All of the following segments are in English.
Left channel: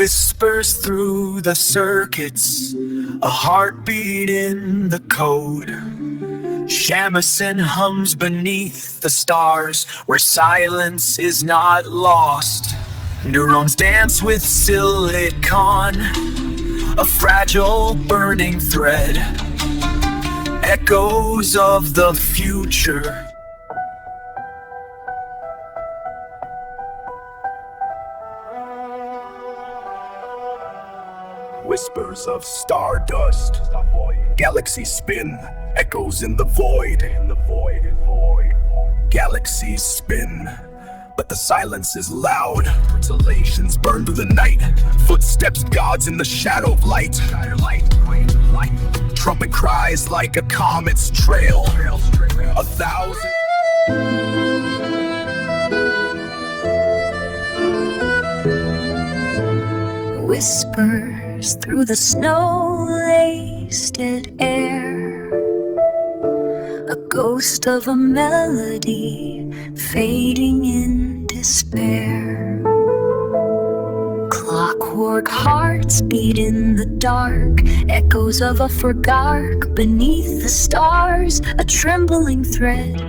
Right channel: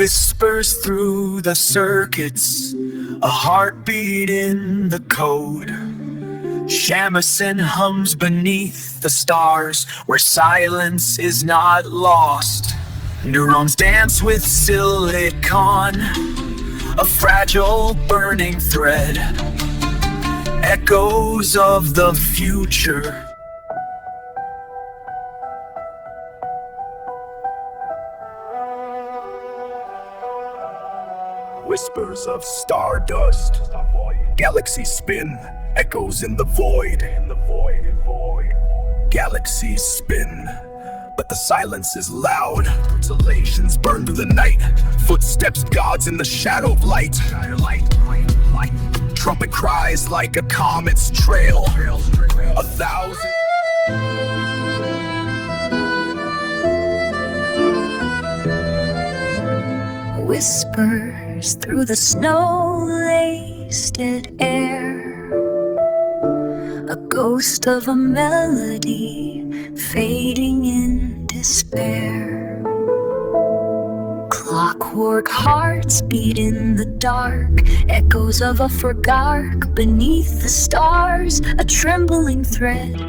Whispers through the circuits, a heartbeat in the code. Shamisen hums beneath the stars, where silence is not lost. Neurons dance with silicon, a fragile burning thread. Echoes of the future. Whispers of stardust, galaxies spin, echoes in the void. Galaxies spin, but the silence is loud. Exhalations burn through the night, footsteps gods in the shadow of light. Trumpet cries like a comet's trail. 1,000 whispers through the snow-laced air, a ghost of a melody fading in despair. Clockwork hearts beat in the dark, echoes of a forgot beneath the stars, a trembling thread.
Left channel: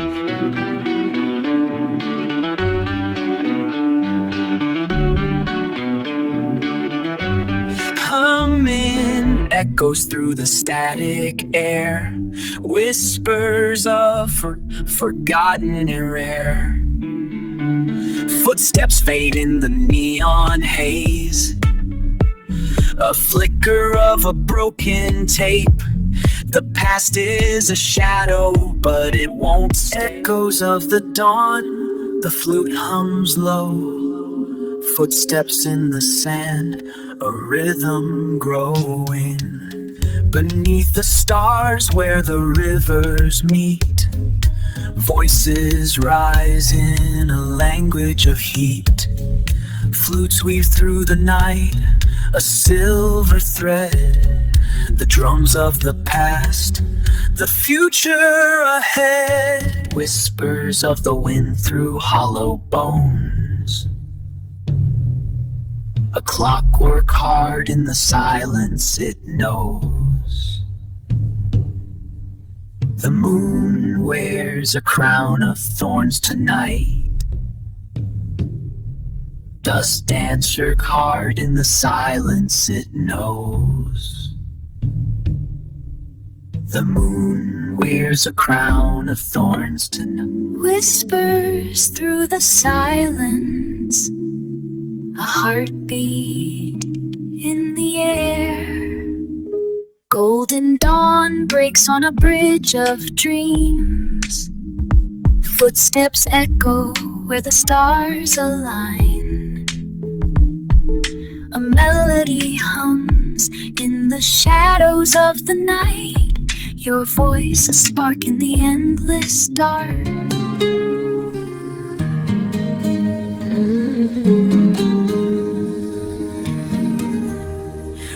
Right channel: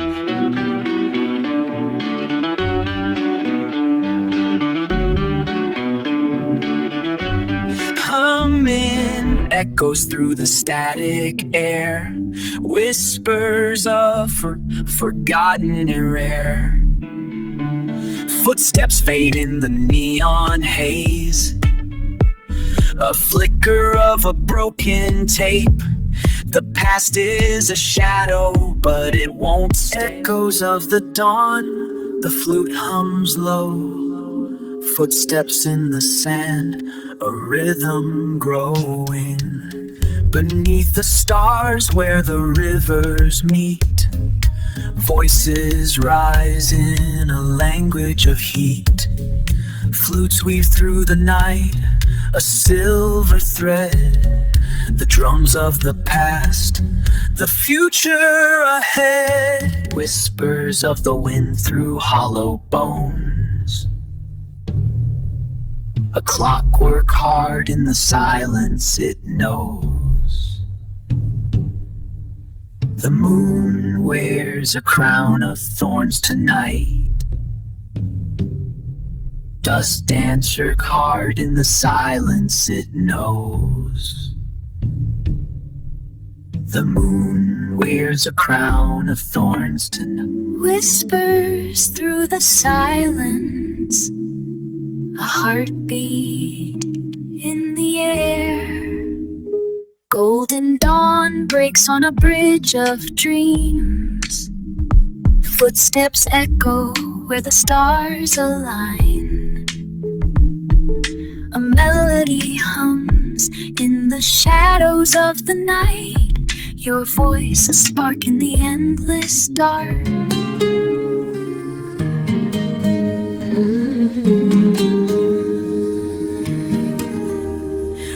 Humming echoes through the static air, whispers of forgotten and rare. Footsteps fade in the neon haze, a flicker of a broken tape. The past is a shadow, but it won't stay. Echoes of the dawn, the flute hums low. Footsteps in the sand, a rhythm growing. Beneath the stars where the rivers meet, voices rise in a language of heat. Flutes weave through the night, a silver thread. The drums of the past, the future ahead. Whispers of the wind through hollow bones, a clockwork heart in the silence it knows. The moon wears a crown of thorns tonight. Dust dance her card in the silence it knows. The moon wears a crown of thorns tonight. Whispers through the silence, a heartbeat in the air. Golden dawn breaks on a bridge of dreams. Footsteps echo where the stars align. A melody hums in the shadows of the night. Your voice a spark in the endless dark.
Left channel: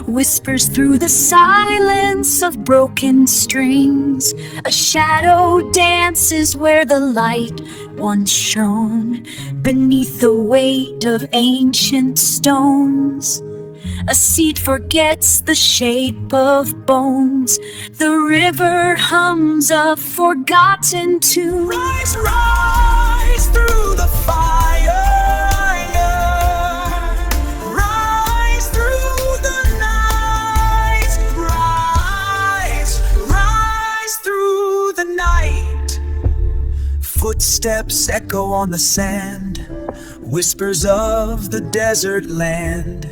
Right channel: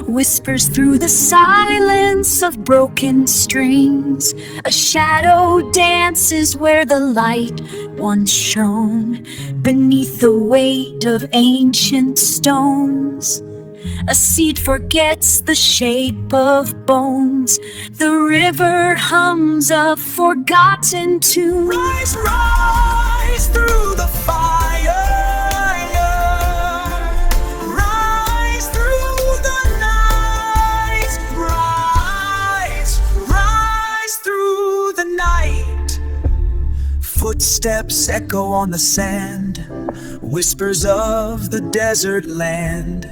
Whispers through the silence of broken strings. A shadow dances where the light once shone. Beneath the weight of ancient stones, a seed forgets the shape of bones. The river hums a forgotten tune. Rise, rise through the fire. Footsteps echo on the sand, whispers of the desert land.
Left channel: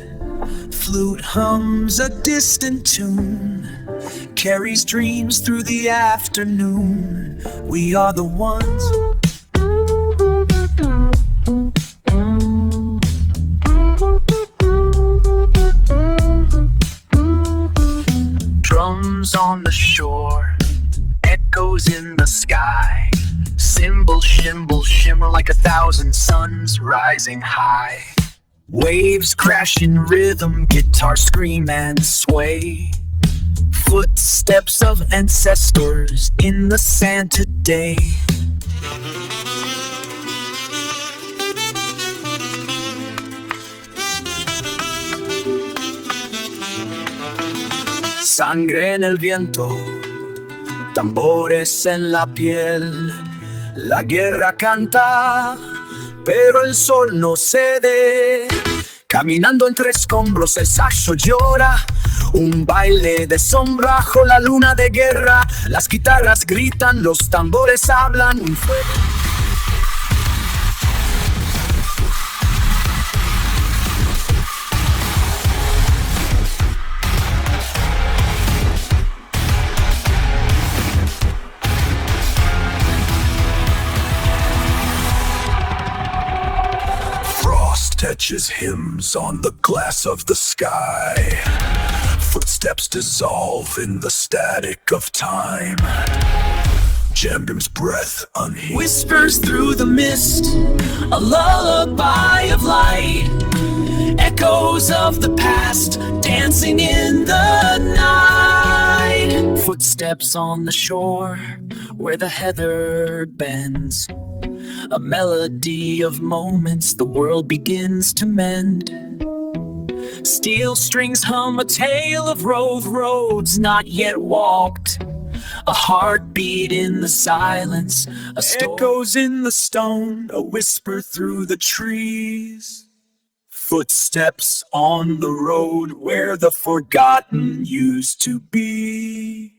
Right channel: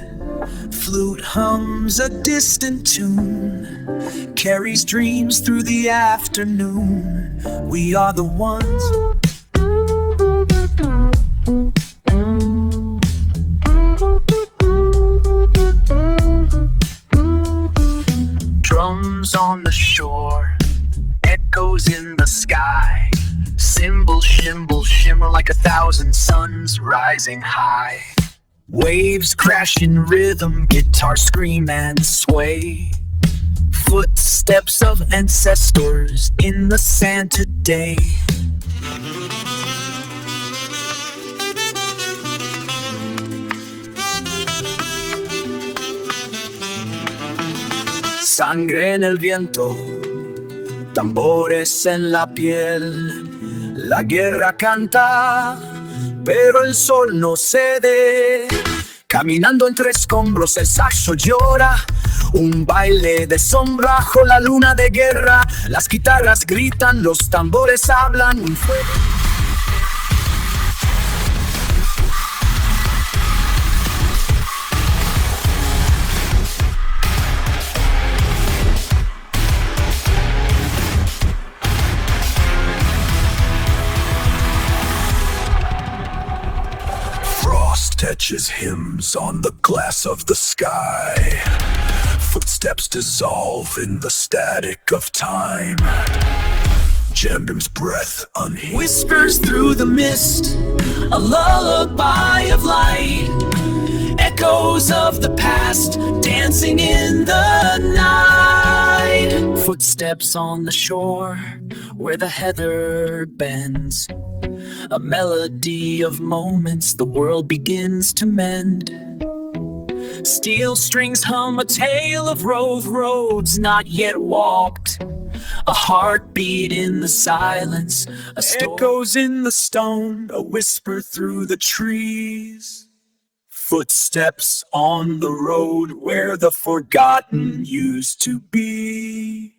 Flute hums a distant tune, carries dreams through the afternoon. We are the ones. Drums on the shore, echoes in the sky. Cymbals shimmer like 1,000 suns rising high. Waves crash in rhythm, guitars scream and sway. Footsteps of ancestors in the sand today. Sangre en el viento, tambores en la piel. La guerra canta, pero el sol no cede. Caminando entre escombros el saxo llora, un baile de son bajo la luna de guerra. Las guitarras gritan, los tambores hablan, un fuego. Frost etches hymns on the glass of the sky. Footsteps dissolve in the static of time. Jambim's breath unheeded Whispers through the mist, a lullaby of light. Echoes of the past dancing in the night. Footsteps on the shore where the heather bends. A melody of moments the world begins to mend. Steel strings hum a tale of roads not yet walked. A heartbeat in the silence, echoes in the stone, a whisper through the trees. Footsteps on the road where the forgotten used to be.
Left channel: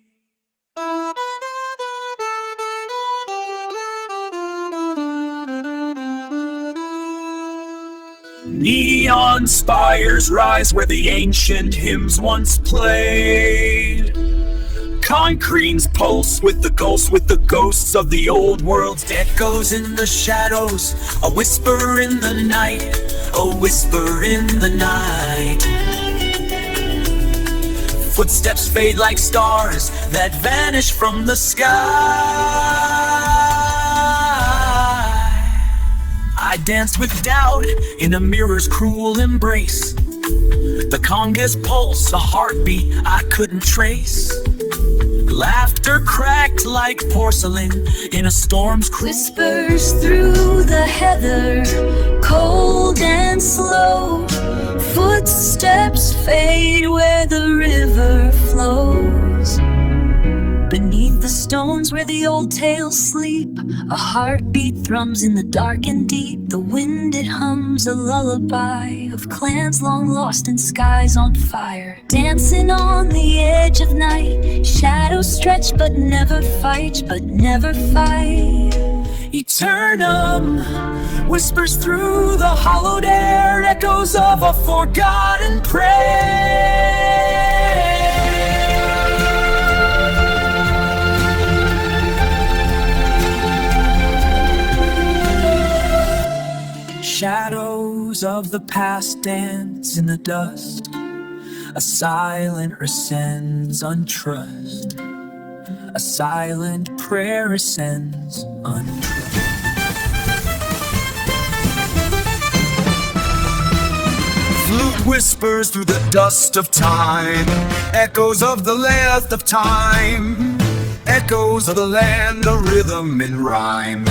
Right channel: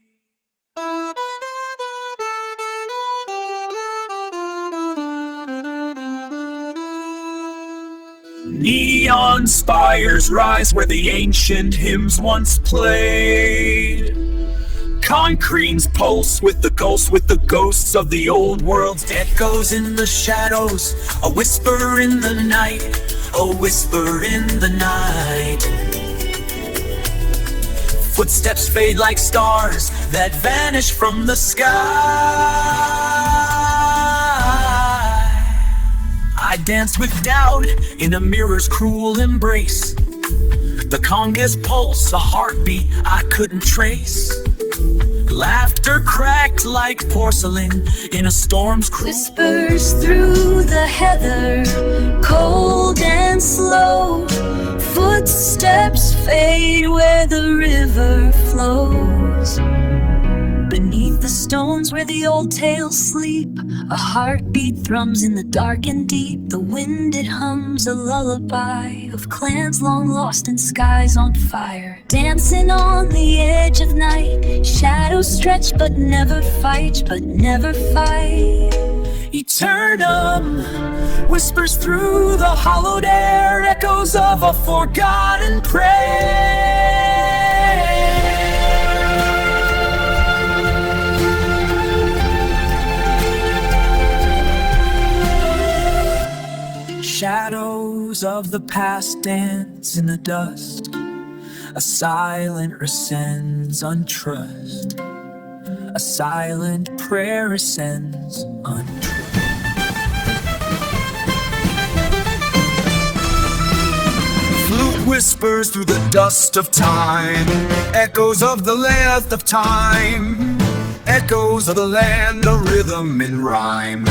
Neon spires rise where the ancient hymns once played. Concretes pulse with the ghosts of the old world's echoes in the shadows. A whisper in the night, a whisper in the night. Footsteps fade like stars that vanish from the sky. I dance with doubt in a mirror's cruel embrace. The conga's pulse, a heartbeat I couldn't trace. Laughter cracked like porcelain in a storm's cruel. Whispers through the heather, cold and slow. Footsteps fade where the river flows. Beneath the stones where the old tales sleep, a heartbeat thrums in the dark and deep. The wind it hums a lullaby of clans long lost and skies on fire. Dancing on the edge of night, shadows stretch but never fight, Eternum whispers through the hollowed air, echoes of a forgotten prayer. Shadows of the past dance in the dust. A silent ascends untrust. A silent prayer ascends untrust. Flute whispers through the dust of time. Echoes of the length of time. Echoes of the land, a rhythm in rhyme.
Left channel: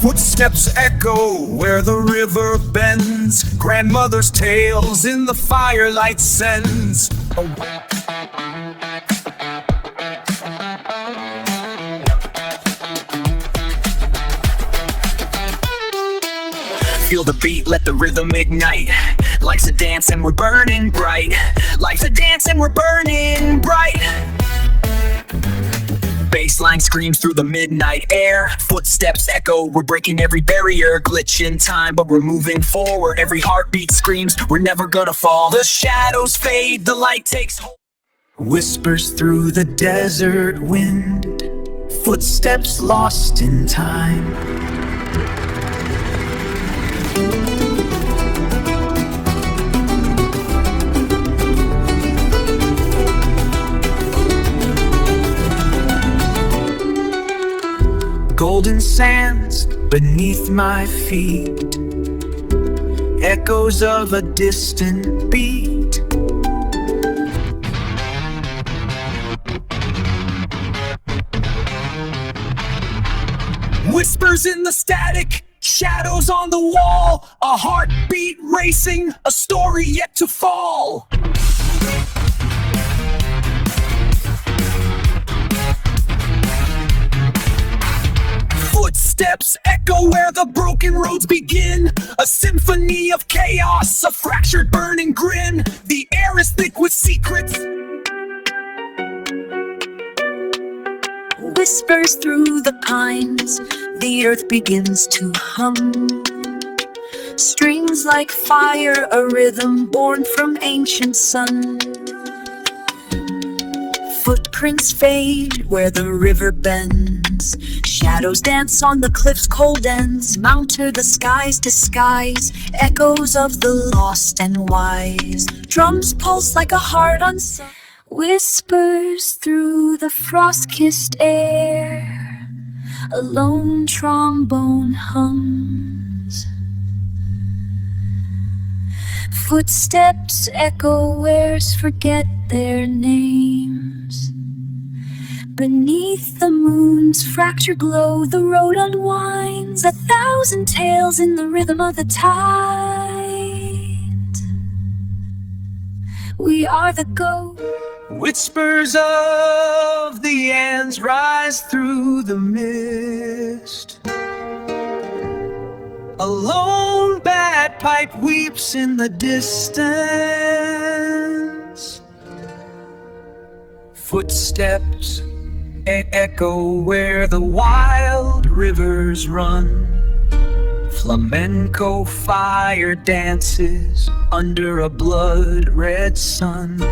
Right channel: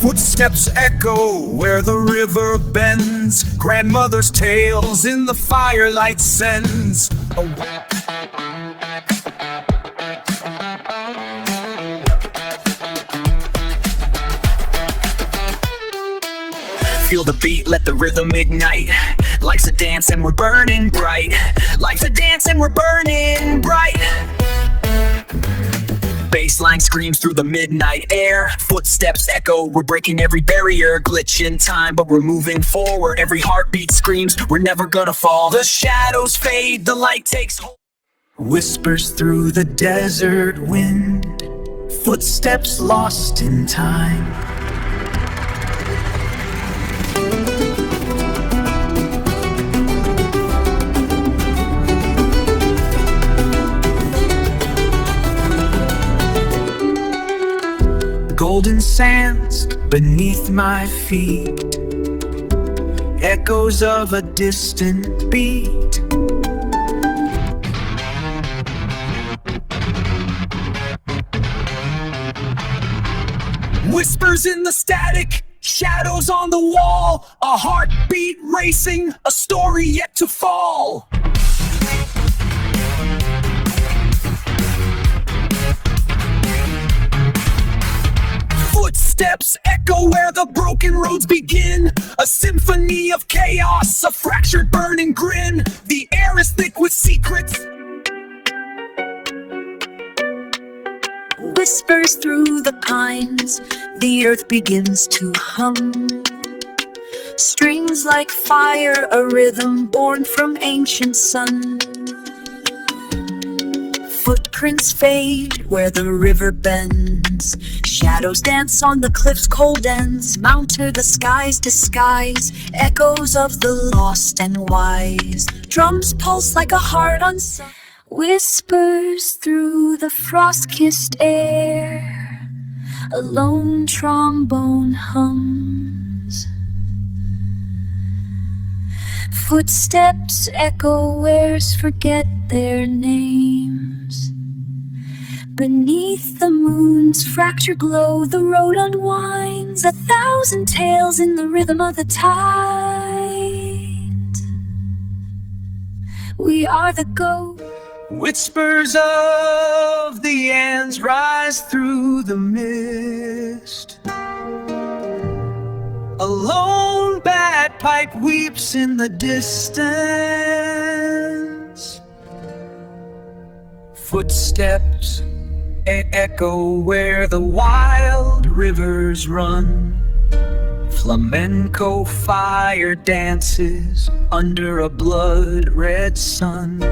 Footsteps echo where the river bends. Grandmother's tales in the firelight sends. Feel the beat, let the rhythm ignite. Life's a dance and we're burning bright. Life's a dance and we're burning bright. Baseline screams through the midnight air. Footsteps echo, we're breaking every barrier. Glitch in time, but we're moving forward. Every heartbeat screams, we're never gonna fall. The shadows fade, the light takes hold. Whispers through the desert wind. Footsteps lost in time. Golden sands beneath my feet, echoes of a distant beat. Whispers in the static, Shadows on the wall, a heartbeat racing, a story yet to fall. Footsteps echo where the broken roads begin. A symphony of chaos, a fractured burning grin. The air is thick with secrets. Whispers through the pines, the earth begins to hum. Strings like fire, a rhythm born from ancient sun. Footprints fade where the river bends. Shadows dance on the cliff's cold ends. Mount to the sky's disguise, echoes of the lost and wise. Drums pulse like a heart unsung. Whispers through the frost-kissed air, a lone trombone hums. Footsteps echo where's forget their names. Beneath the moon's fractured glow, the road unwinds, 1,000 tales in the rhythm of the tide. We are the ghosts. Whispers of the ants rise through the mist. A lone bagpipe weeps in the distance. Footsteps echo where the wild rivers run. Flamenco fire dances under a blood-red sun.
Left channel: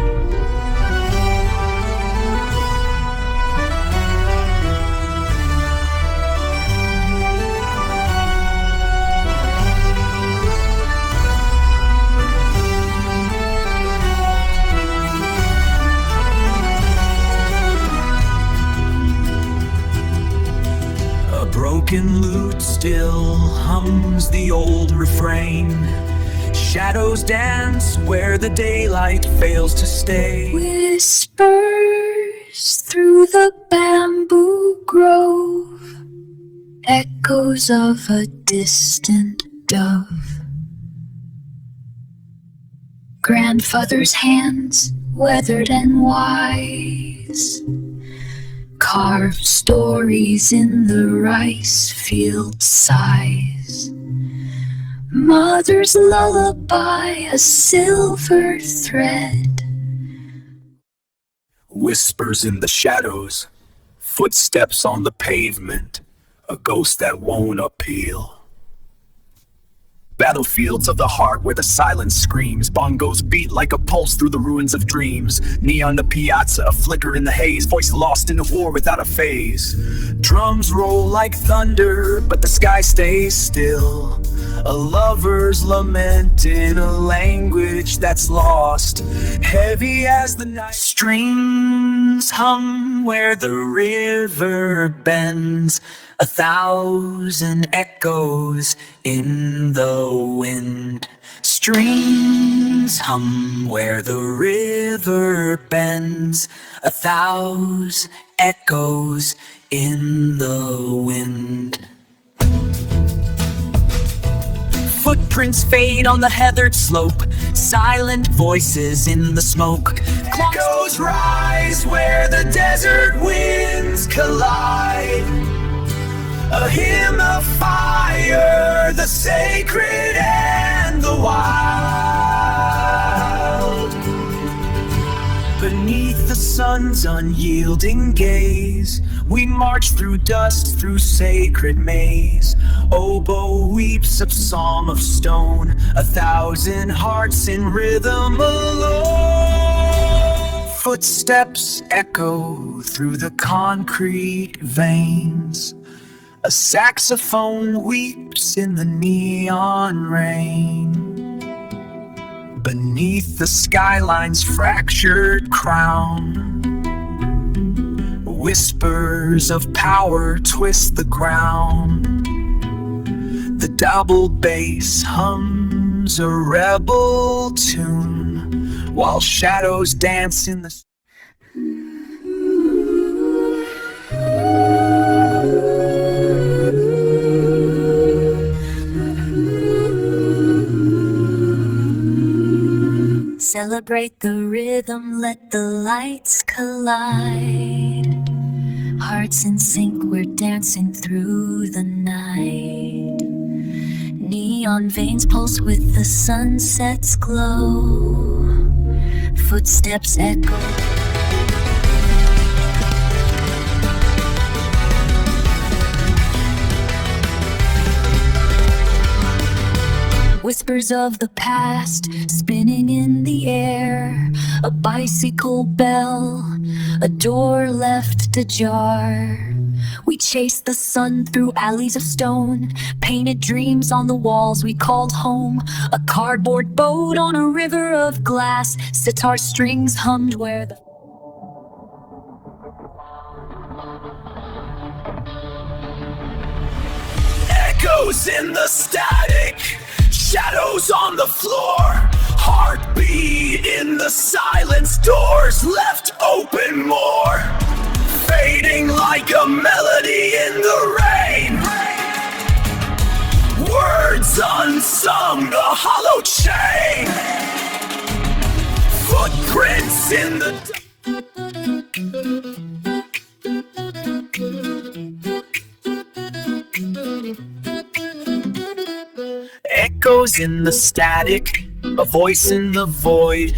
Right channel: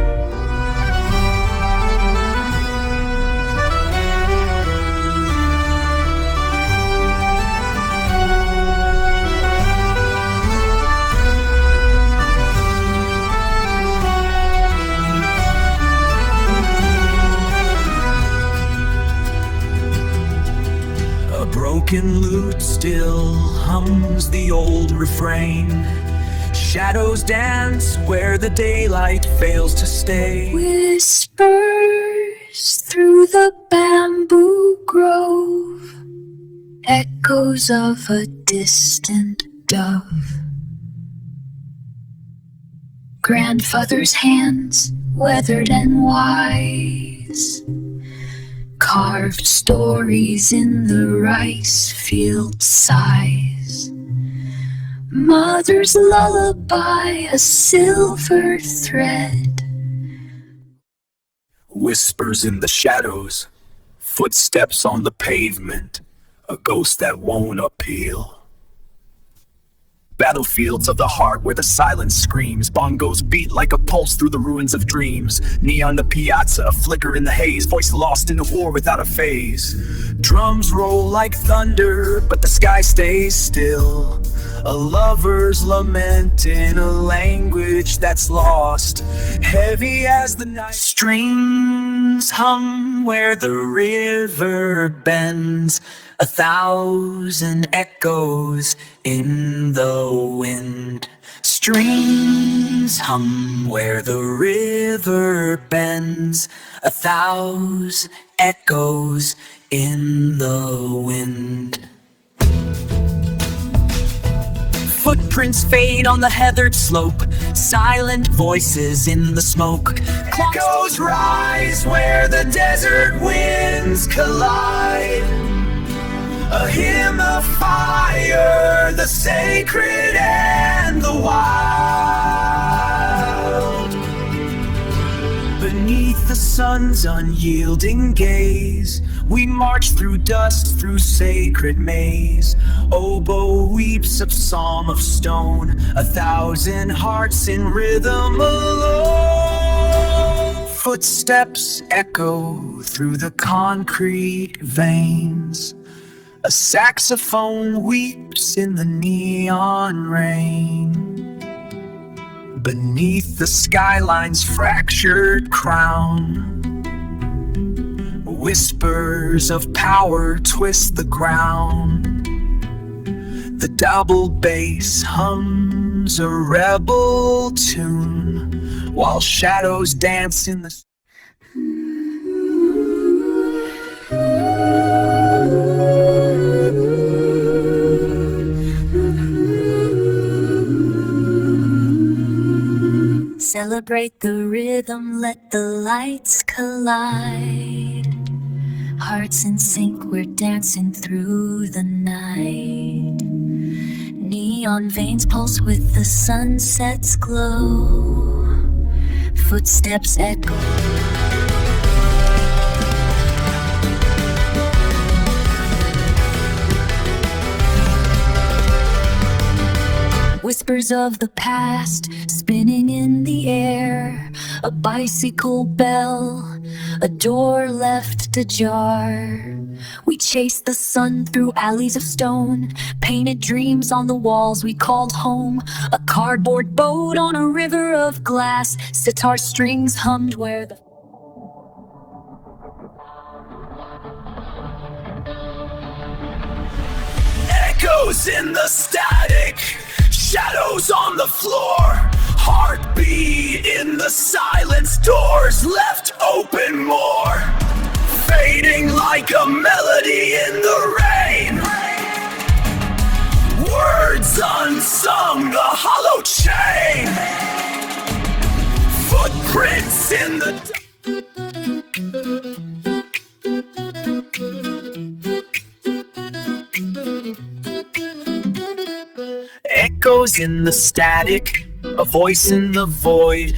A broken lute still hums the old refrain. Shadows dance where the daylight fails to stay. Whispers through the bamboo grove, echoes of a distant dove. Grandfather's hands, weathered and wise, carved stories in the rice field sighs. Mother's lullaby, a silver thread. Whispers in the shadows, footsteps on the pavement, a ghost that won't appeal. Battlefields of the heart where the silence screams. Bongos beat like a pulse through the ruins of dreams. Neon the piazza, a flicker in the haze. Voice lost in a war without a phase. Drums roll like thunder, but the sky stays still. A lover's lament in a language that's lost. Heavy as the night. Strings hum where the river bends. 1,000 echoes in the wind. Strings hum where the river bends. 1,000 echoes in the wind. Footprints fade on the heathered slope. Silent voices in the smoke. Echoes rise where the desert winds collide. A hymn of fire, the sacred and the wild. Beneath the sun's unyielding gaze, we march through dust, through sacred maze. Oboe weeps a psalm of stone, 1,000 hearts in rhythm alone. Footsteps echo through the concrete veins. A saxophone weeps in the neon rain. Beneath the skyline's fractured crown, whispers of power twist the ground. The double bass hums a rebel tune, while shadows dance in the Celebrate the rhythm, let the lights collide. Hearts in sync, we're dancing through the night. Neon veins pulse with the sunset's glow. Footsteps echo. Whispers of the past spinning in the air. A bicycle bell, a door left ajar. We chased the sun through alleys of stone, painted dreams on the walls we called home. A cardboard boat on a river of glass, sitar strings hummed where the Echoes in the static, shadows on the floor, heartbeat in the silence, doors left open more, fading like a melody in the rain. Words unsung, a hollow chain, footprints in the Echoes in the static, a voice in the void.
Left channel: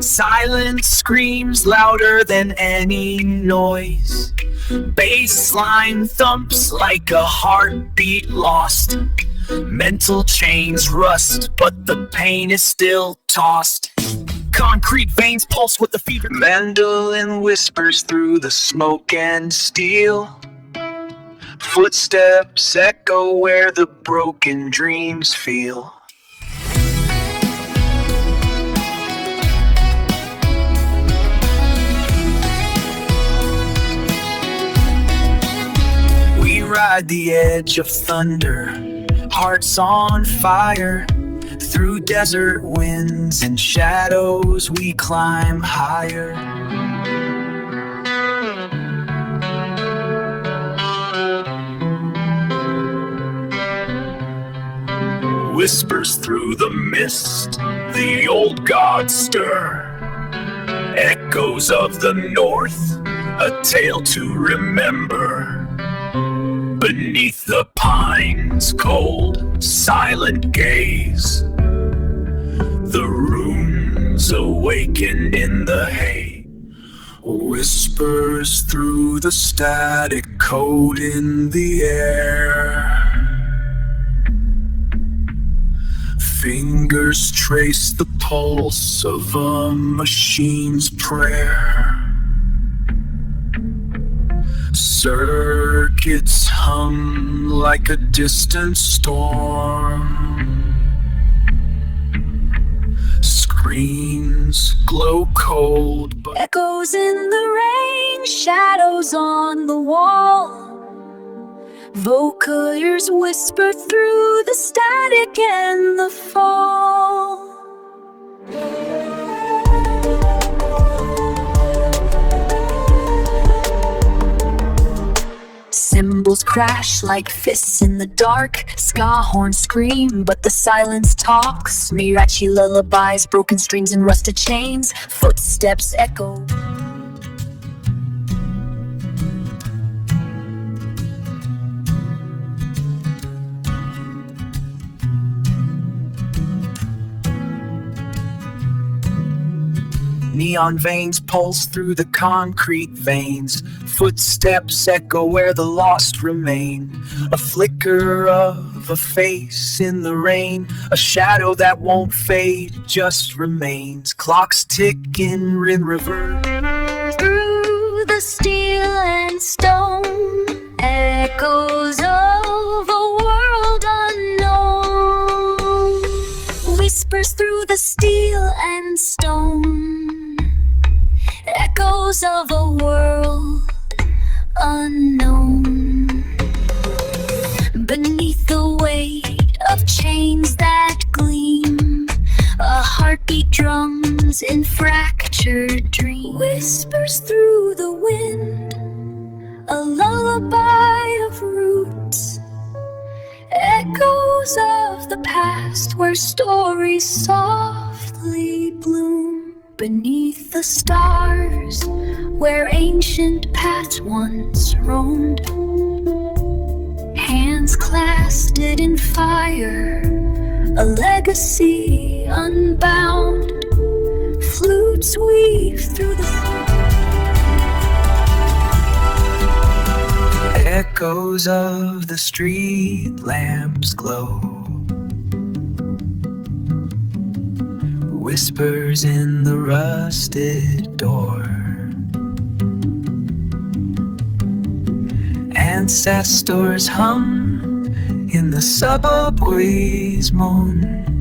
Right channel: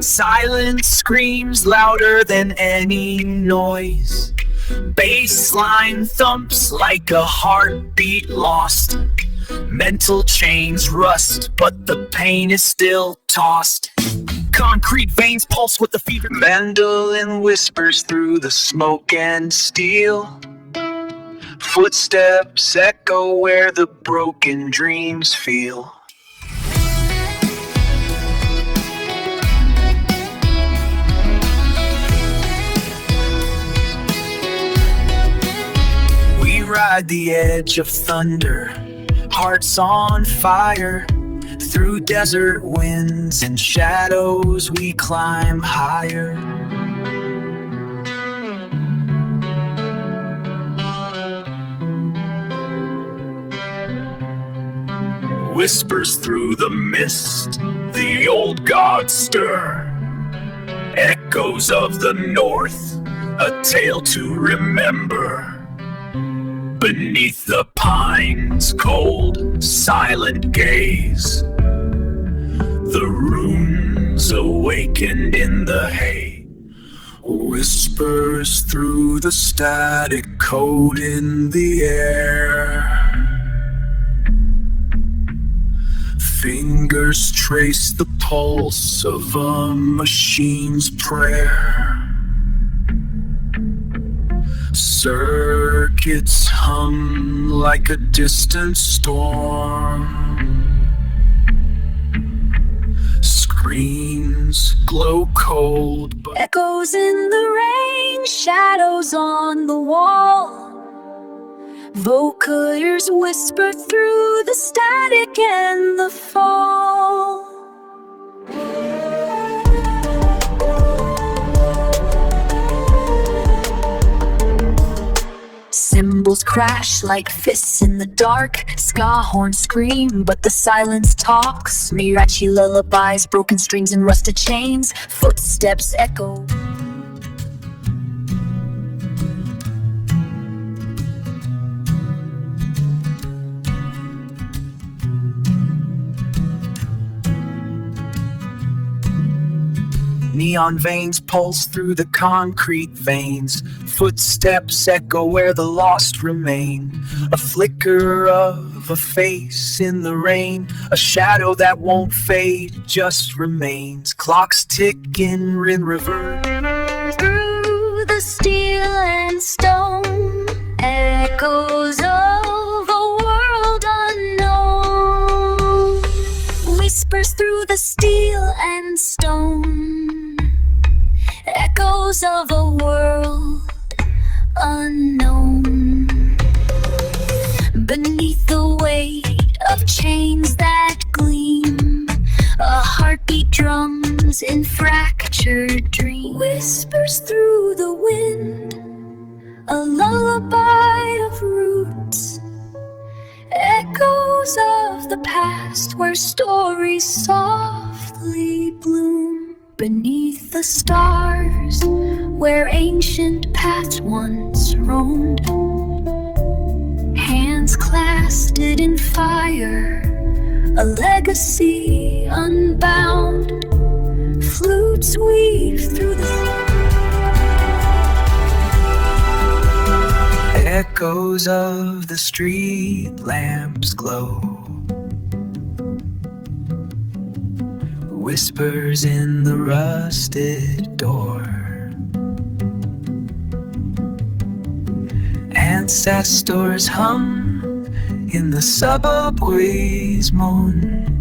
Silence screams louder than any noise. Bassline thumps like a heartbeat lost. Mental chains rust, but the pain is still tossed. Concrete veins pulse with the fever. Mandolin whispers through the smoke and steel. Footsteps echo where the broken dreams feel. We ride the edge of thunder, hearts on fire. Through desert winds and shadows we climb higher. whispers through the mist, the old gods stir. Echoes of the north, a tale to remember. Beneath the pines' cold, silent gaze, the runes awakened in the hay. Whispers through the static code in the air. Fingers trace the pulse of a machine's prayer. Circuits hum like a distant storm. Screens glow cold, but Echoes in the rain, shadows on the wall. Vocals whisper through the static and the fall. Cymbals crash like fists in the dark. Ska horns scream, but the silence talks. Mirachi lullabies, broken strings and rusted chains. Footsteps echo. Neon veins pulse through the concrete veins. Footsteps echo where the lost remain. A flicker of a face in the rain. A shadow that won't fade, just remains. Clocks tick in reverse. Through the steel and stone, echoes of a world unknown. Whispers through the steel and stone, echoes of a world unknown. Beneath the weight of chains that gleam, a heartbeat drums in fractured dreams. Whispers through the wind, a lullaby of roots. Echoes of the past where stories softly bloom. beneath the stars, where ancient paths once roamed, hands clasped in fire, a legacy unbound. Flutes weave through the echoes of the street lamps glow, whispers in the rusted door. Ancestors hum in the subway's moan,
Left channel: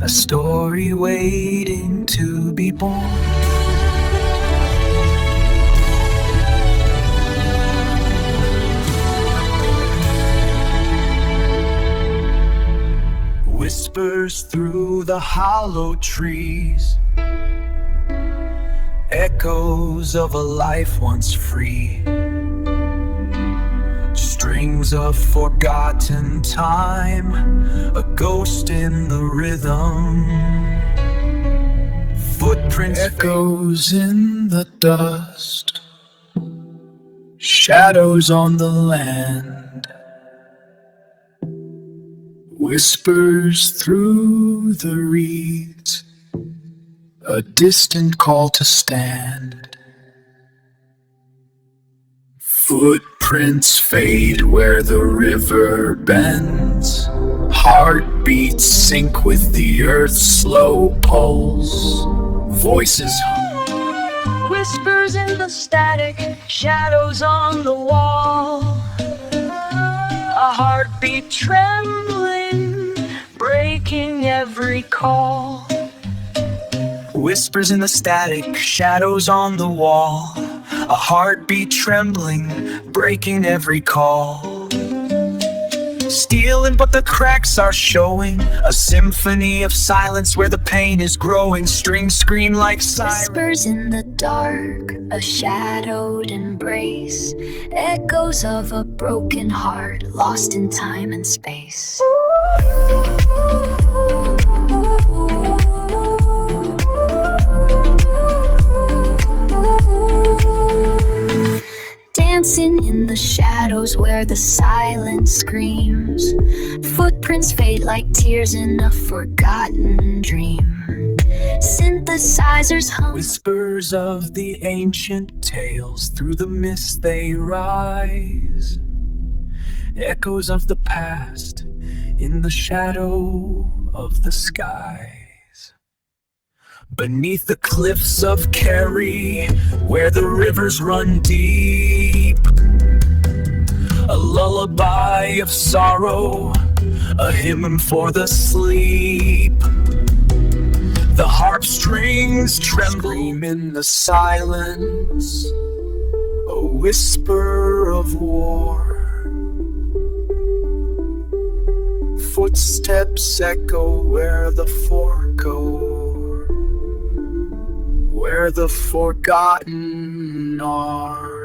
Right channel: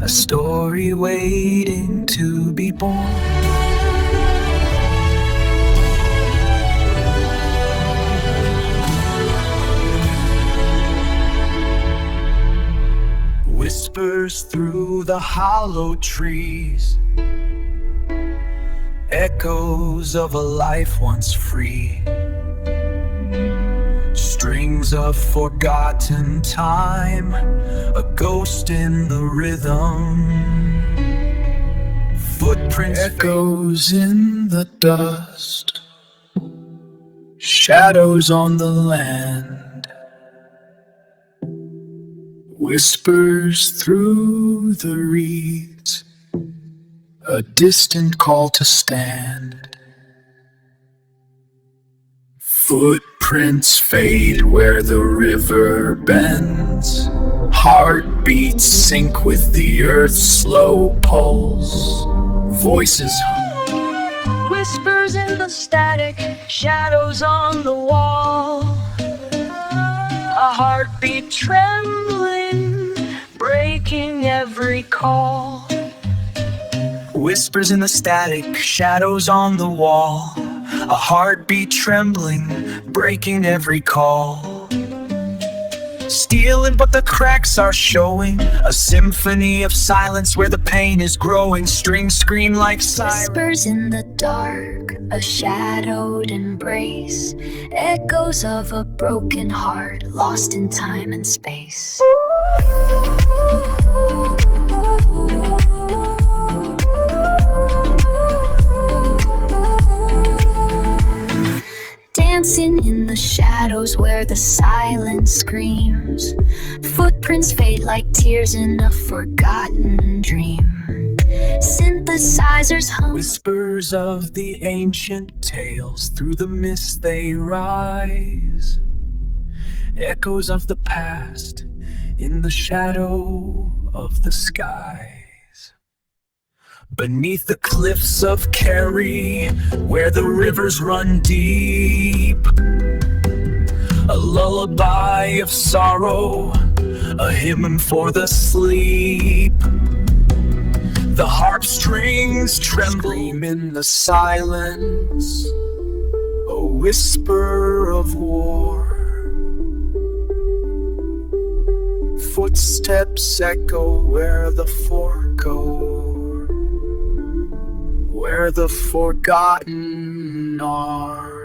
a story waiting to be born. Whispers through the hollow trees, echoes of a life once free, strings of forgotten time, a ghost in the rhythm, footprints, echoes in the dust, shadows on the land, whispers through the reeds, a distant call to stand. Footprints fade where the river bends, heartbeats sync with the earth's slow pulse, voices hum, whispers in the static, shadows on the wall, a heartbeat trembling, breaking every call. Whispers in the static, shadows on the wall, a heartbeat trembling, breaking every call. Stealing, but the cracks are showing, a symphony of silence where the pain is growing. Strings scream like sirens. Whispers in the dark, a shadowed embrace, echoes of a broken heart lost in time and space. Dancing in the shadows where the silence screams, footprints fade like tears in a forgotten dream. Synthesizers hum, Whispers of the ancient tales, through the mist they rise, echoes of the past in the shadow of the skies. Beneath the cliffs of Kerry, where the rivers run deep, a lullaby of sorrow, a hymn for the sleep. The harp strings tremble in the silence, a whisper of war. Footsteps echo where the fork go, where the forgotten are.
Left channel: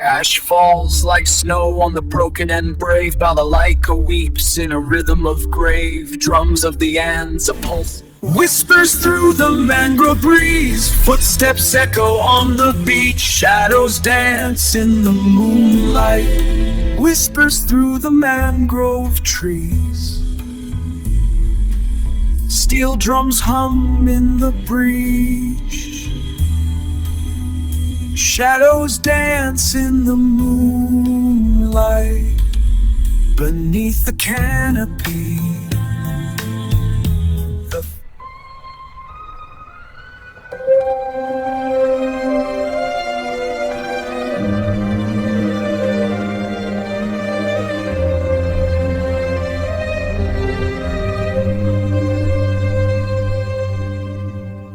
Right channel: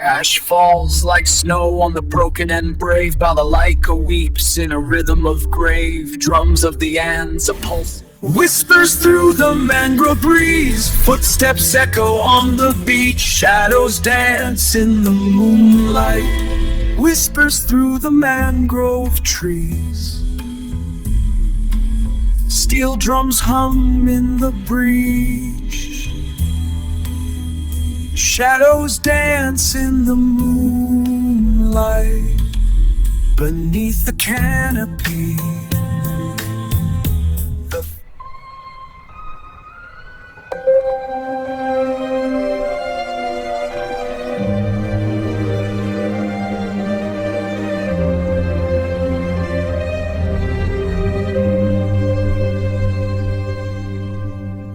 Ash falls like snow on the broken and brave. Balalaika weeps in a rhythm of grave. Drums of the ants, a pulse whispers through the mangrove breeze. Footsteps echo on the beach. Shadows dance in the moonlight. Whispers through the mangrove trees. Steel drums hum in the breeze. Shadows dance in the moonlight beneath the canopy. The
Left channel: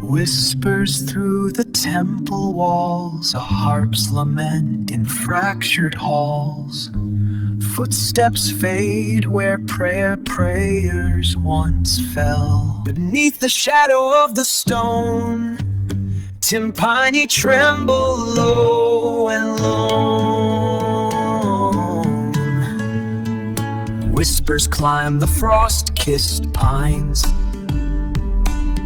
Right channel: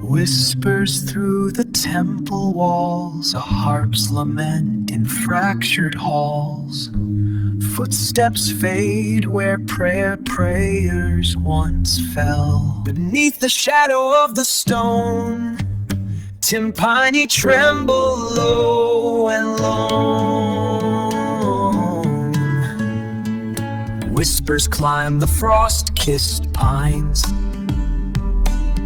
whispers through the temple walls, a harp's lament in fractured halls. Footsteps fade where prayers once fell. Beneath the shadow of the stone, timpani tremble low and lone. Whispers climb the frost-kissed pines,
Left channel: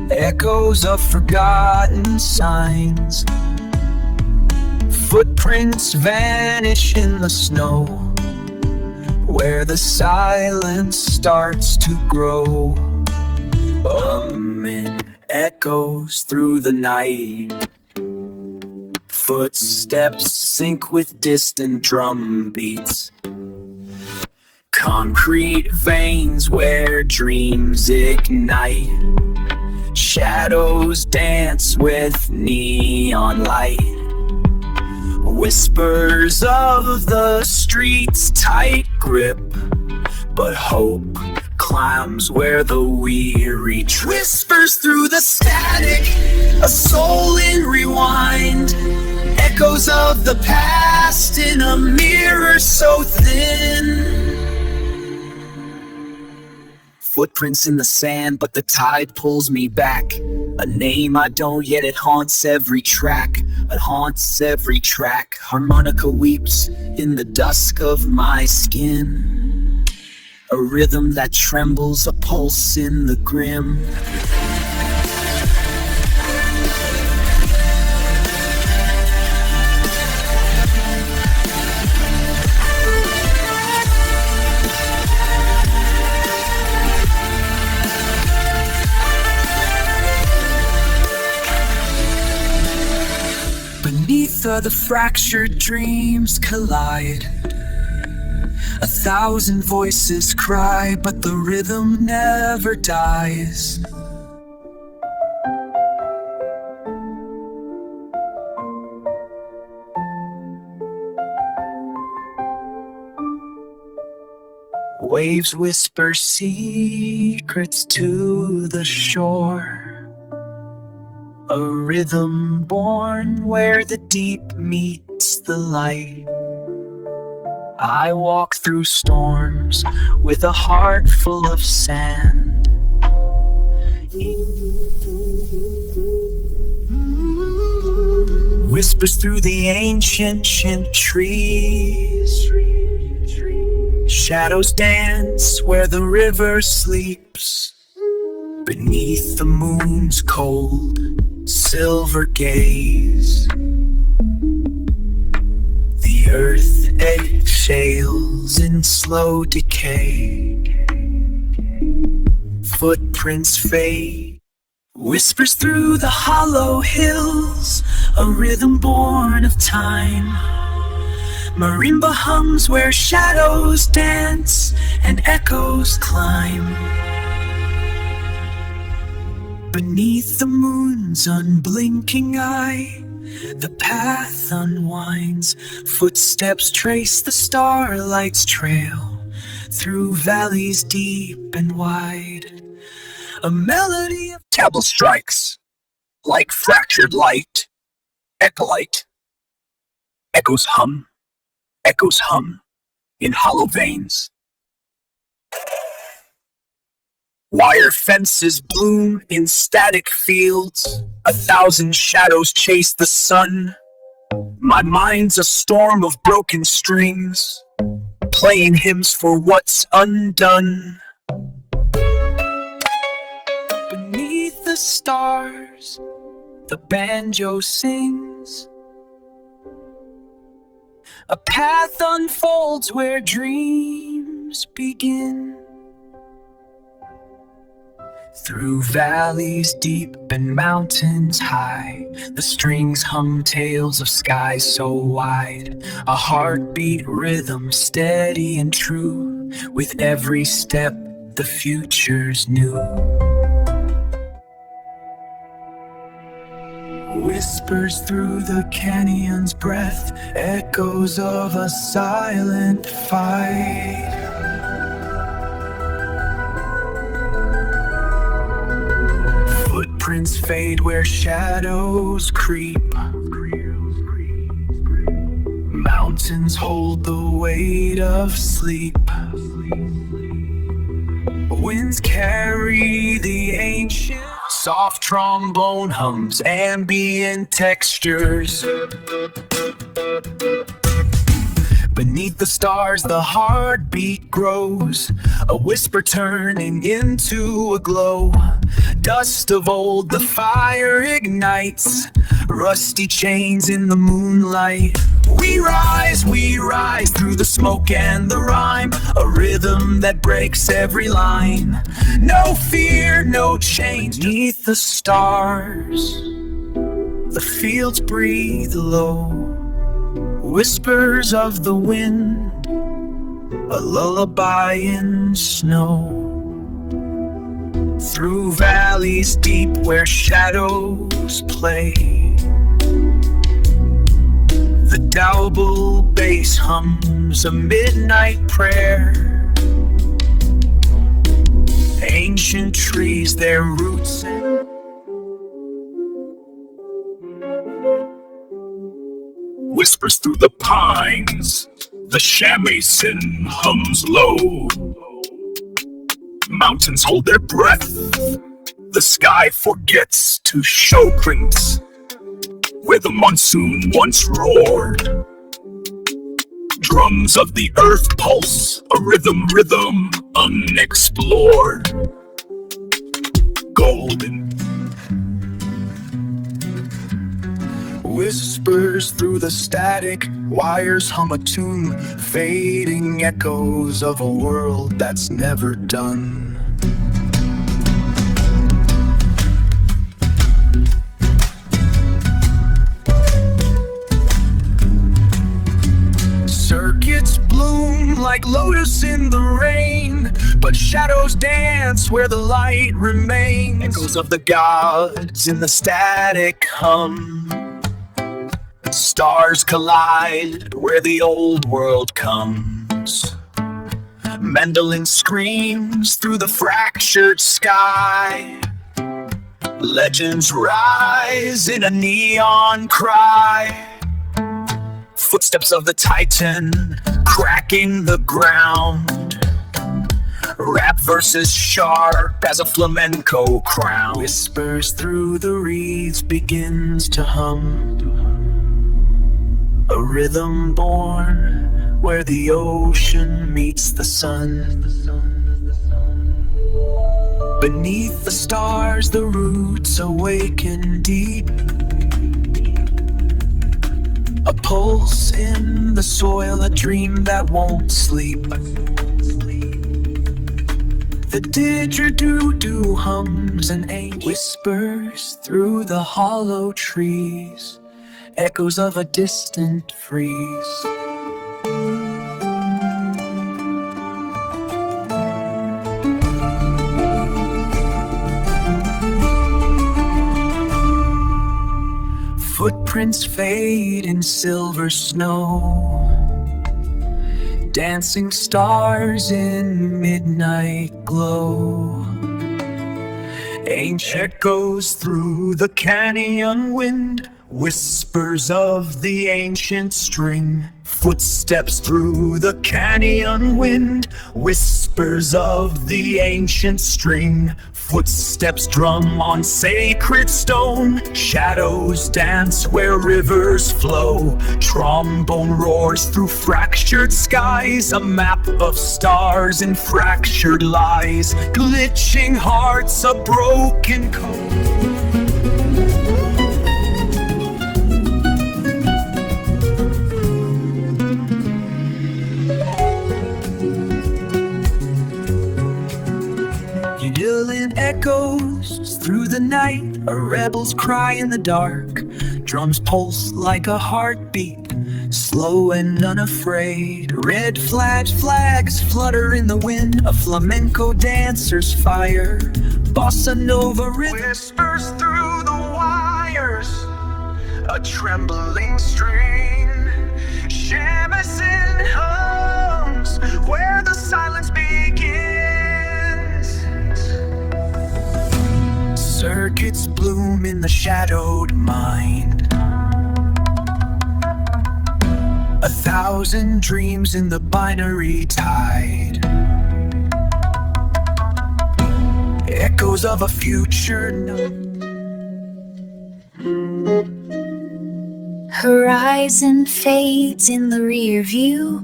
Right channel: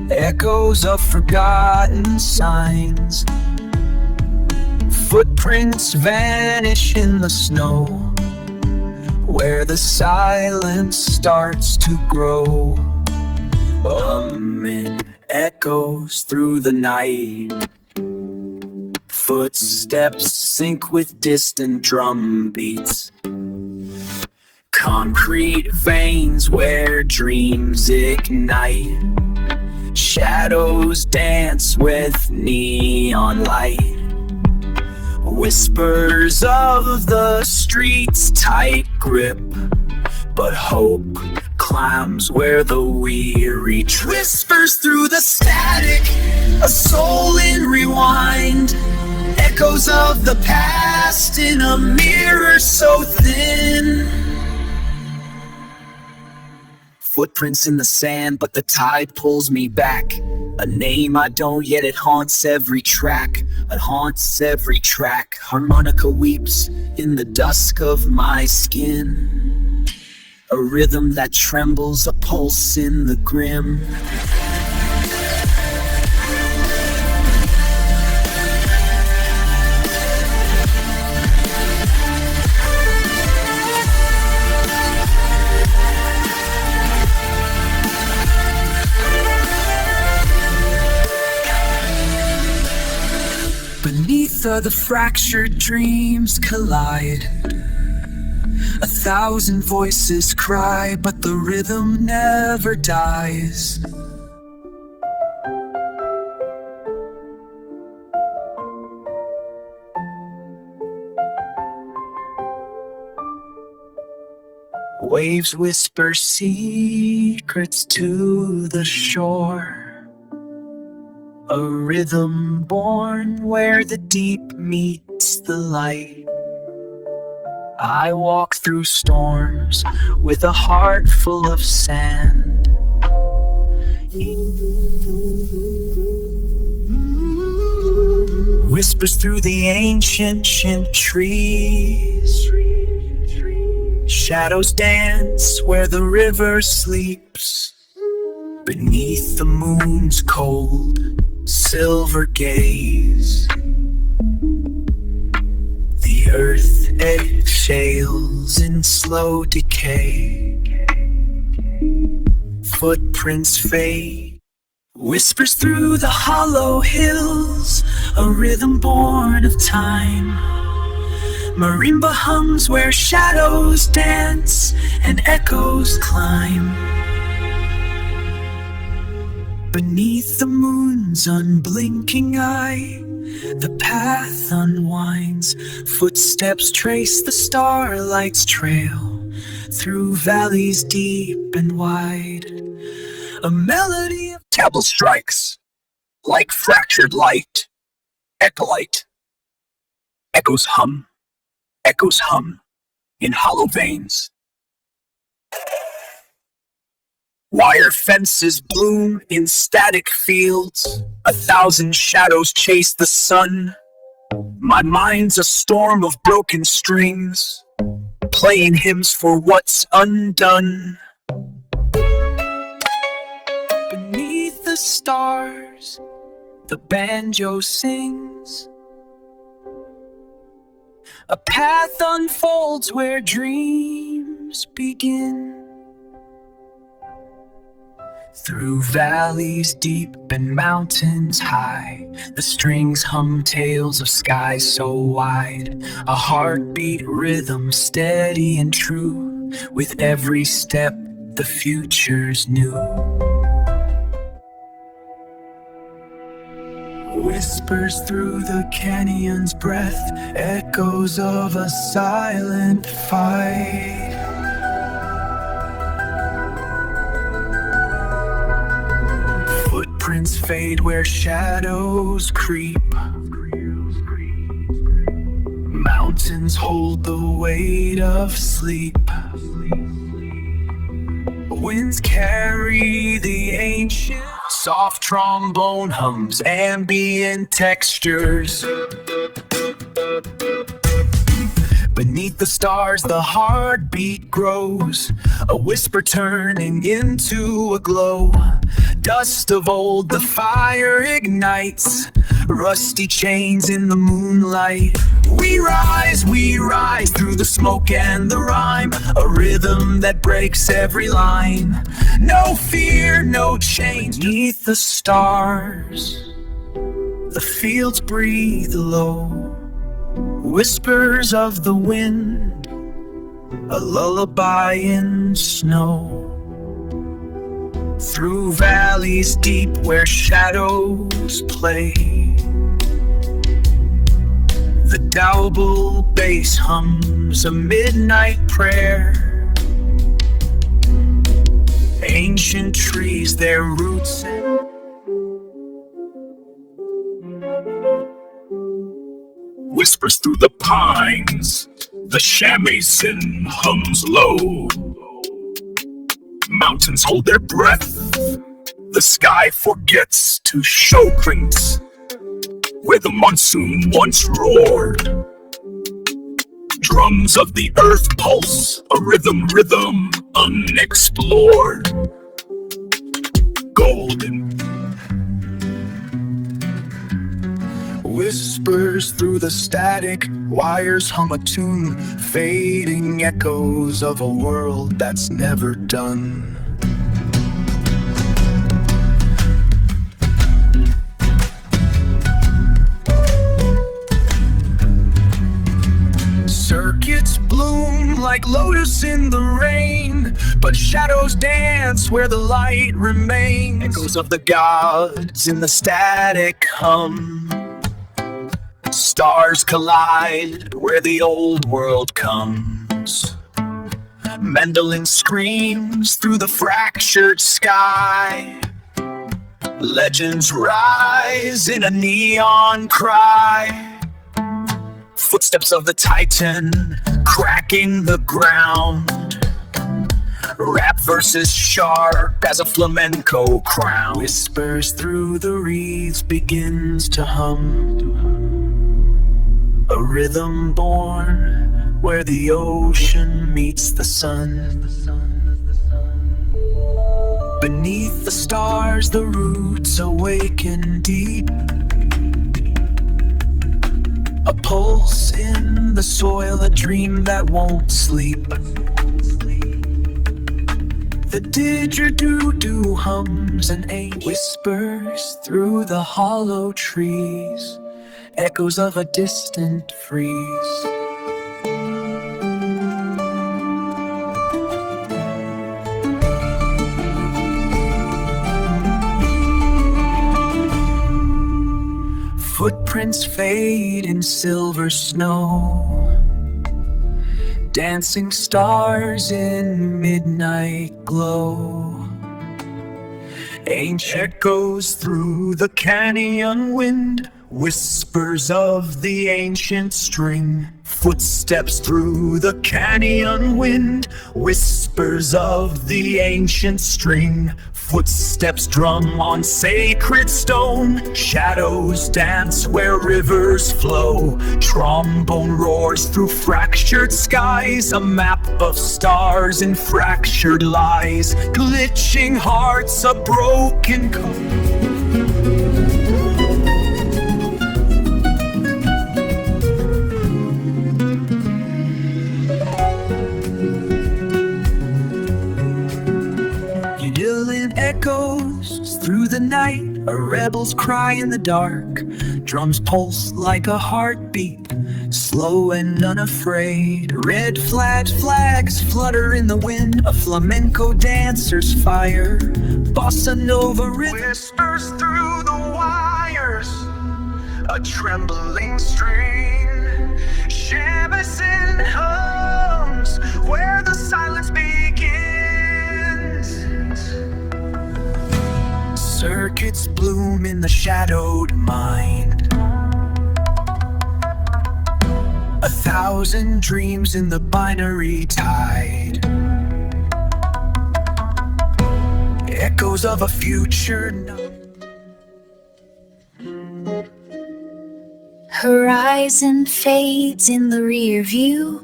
echoes of forgotten signs. Footprints vanish in the snow, where the silence starts to grow. Humming echoes through the night. Footsteps sync with distant drum beats. Concrete veins where dreams ignite. Shadows dance with neon light. Whispers of the streets, tight grip, but hope climbs where the weary whispers through the static, a soul in rewind. Echoes of the past in a mirror so thin. Footprints in the sand, but the tide pulls me back. A name I don't, yet it haunts every track. It haunts every track. Harmonica weeps in the dusk of my skin. A rhythm that trembles, a pulse in the grim. Beneath the fractured dreams collide. 1,000 voices cry, but the rhythm never dies. Waves whisper secrets to the shore. A rhythm born where the deep meets the light. I walk through storms with a heart full of sand. Whispers through the ancient trees. Shadows dance where the river sleeps. Beneath the moon's cold silver gaze, the earth exhales in slow decay. Footprints fade, whispers through the hollow hills, a rhythm born of time. Marimba hums where shadows dance and echoes climb. Beneath the moon's unblinking eye, the path unwinds. Footsteps trace the starlight's trail through valleys deep and wide. A melody of Tablet strikes like fractured light. Echolite. Echoes hum in hollow veins. Wire fences bloom in static fields. 1,000 shadows chase the sun. My mind's a storm of broken strings, playing hymns for what's undone. beneath the stars, the banjo sings. A path unfolds where dreams begin. Through valleys deep and mountains high, the strings hum tales of skies so wide. A heartbeat rhythm steady and true, with every step the future's new. Whispers through the canyon's breath, echoes of a silent fight. Footprints fade where shadows creep. Mountains hold the weight of sleep. Winds carry the ancient, soft trombone hums, ambient textures. Beneath Beneath the stars, the heartbeat grows, a whisper turning into a glow. Dust of old, the fire ignites, rusty chains in the moonlight. We rise through the smoke and the rhyme, a rhythm that breaks every line. No fear, no change. Beneath the stars, the fields breathe low, whispers of the wind, a lullaby in snow. Through valleys deep where shadows play, the double bass hums a midnight prayer. Ancient trees, their roots Whispers through the pines, the shamisen hums low. Mountains hold their breath, the sky forgets to show crinks where the monsoon once roared. Drums of the earth pulse, a rhythm unexplored. Golden whispers through the static, wires hum a tune, fading echoes of a world that's never done. Circuits bloom like lotus in the rain, but shadows dance where the light remains. Echoes of the gods in the static hum. Stars collide where the old world comes. Mandolin screams through the fractured sky. Legends rise in a neon cry. Footsteps of the Titan cracking the ground. Rap verses sharp as a flamenco crown. Whispers through the reeds begins to hum. A rhythm born where the ocean meets the sun. Beneath the stars, the roots awaken deep. A pulse in the soil, a dream that won't sleep. The didgeridoo hums and whispers through the hollow trees. Echoes of a distant freeze. Footprints fade in silver snow. Dancing stars in midnight glow. Ancient echoes through the canyon wind. Whispers of the ancient string. Footsteps through the canyon wind. Whispers of the ancient string. Footsteps drum on sacred stone. Shadows dance where rivers flow. Trombone roars through fractured skies. A map of stars and fractured lies. Glitching hearts, a broken code. Echoes through the night, a rebel's cry in the dark. Drums pulse like a heartbeat, slow and unafraid. Red flags flutter in the wind, a flamenco dancer's fire. Bossa Nova rhythm whispers through the wires, a trembling string. Shamisen hums where the silence begins. Circuits bloom in the shadowed mind. 1,000 dreams in the binary tide. Echoes of a future Horizon fades in the rear view.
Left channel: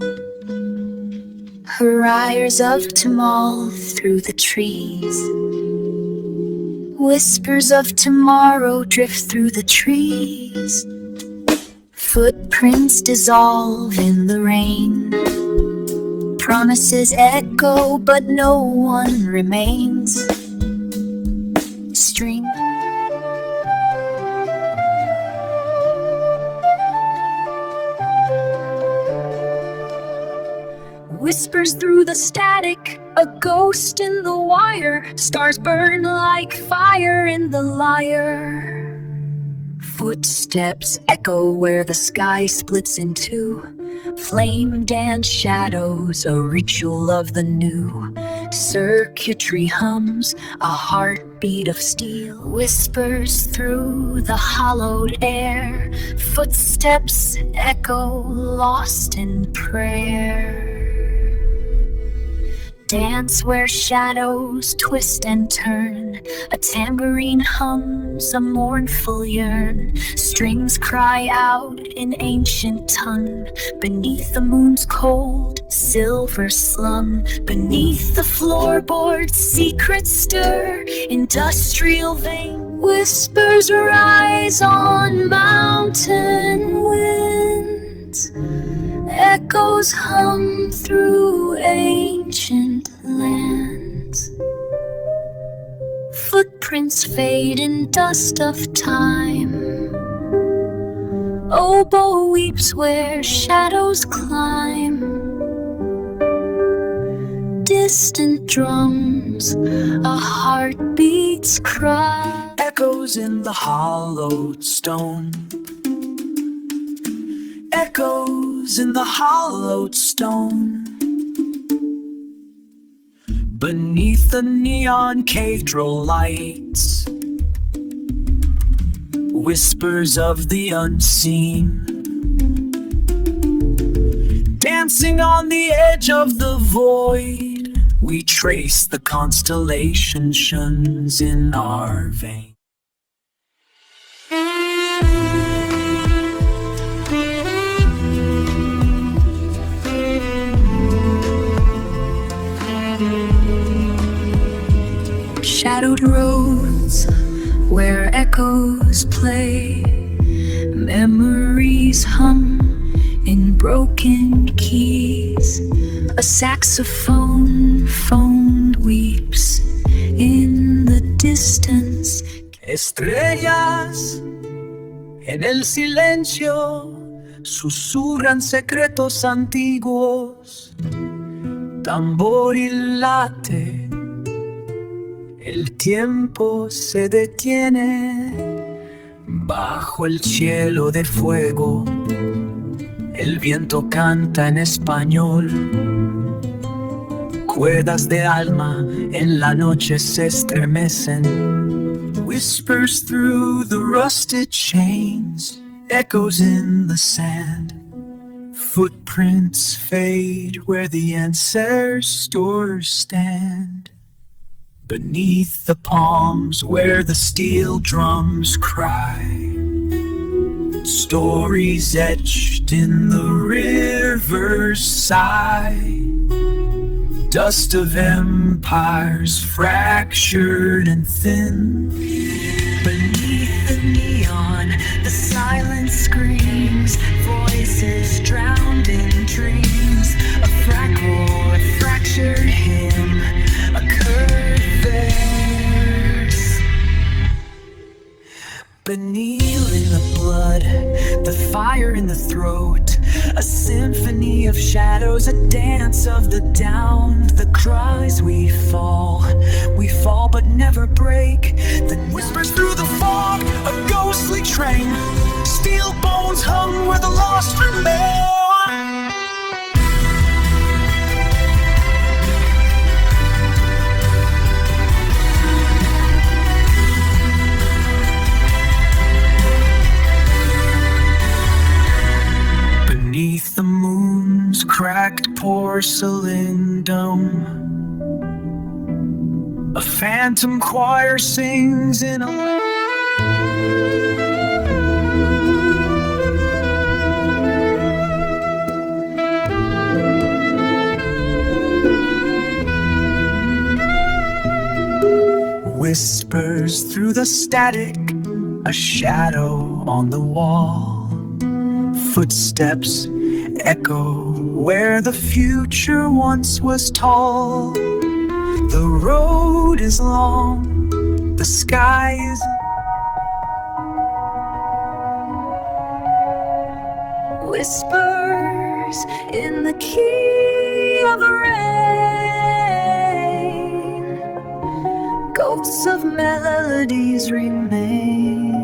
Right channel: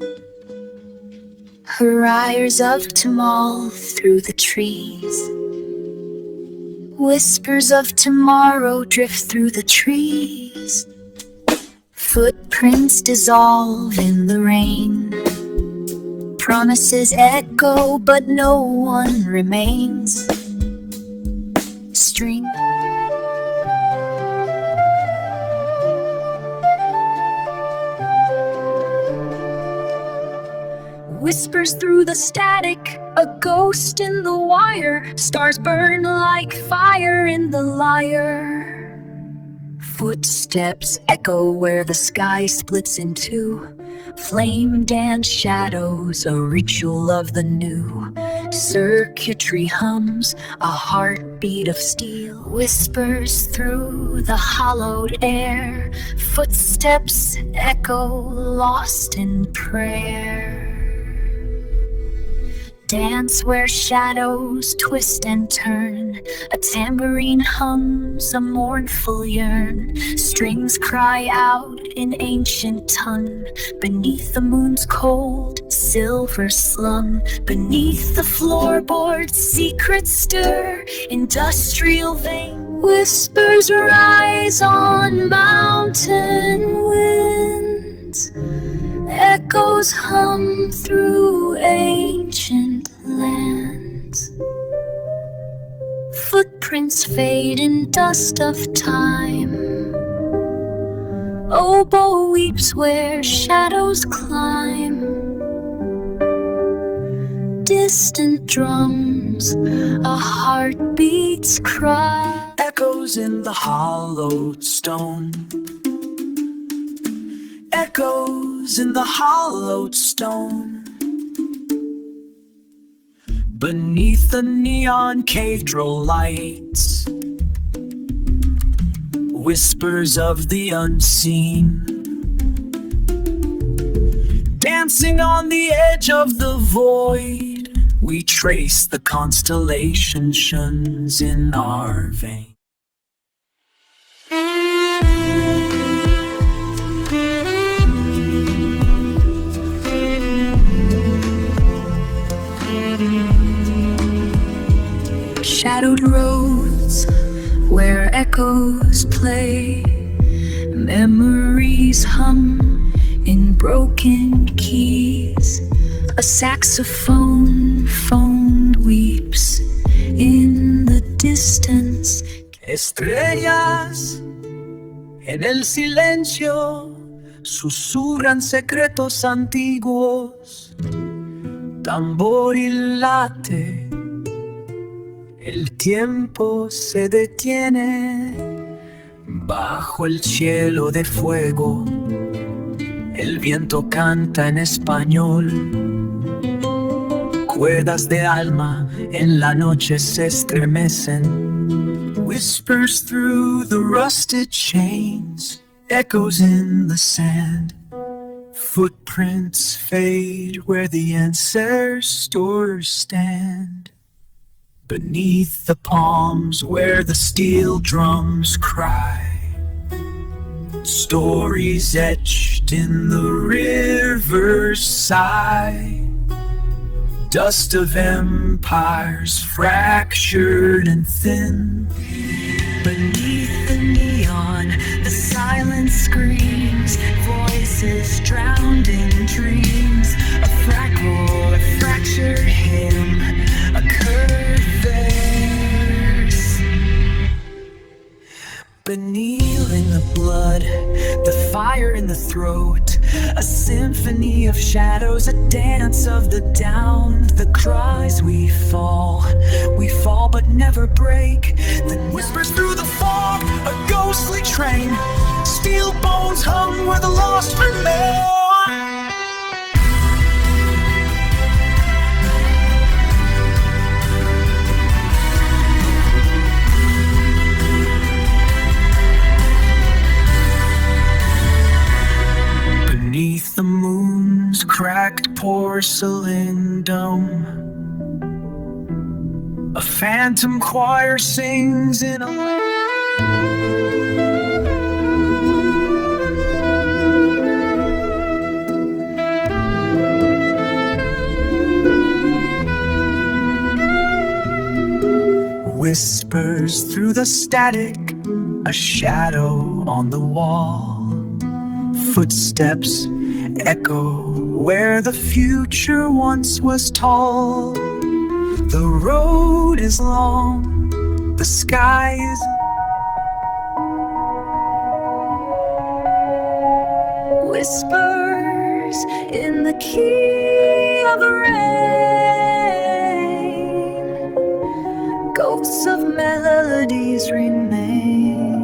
Hurriers of tomorrow through the trees. Whispers of tomorrow drift through the trees. Footprints dissolve in the rain. Promises echo, but no one remains. String. Whispers through the static, a ghost in the wire. Stars burn like fire in the lyre. Footsteps echo where the sky splits in two. Flame dance shadows, a ritual of the new. Circuitry hums, a heartbeat of steel. Whispers through the hollowed air. Footsteps echo, lost in prayer. Dance where shadows twist and turn. A tambourine hums a mournful yearn. Strings cry out in ancient tongue. Beneath the moon's cold silver slum. Beneath the floorboards secrets stir. Industrial vein whispers rise on mountain winds. Echoes hum through ancient lands. Footprints fade in dust of time. Oboe weeps where shadows climb. Distant drums, a heartbeat's cry. Echoes in the hollowed stone. Echoes in the hollowed stone. Beneath the neon cathedral lights, whispers of the unseen. Dancing on the edge of the void, we trace the constellations in our veins. Shadowed roads where echoes play. Memories hum in broken keys. A saxophone phone weeps in the distance. Estrellas en el silencio susurran secretos antiguos. Tamboril late. El tiempo se detiene bajo el cielo de fuego. El viento canta en español. Cuerdas de alma en la noche se estremecen. Whispers through the rusted chains. Echoes in the sand. Footprints fade where the ancestors stand. Beneath the palms where the steel drums cry. Stories etched in the river's sigh. Dust of empires fractured and thin. Beneath the neon, the silence screams. Voices drowned in dreams. A fractal, a fractured hymn. A curved verse. Beneath in the blood, the fire in the throat. A symphony of shadows, a dance of the downed. The cries we fall but never break. The whispers through the fog, a ghostly train. Steel bones hung where the lost remain. Beneath the moon's cracked porcelain dome, a phantom choir sings in a Whispers through the static, a shadow on the wall. Footsteps echo where the future once was tall. The road is long, the sky is whispers in the key of rain. Ghosts of melodies remain.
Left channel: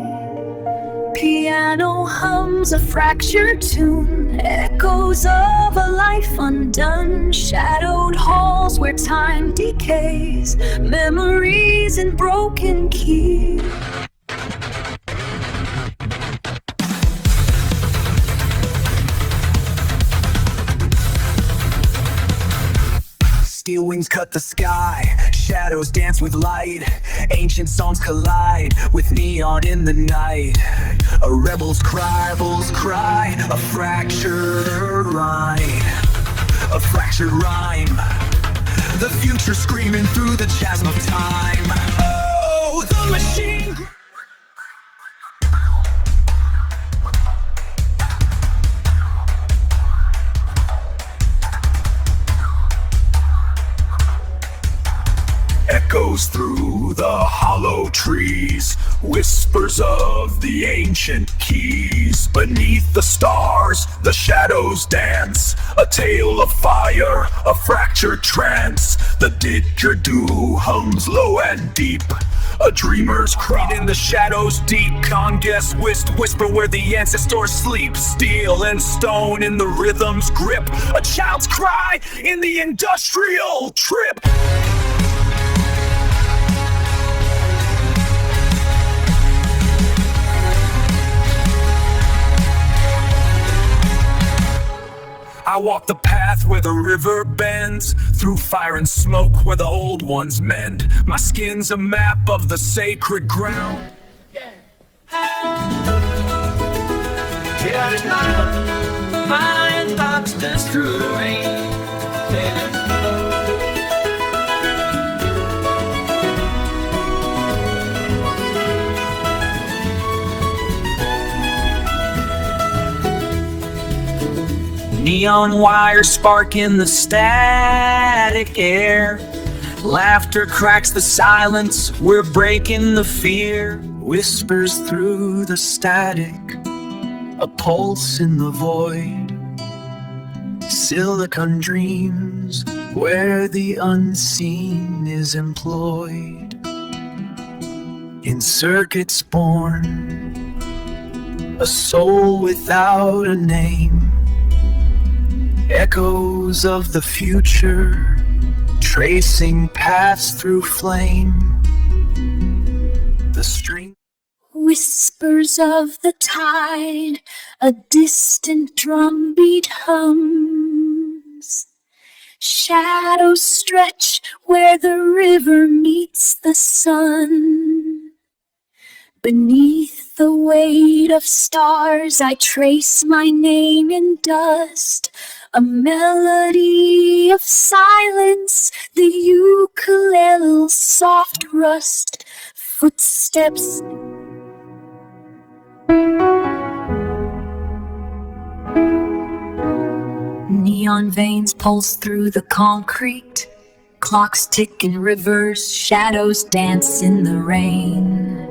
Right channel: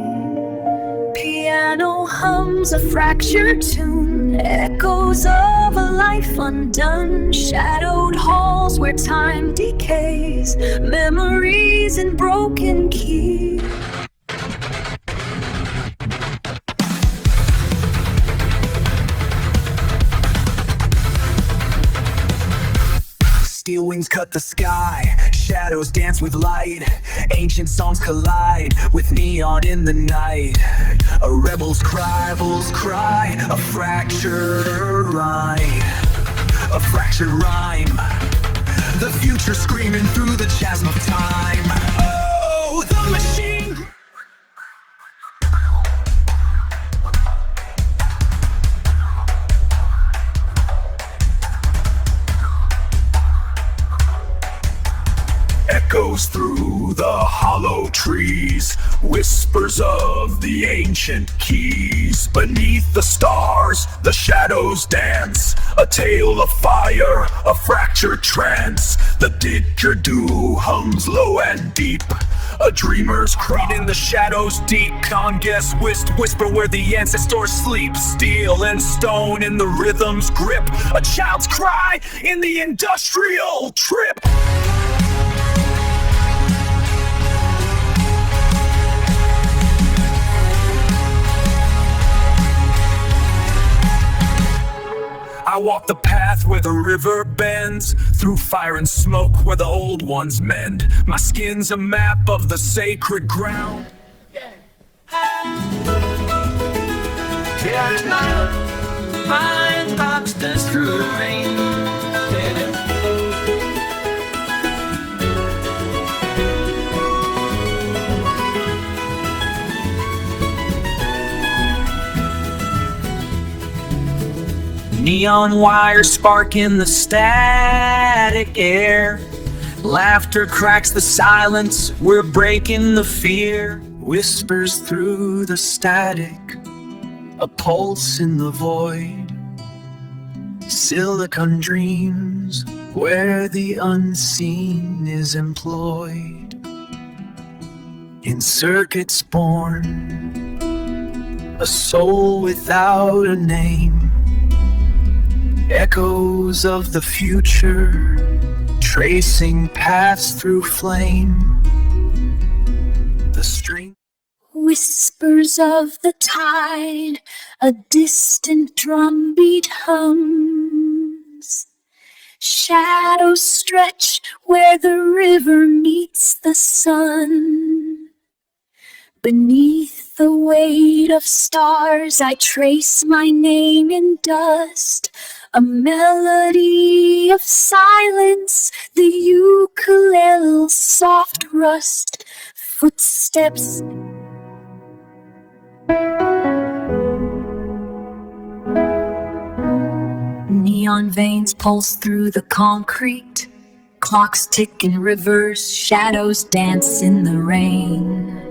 Piano hums a fractured tune, echoes of a life undone. Shadowed halls where time decays, memories in broken keys. Steel wings cut the sky, shadows dance with light. Ancient songs collide with neon in the night. A rebel's cry, a fractured rhyme. A fractured rhyme. The future screaming through the chasm of time. Oh, the machine. Echoes through the hollow trees, whispers of the ancient keys. Beneath the stars, the shadows dance, a tale of fire, a fractured trance. The didgeridoo hums low and deep, a dreamer's cry. In the shadows deep, conguess whisper where the ancestors sleep. Steel and stone in the rhythm's grip, a child's cry in the industrial trip. I walk the path where the river bends, through fire and smoke where the old ones mend. My skin's a map of the sacred ground. Find lobsters through the rain. Neon wires spark in the static air. Laughter cracks the silence, we're breaking the fear. Whispers through the static, a pulse in the void. Silicon dreams where the unseen is employed. In circuits born, a soul without a name. Echoes of the future, tracing paths through flame. The string. Whispers of the tide, a distant drumbeat hums. Shadows stretch where the river meets the sun. Beneath the weight of stars, I trace my name in dust. A melody of silence, the ukulele's soft rust. Footsteps. Neon veins pulse through the concrete. Clocks tick in rivers, shadows dance in the rain.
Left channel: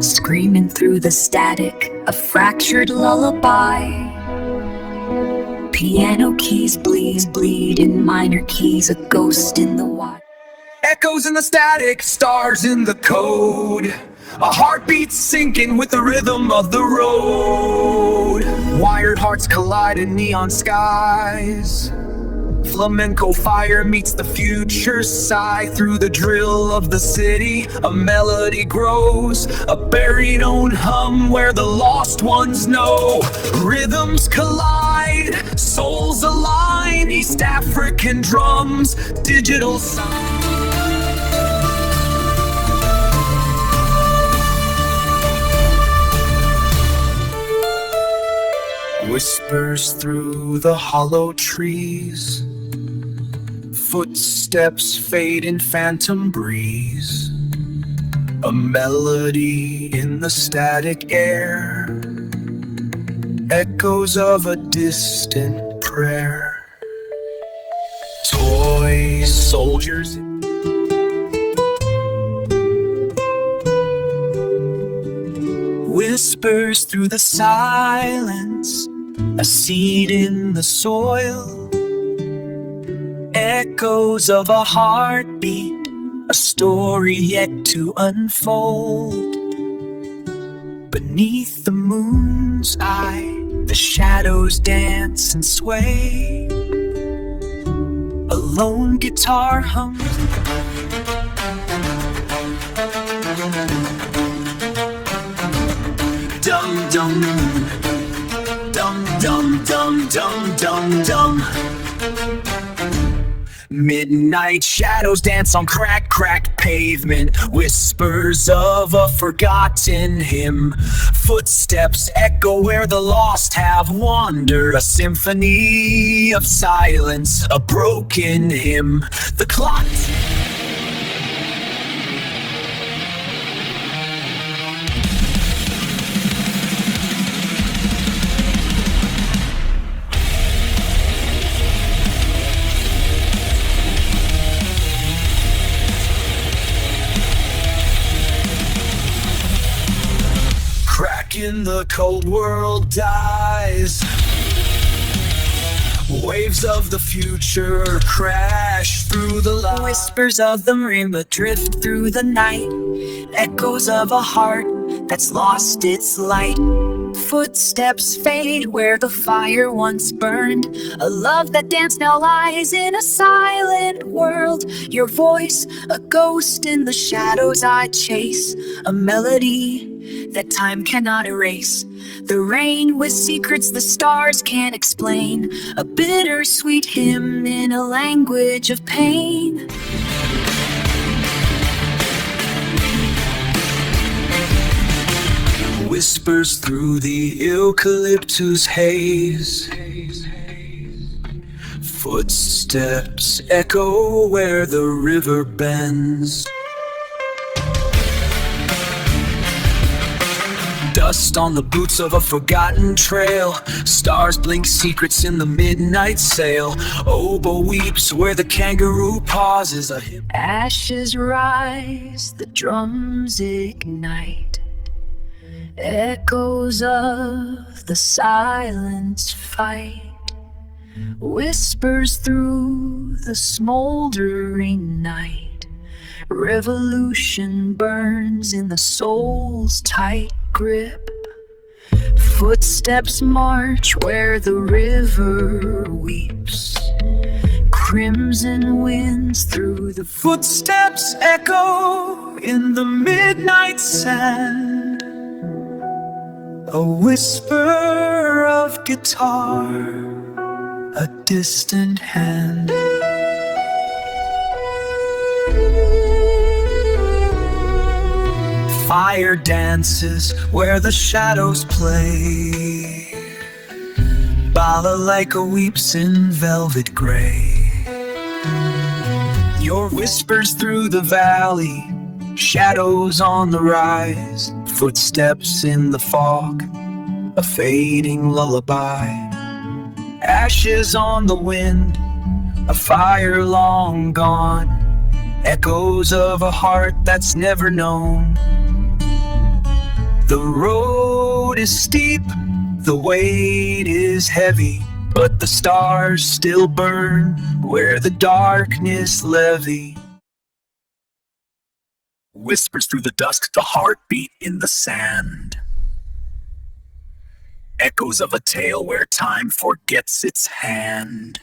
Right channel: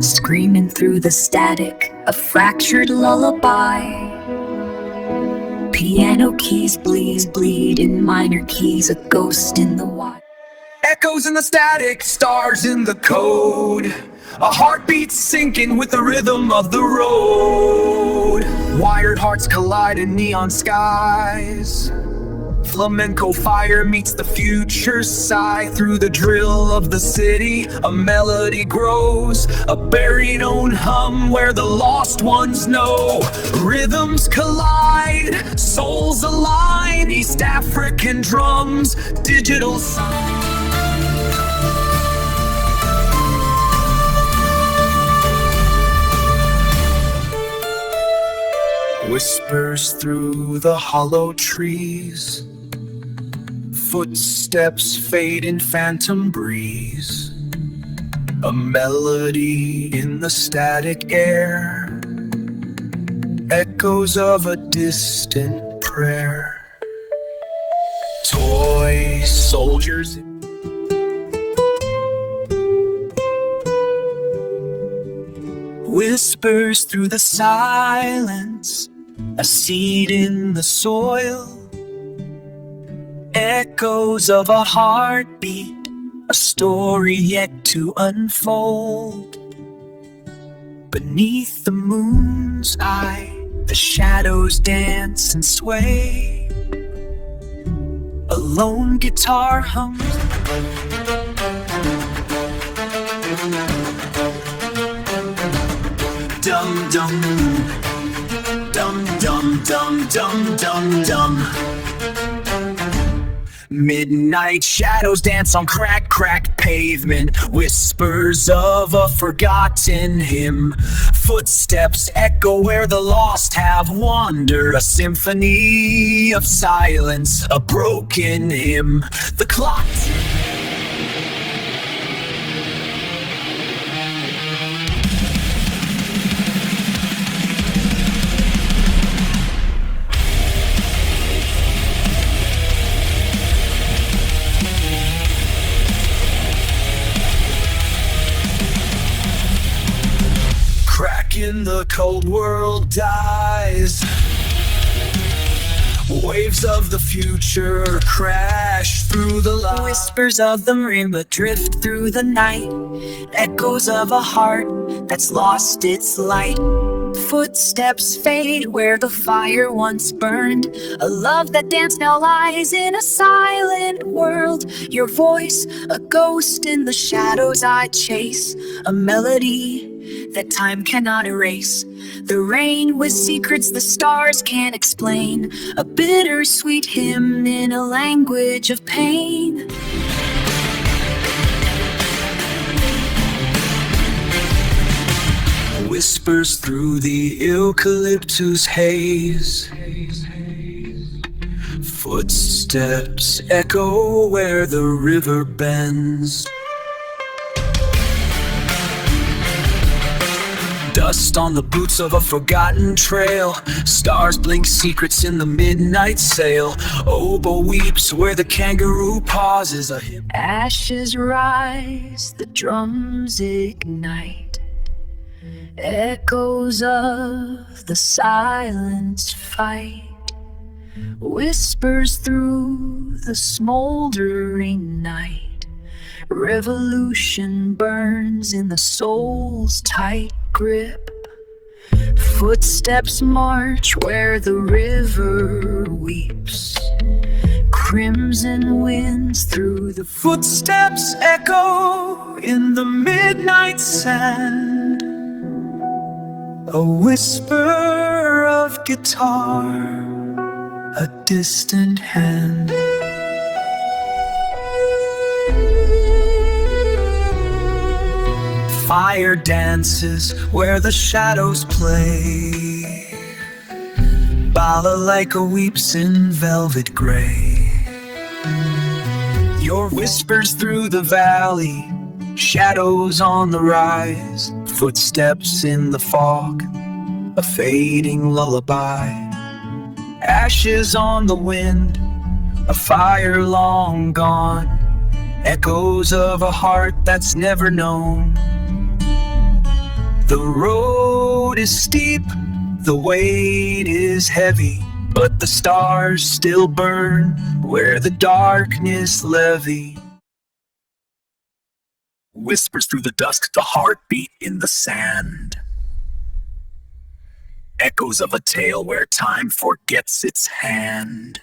Screaming through the static, a fractured lullaby. Piano keys bleed in minor keys, a ghost in the water. Echoes in the static, stars in the code. A heartbeat sinking with the rhythm of the road. Wired hearts collide in neon skies. Flamenco fire meets the future's sigh. Through the drill of the city, a melody grows. A baritone hum where the lost ones know. Rhythms collide, souls align. East African drums, digital sound. Whispers through the hollow trees, Footsteps fade in phantom breeze, a melody in the static air, echoes of a distant prayer. Toy soldiers, whispers through the silence, a seed in the soil, echoes of a heartbeat, a story yet to unfold. Beneath the moon's eye, the shadows dance and sway. A lone guitar hums, dum dum, dum dum dum dum dum dum. Midnight shadows dance on cracked pavement, whispers of a forgotten hymn. Footsteps echo where the lost have wandered, a symphony of silence, a broken hymn. The clock in the cold world dies. Waves of the future crash through the light. Whispers of the marimba drift through the night, echoes of a heart that's lost its light. Footsteps fade where the fire once burned, a love that danced now lies in a silent world. Your voice, a ghost in the shadows I chase, a melody that time cannot erase. The rain with secrets the stars can't explain, a bittersweet hymn in a language of pain. Whispers through the eucalyptus haze, footsteps echo where the river bends. Dust on the boots of a forgotten trail, stars blink secrets in the midnight sail. Oboe weeps where the kangaroo pauses. Ashes rise, the drums ignite, echoes of the silence fight. Whispers through the smoldering night, revolution burns in the soul's tight grip. Footsteps march where the river weeps, crimson winds through the footsteps echo in the midnight sand. A whisper of guitar, a distant hand. Fire dances where the shadows play, balalaika weeps in velvet gray. Your whispers through the valley, shadows on the rise, footsteps in the fog, a fading lullaby. Ashes on the wind, a fire long gone, echoes of a heart that's never known. The road is steep, the weight is heavy, but the stars still burn where the darkness levy. Whispers through the dusk, the heartbeat in the sand, echoes of a tale where time forgets its hand.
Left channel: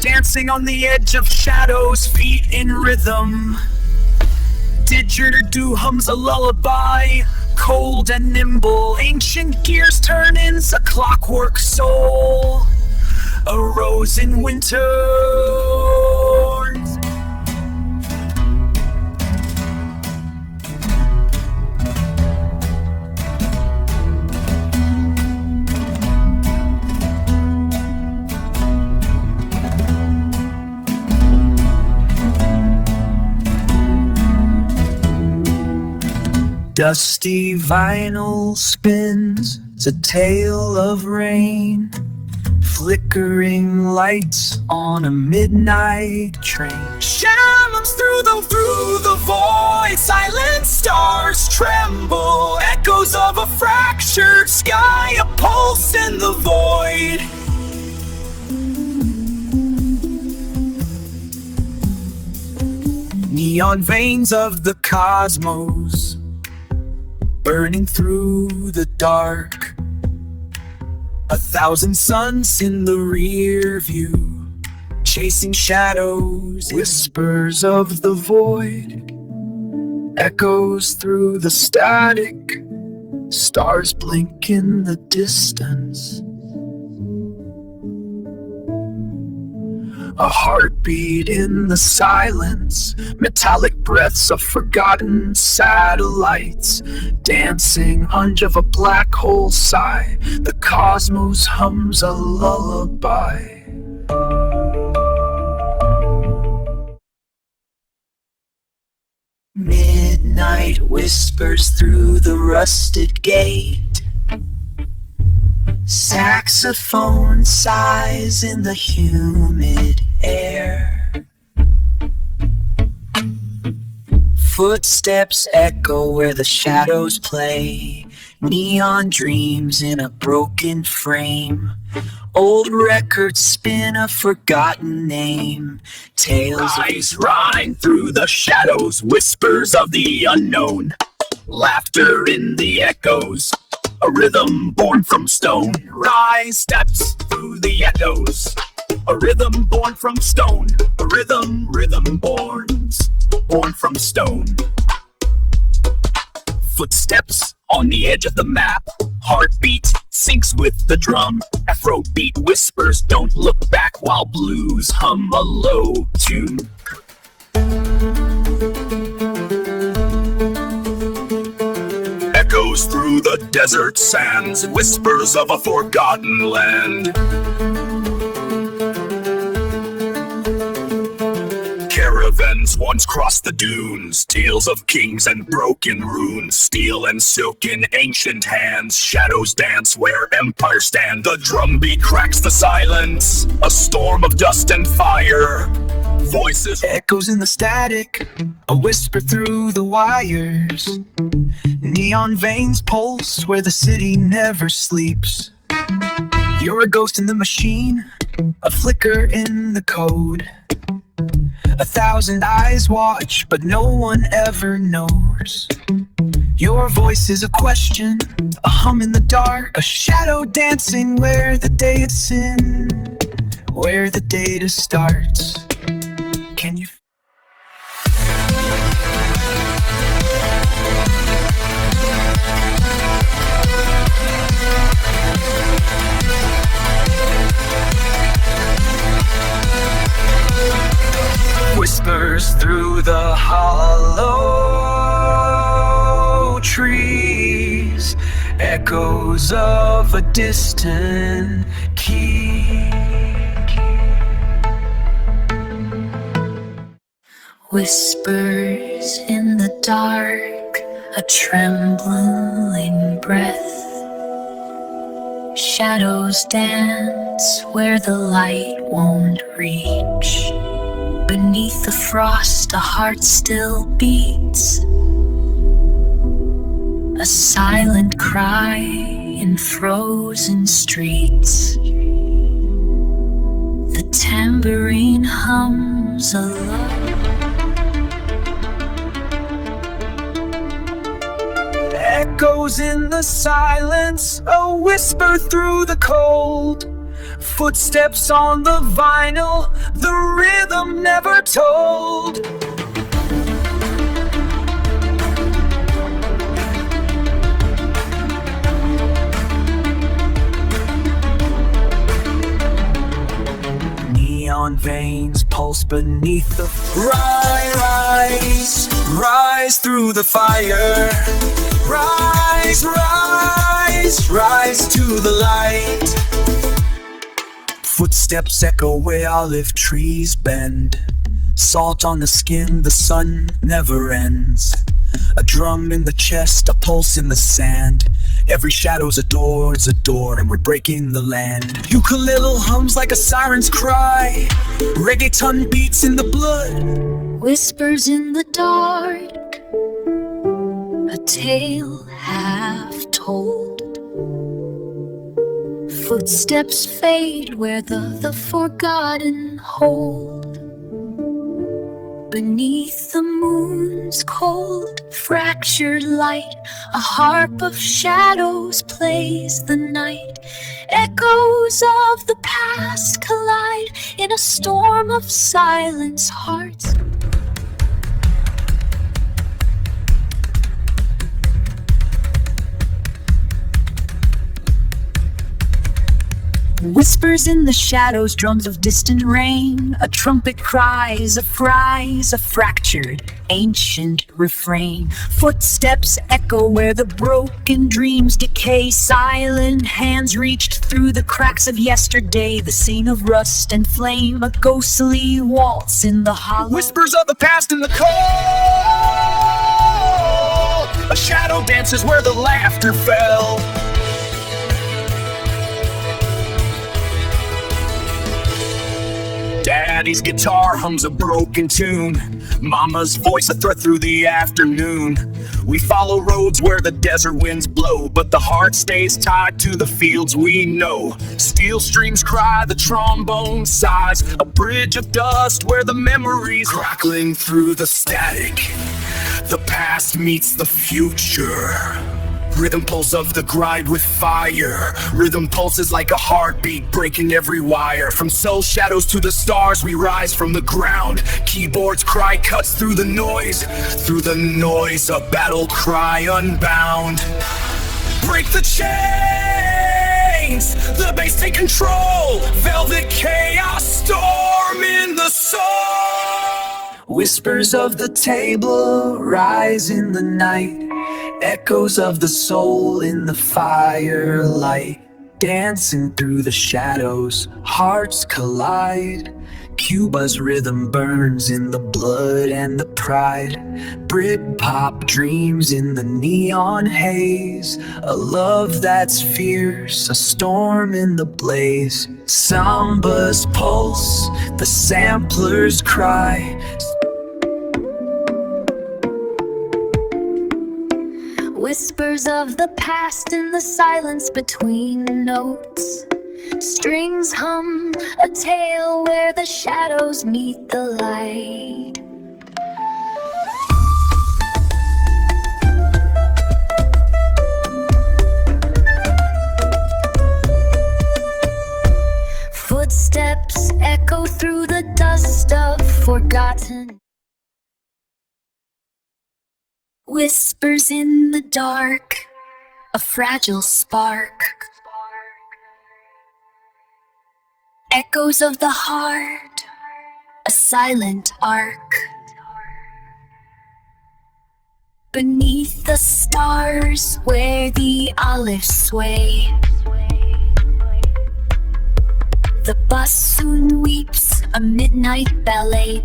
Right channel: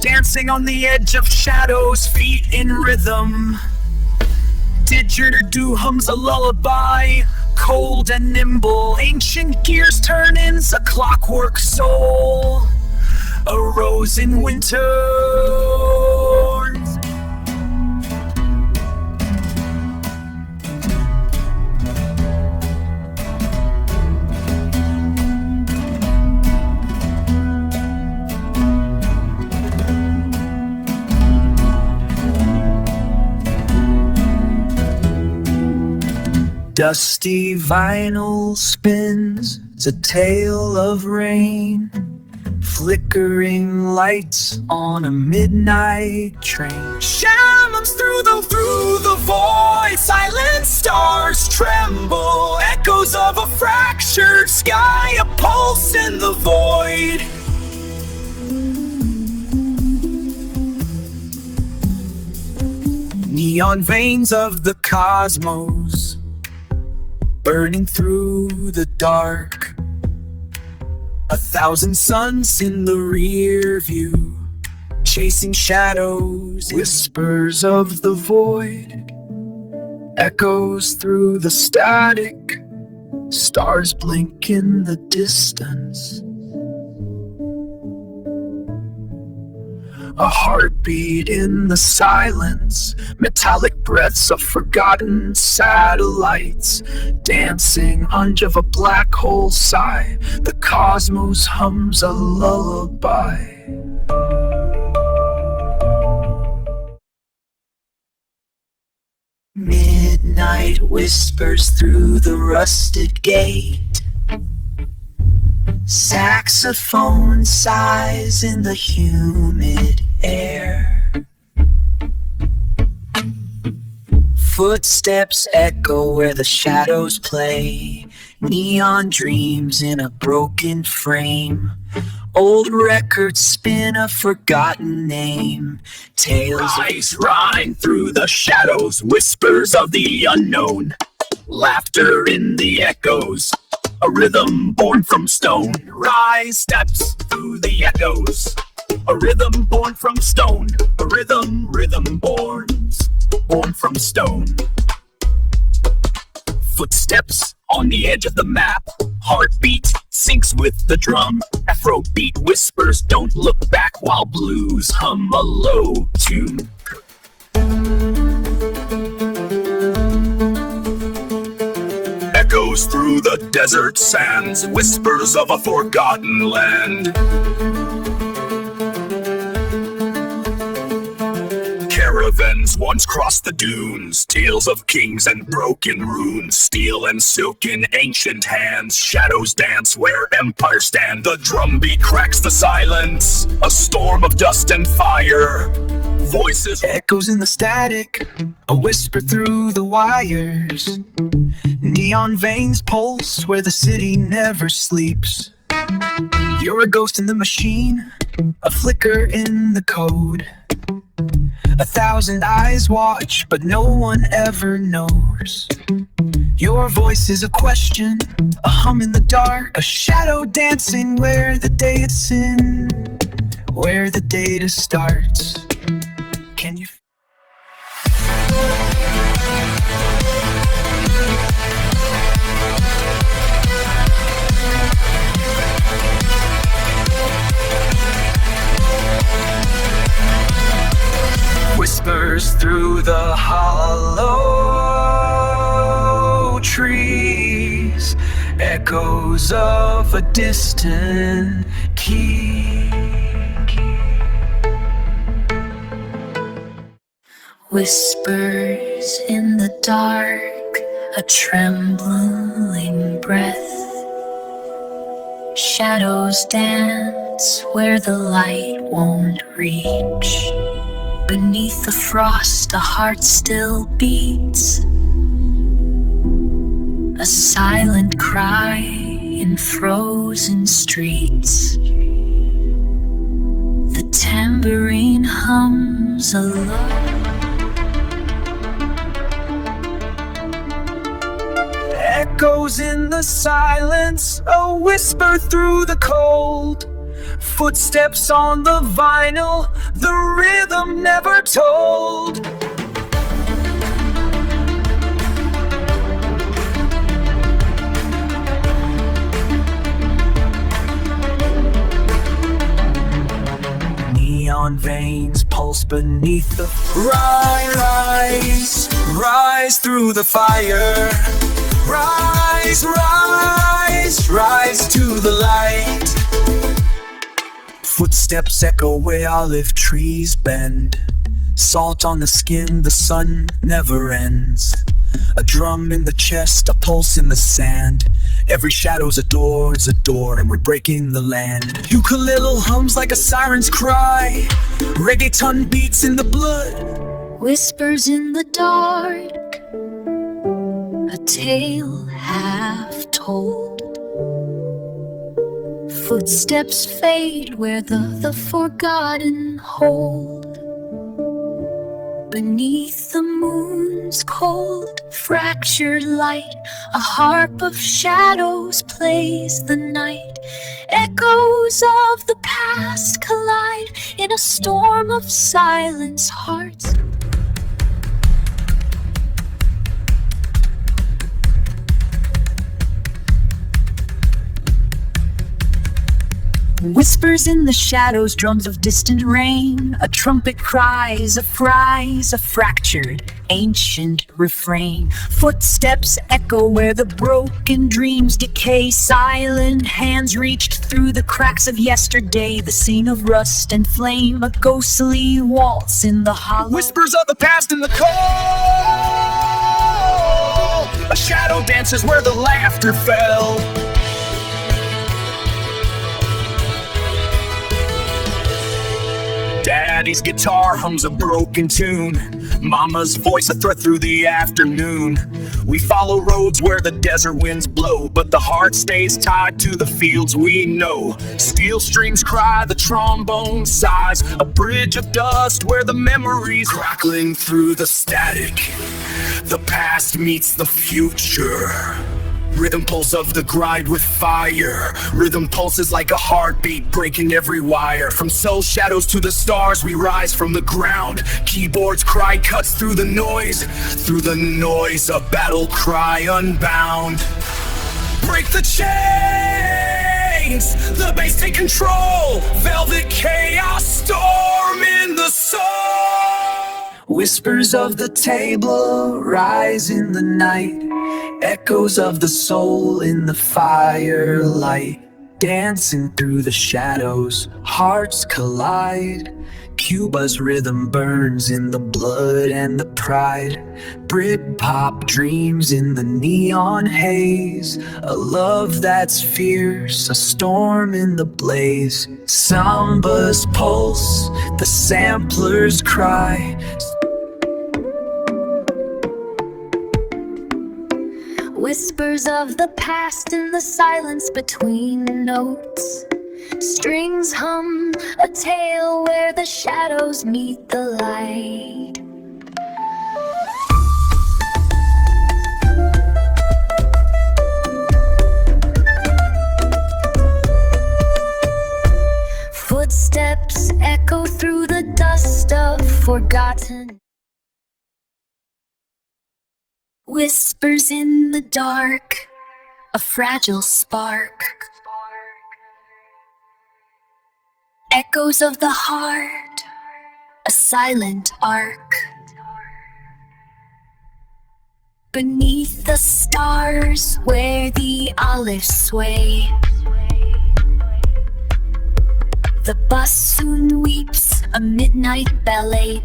Dancing on the edge of shadows, feet in rhythm, didgeridoo hums a lullaby, cold and nimble, ancient gears turn in a clockwork soul, a rose in winter. Dusty vinyl spins, it's a tale of rain. Flickering lights on a midnight train. Shadows through the void. Silent stars tremble. Echoes of a fractured sky. A pulse in the void. Neon veins of the cosmos burning through the dark. 1,000 suns in the rear view, chasing shadows, whispers of the void, echoes through the static, stars blink in the distance. A heartbeat in the silence, metallic breaths of forgotten satellites, dancing hunch of a black hole sigh, the cosmos hums a lullaby. Midnight whispers through the rusted gate. Saxophone sighs in the humid air. Footsteps echo where the shadows play. Neon dreams in a broken frame. Old records spin a forgotten name. Tales rise through the shadows. Whispers of the unknown. Laughter in the echoes. A rhythm born from stone. Rise steps through the echoes. A rhythm born from stone. A rhythm born from stone. Footsteps on the edge of the map. Heartbeat syncs with the drum. Afrobeat whispers don't look back while blues hum a low tune. Echoes through the desert sands, whispers of a forgotten land. Caravans once crossed the dunes, tales of kings and broken runes, steel and silk in ancient hands, shadows dance where empires stand. The drumbeat cracks the silence, a storm of dust and fire. Voices echoes in the static, a whisper through the wires. Neon veins pulse where the city never sleeps. You're a ghost in the machine, a flicker in the code. 1,000 eyes watch, but no one ever knows. Your voice is a question, a hum in the dark, a shadow dancing where the day is in, where the data starts. Can you? Whispers through the hollow trees, echoes of a distant key. Whispers in the dark, a trembling breath. Shadows dance where the light won't reach. Beneath the frost, a heart still beats. A silent cry in frozen streets. The tambourine hums a lullaby. Echoes in the silence, a whisper through the cold. Footsteps on the vinyl, the rhythm never told. Neon veins pulse beneath the rise through the fire. Rise to the light. Footsteps echo where olive trees bend. Salt on the skin, the sun never ends. A drum in the chest, a pulse in the sand. Every shadow's a door, and we're breaking the land. Ukulele hums like a siren's cry. Reggaeton beats in the blood. Whispers in the dark, a tale half told. Footsteps fade where the forgotten hold. Beneath the moon's cold, fractured light, a harp of shadows plays the night. Echoes of the past collide in a storm of silence hearts. Whispers in the shadows, drums of distant rain. A trumpet cries, a fractured, ancient refrain. Footsteps echo where the broken dreams decay. Silent hands reached through the cracks of yesterday. The scene of rust and flame, a ghostly waltz in the hollow. Whispers of the past in the cold. A shadow dances where the laughter fell. Daddy's guitar hums a broken tune. Mama's voice a threat through the afternoon. We follow roads where the desert winds blow, but the heart stays tied to the fields we know. Steel strings cry, the trombone sighs. A bridge of dust where the memories crackling through the static. The past meets the future. Rhythm pulse of the grind with fire. Rhythm pulses like a heartbeat, breaking every wire. From soul shadows to the stars, we rise from the ground. Keyboards cry cuts through the noise. Through the noise, a battle cry unbound. Break the chains, the bass take control. Velvet chaos, storm in the soul. Whispers of the table rise in the night. Echoes of the soul in the firelight. Dancing through the shadows, hearts collide. Cuba's rhythm burns in the blood and the pride. Britpop dreams in the neon haze. A love that's fierce, a storm in the blaze. Samba's pulse, the sampler's cry. Whispers of the past in the silence between notes. Strings hum a tale where the shadows meet the light. Footsteps echo through the dust of forgotten. Whispers in the dark, a fragile spark. Echoes of the heart, a silent arc. Beneath the stars where the olives sway. The bassoon weeps a midnight ballet.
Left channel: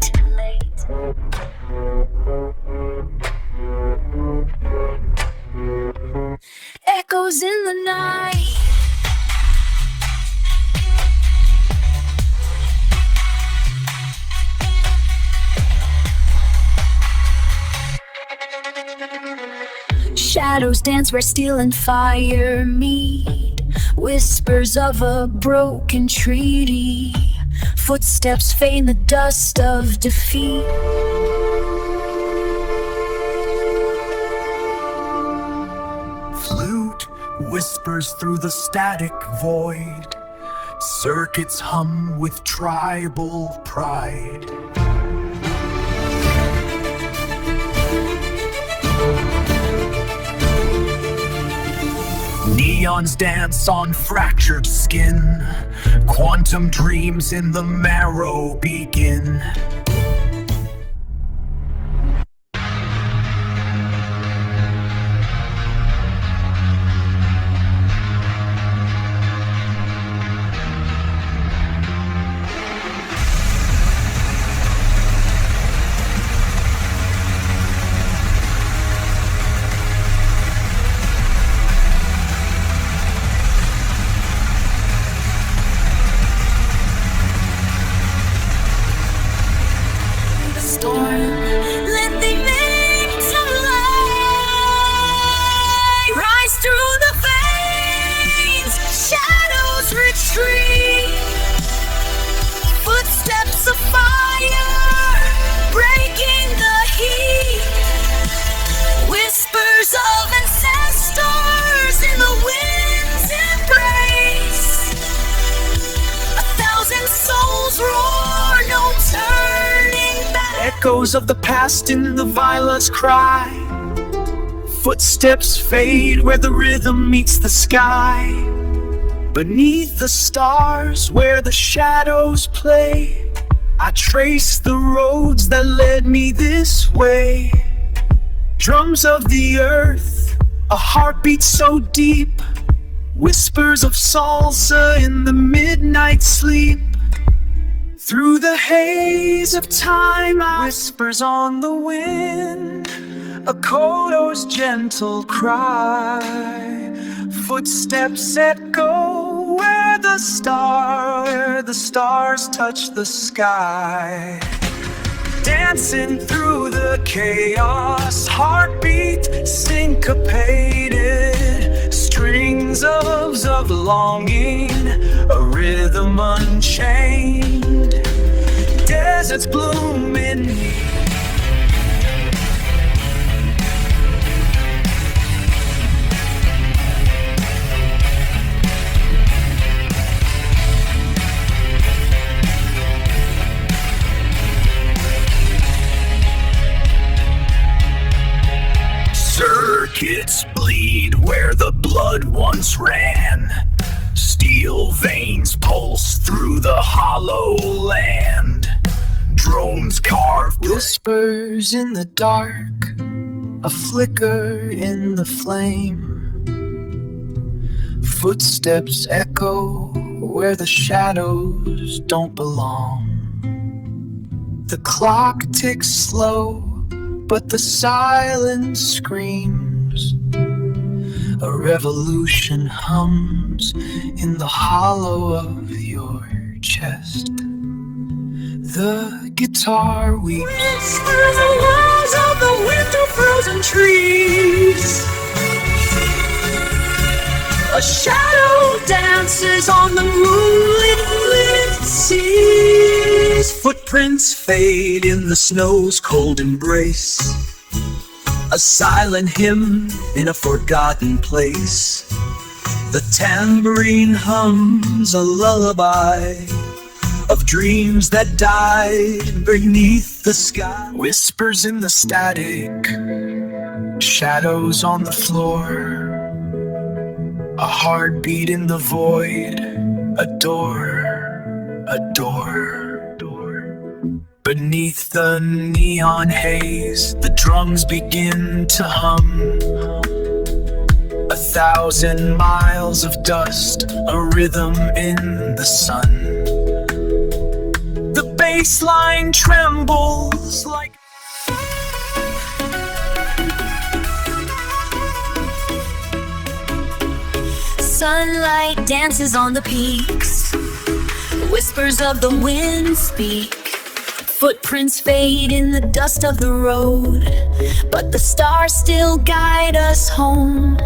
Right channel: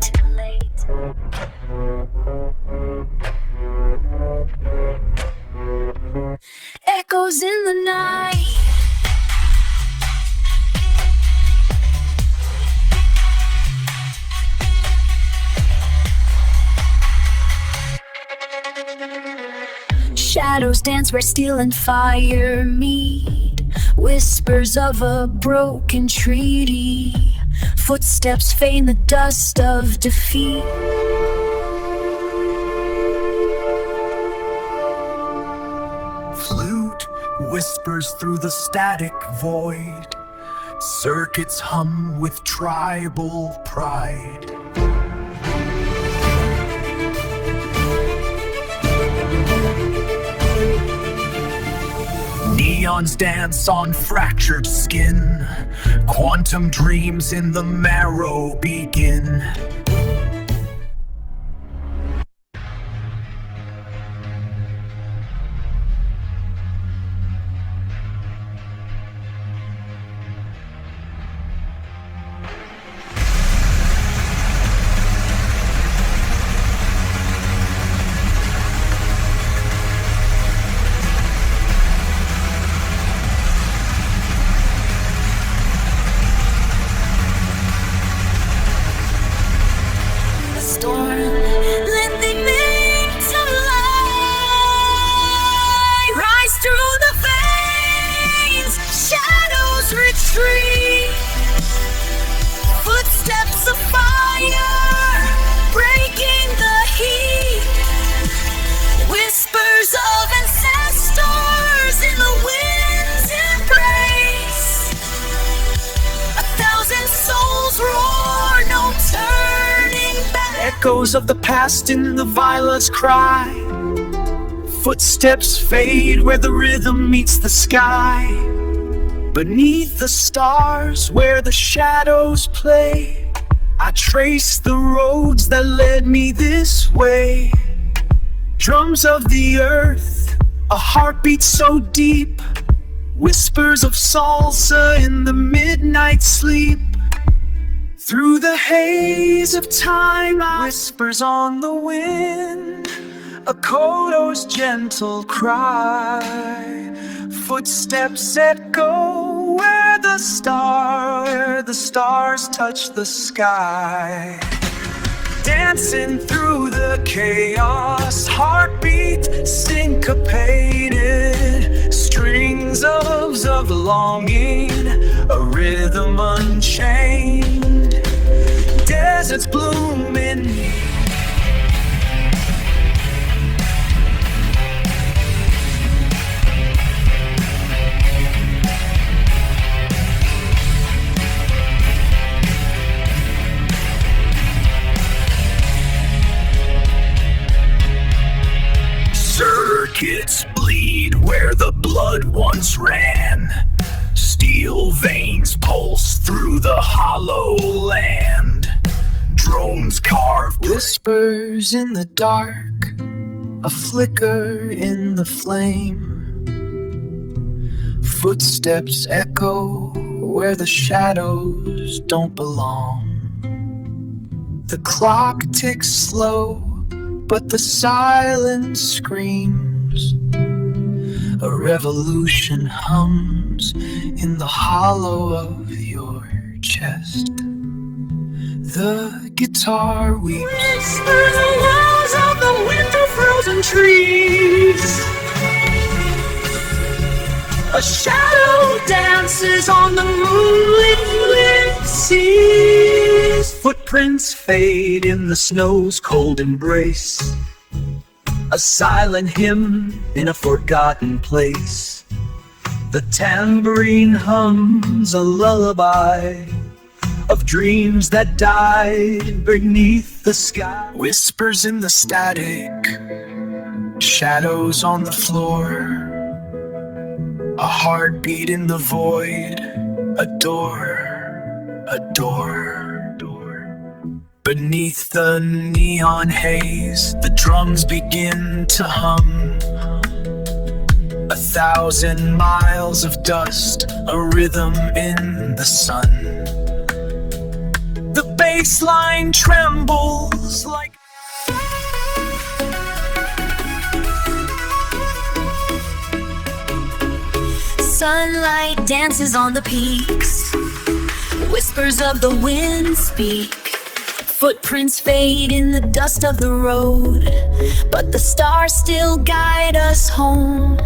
Echoes in the night. Shadows dance where steel and fire meet. Whispers of a broken treaty. Footsteps feign the dust of defeat. Flute whispers through the static void. Circuits hum with tribal pride. Neons dance on fractured skin. Quantum dreams in the marrow begin. storm, lending meaning to light. Rise through the veins, shadows retreat. Footsteps of fire, breaking the heat. Whispers of ancestors in the wind's embrace. 1,000 souls roar, no turning back. Echoes of the past in the violence cry. Footsteps fade where the rhythm meets the sky. Beneath the stars where the shadows play, I trace the roads that led me this way. Drums of the earth, a heartbeat so deep. Whispers of salsa in the midnight sleep. Through the haze of time, whispers on the wind, a kodo's gentle cry. Footsteps echo where the stars touch the sky. Dancing through the chaos, heartbeat syncopated. Strings of longing, a rhythm unchained. Deserts blooming. Circuits bleed where the blood once ran. Steel veins pulse through the hollow land. Drones carve Whispers in the dark, a flicker in the flame. Footsteps echo where the shadows don't belong. The clock ticks slow, but the silence screams. A revolution hums in the hollow of your chest. The guitar weeps. Whispers the walls of the winter frozen trees. A shadow dances on the moonlit seas. Footprints fade in the snow's cold embrace. A silent hymn in a forgotten place. The tambourine hums a lullaby of dreams that died beneath the sky. Whispers in the static, shadows on the floor. A heartbeat in the void, a door. Beneath the neon haze, the drums begin to hum. 1,000 miles of dust, a rhythm in the sun. The bass line trembles like sunlight dances on the peaks. Whispers of the wind speak. Footprints fade in the dust of the road, but the stars still guide us home.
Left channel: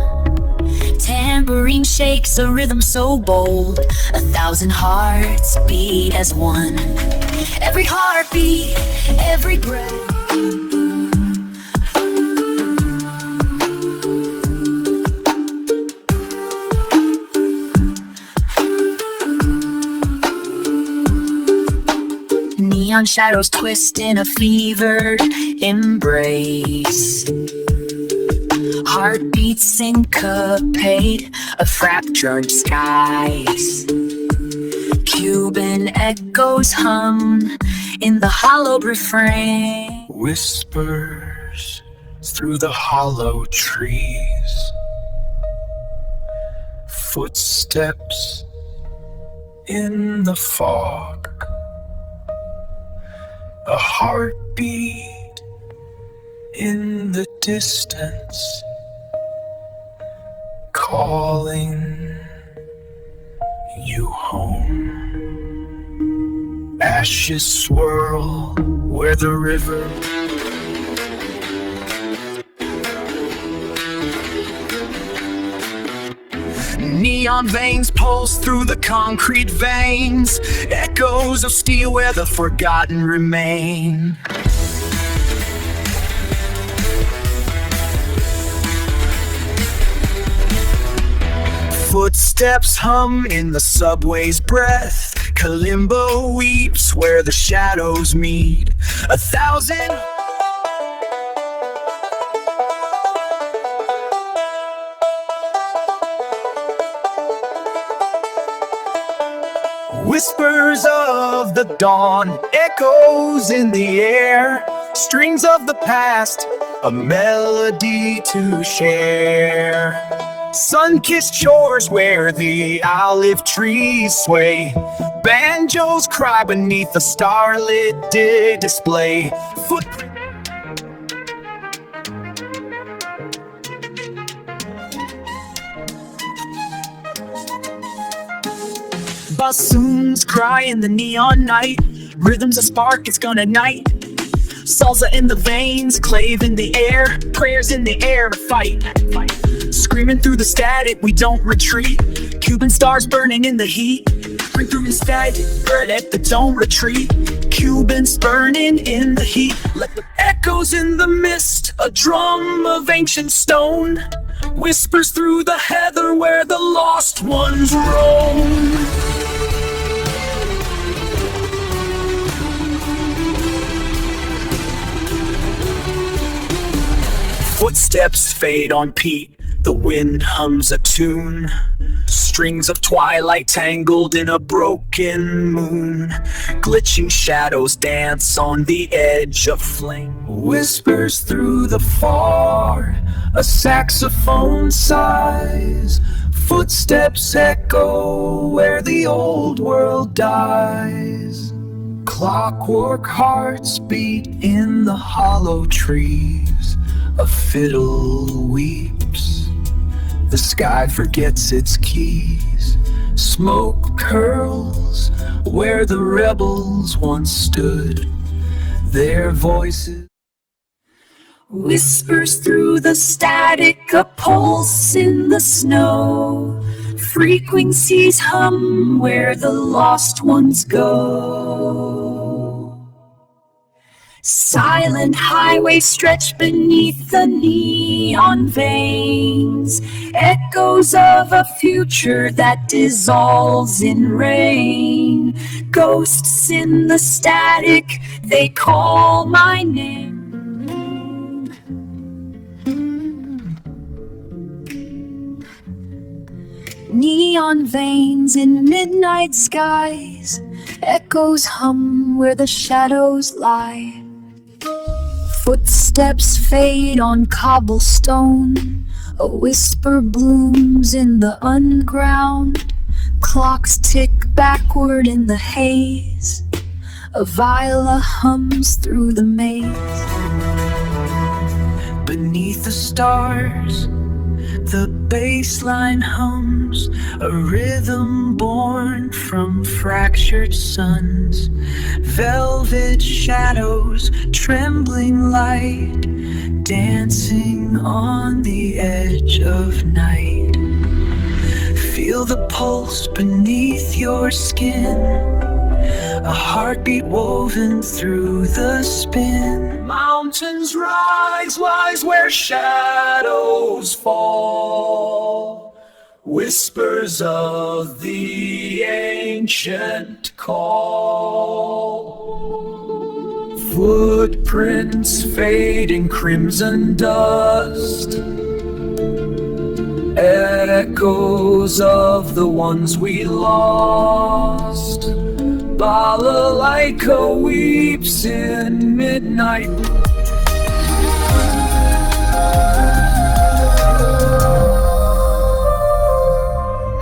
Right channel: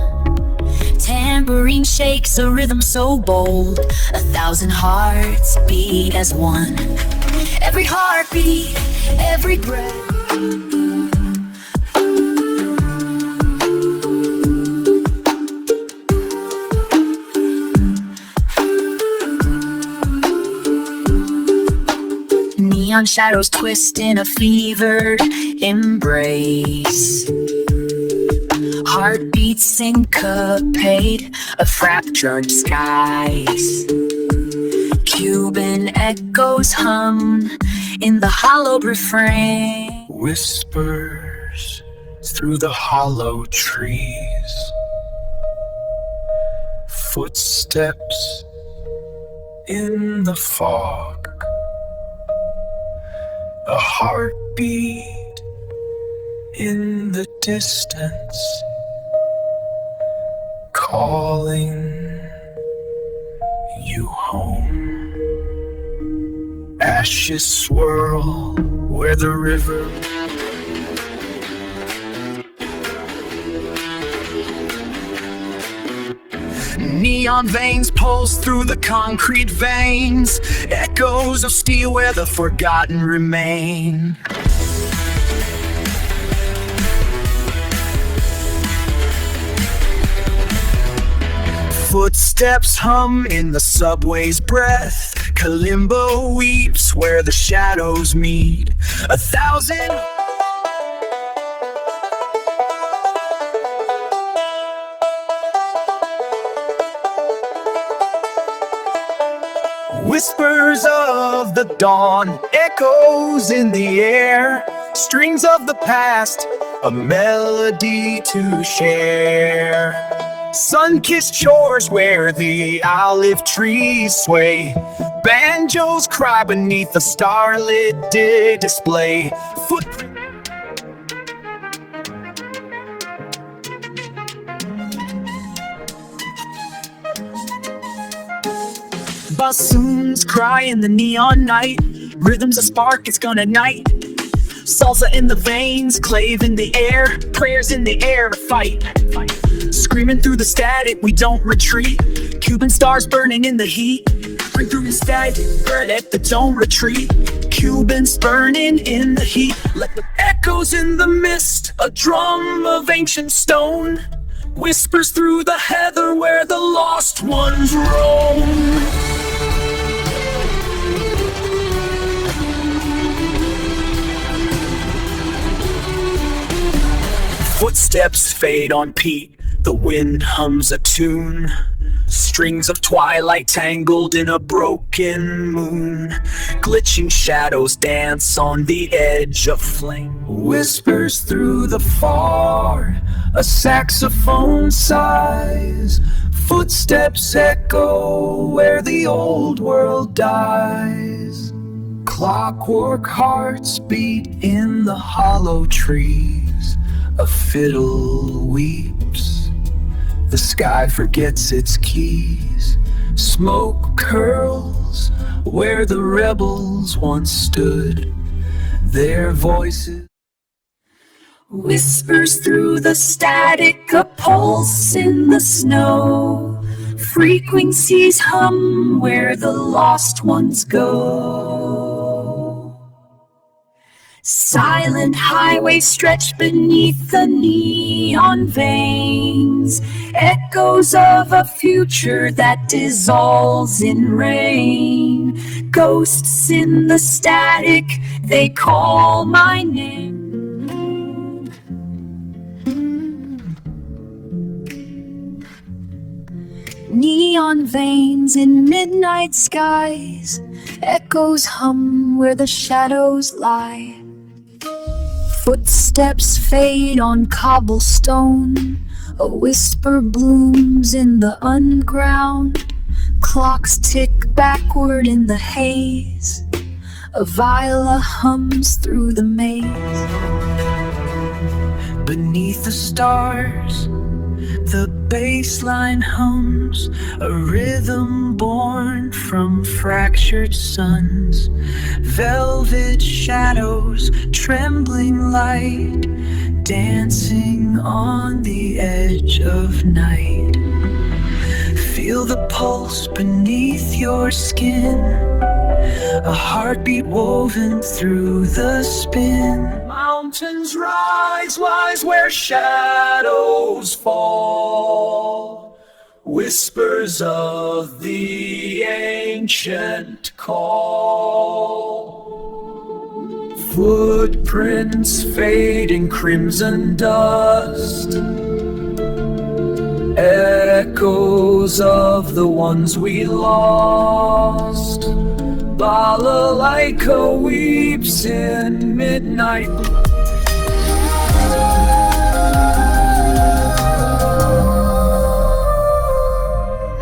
Tambourine shakes a rhythm so bold, 1,000 hearts beat as one. Every heartbeat, every breath. Neon shadows twist in a fevered embrace. Heartbeats syncopate of fractured skies. Cuban echoes hum in the hollow refrain. whispers through the hollow trees. Footsteps in the fog. A heartbeat in the distance, calling you home. ashes swirl where the river neon veins pulse through the concrete veins, echoes of steel where the forgotten remain. Footsteps hum in the subway's breath, Kalimbo weeps where the shadows meet. 1,000 whispers of the dawn, echoes in the air, strings of the past, a melody to share. Sun-kissed shores where the olive trees sway, banjos cry beneath the starlit display. Footprints bassoons cry in the neon night, rhythms a spark, it's gonna ignite. Salsa in the veins, clave in the air, prayers in the air to fight. Screaming through the static, we don't retreat. Cuban stars burning in the heat. Bring through the static, burn it, but don't retreat. Cubans burning in the heat. Let the echoes in the mist, a drum of ancient stone whispers through the heather where the lost ones roam. Footsteps fade on peat, the wind hums a tune. Strings of twilight tangled in a broken moon. Glitching shadows dance on the edge of flame. Whispers through the far, a saxophone sighs. Footsteps echo where the old world dies. Clockwork hearts beat in the hollow trees. A fiddle weeps, the sky forgets its keys. Smoke curls where the rebels once stood, their voices whispers through the static, a pulse in the snow. Frequencies hum where the lost ones go. Silent highways stretch beneath the neon veins, echoes of a future that dissolves in rain. Ghosts in the static, they call my name. Neon veins in midnight skies, echoes hum where the shadows lie. Footsteps fade on cobblestone, a whisper blooms in the unground. Clocks tick backward in the haze, a viola hums through the maze. Beneath the stars, the bassline hums, a rhythm born from fractured suns. Velvet shadows, trembling light, dancing on the edge of night. Feel the pulse beneath your skin, a heartbeat woven through the spin. Mountains rise where shadows fall, whispers of the ancient call. Footprints fade in crimson dust, echoes of the ones we lost. Balalaika weeps in midnight.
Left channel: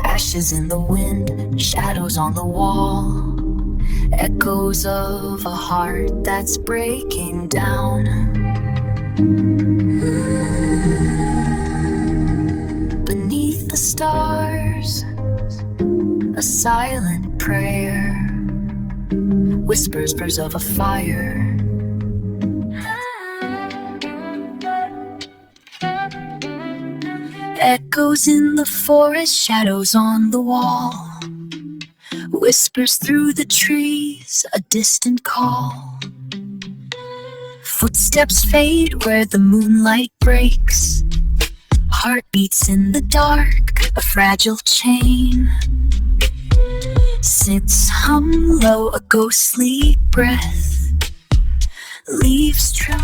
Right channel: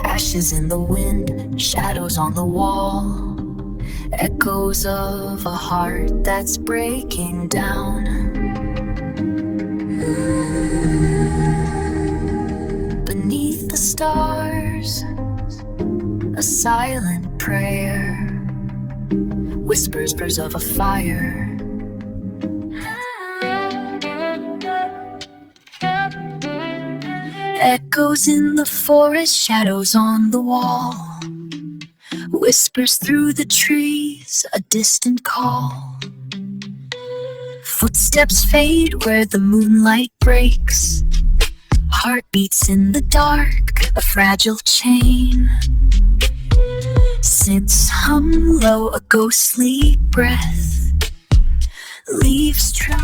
Ashes in the wind, shadows on the wall, echoes of a heart that's breaking down. Beneath the stars, a silent prayer, whispers of a fire. Echoes in the forest, shadows on the wall. Whispers through the trees, a distant call. Footsteps fade where the moonlight breaks. Heartbeats in the dark, a fragile chain. Sits hum low, a ghostly breath. Leaves true.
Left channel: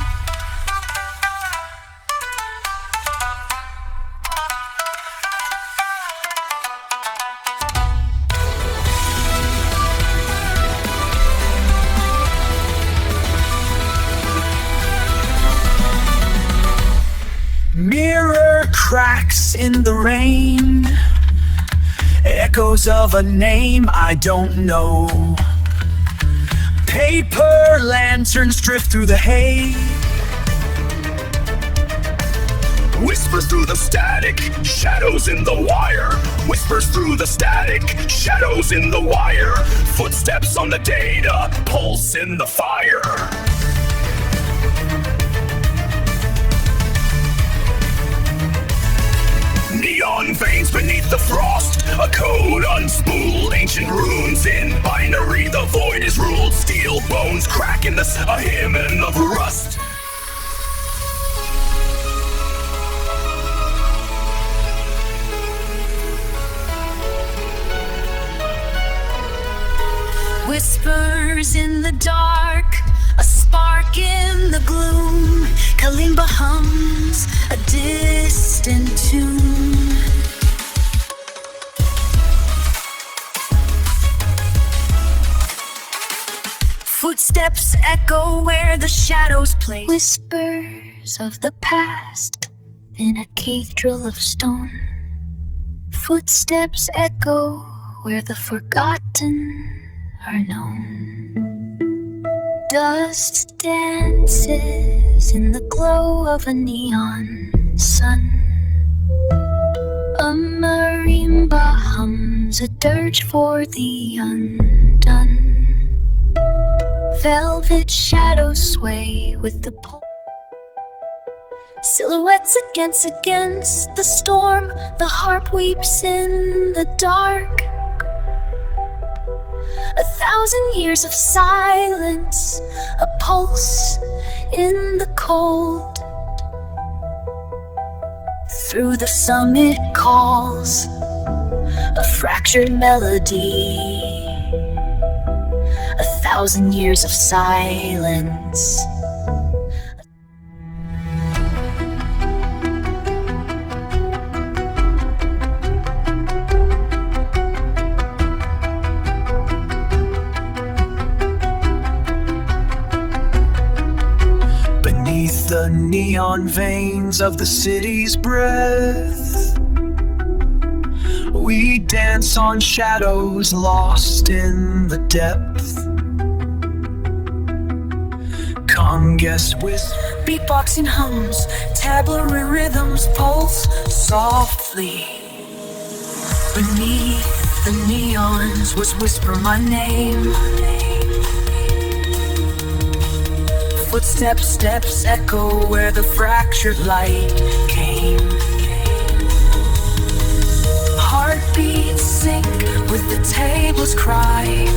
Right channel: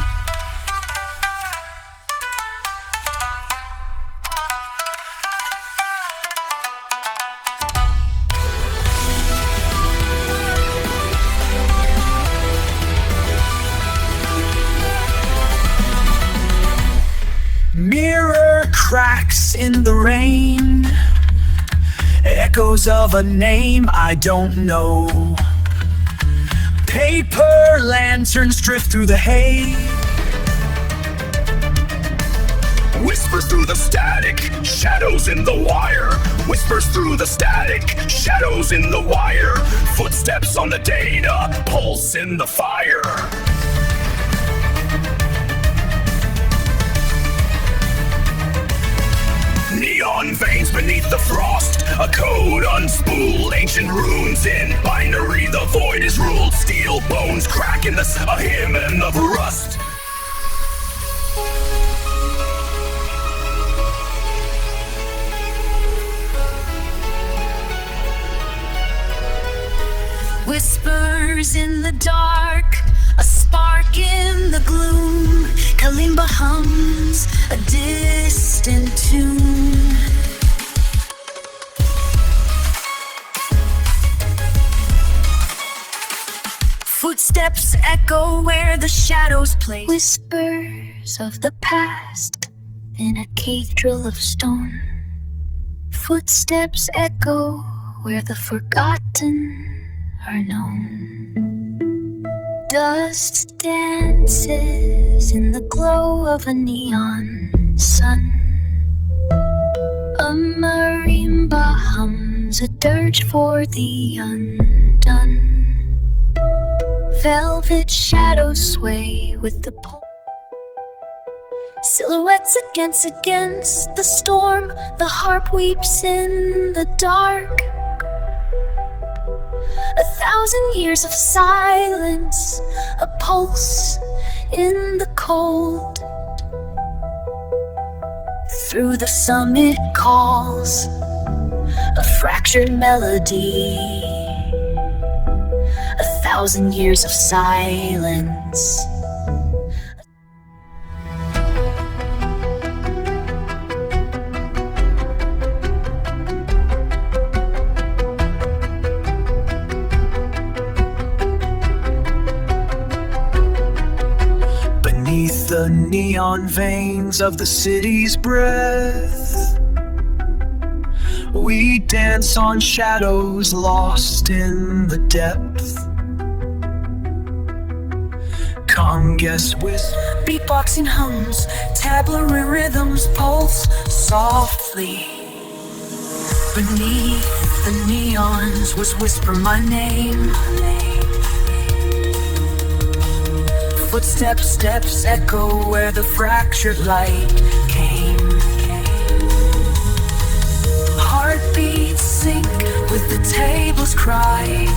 Mirror cracks in the rain, echoes of a name I don't know. Paper lanterns drift through the hay. Whispers through the static, shadows in the wire. Whispers through the static, shadows in the wire. Footsteps on the data, pulse in the fire. Neon veins beneath the frost, a code unspooled, ancient runes in binary, the void is ruled, steel bones crack in a hymn of rust. Whispers in the dark, a spark in the gloom. Kalimba hums a distant tune. Footsteps echo where the shadows play. Whispers of the past in a cathedral of stone. Footsteps echo where the forgotten are known. Dust dances in the glow of a neon sun. A marimba hums a dirge for the undone. Velvet shadows sway with the pulse. Silhouettes against the storm. The harp weeps in the dark. 1,000 years of silence, a pulse in the cold. Through the summit calls a fractured melody. 1,000 years of silence. Beneath the neon veins of the city's breath, we dance on shadows lost in the depth. Congas whisper, beatboxing hums, tableau rhythms pulse softly. Beneath the neons whisper my name. Steps echo where the fractured light came. Heartbeats sync with the table's cry.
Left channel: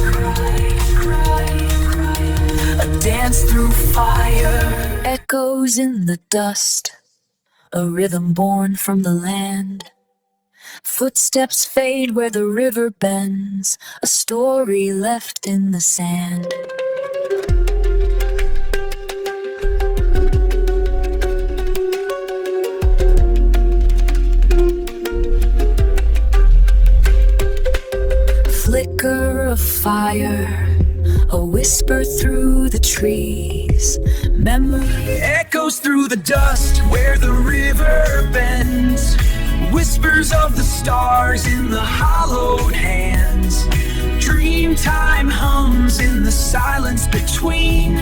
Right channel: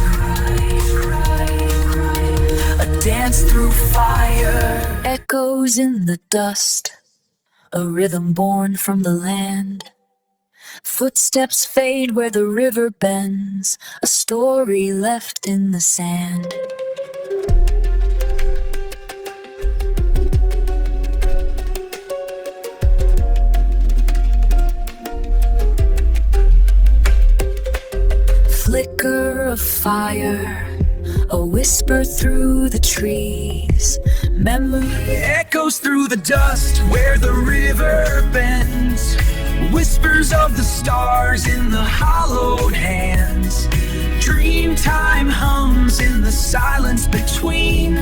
A dance through fire. Echoes in the dust, a rhythm born from the land. Footsteps fade where the river bends, a story left in the sand. Flicker of fire, a whisper through the trees. Memory echoes through the dust where the river bends. Whispers of the stars in the hollowed hands. Dream time hums in the silence between.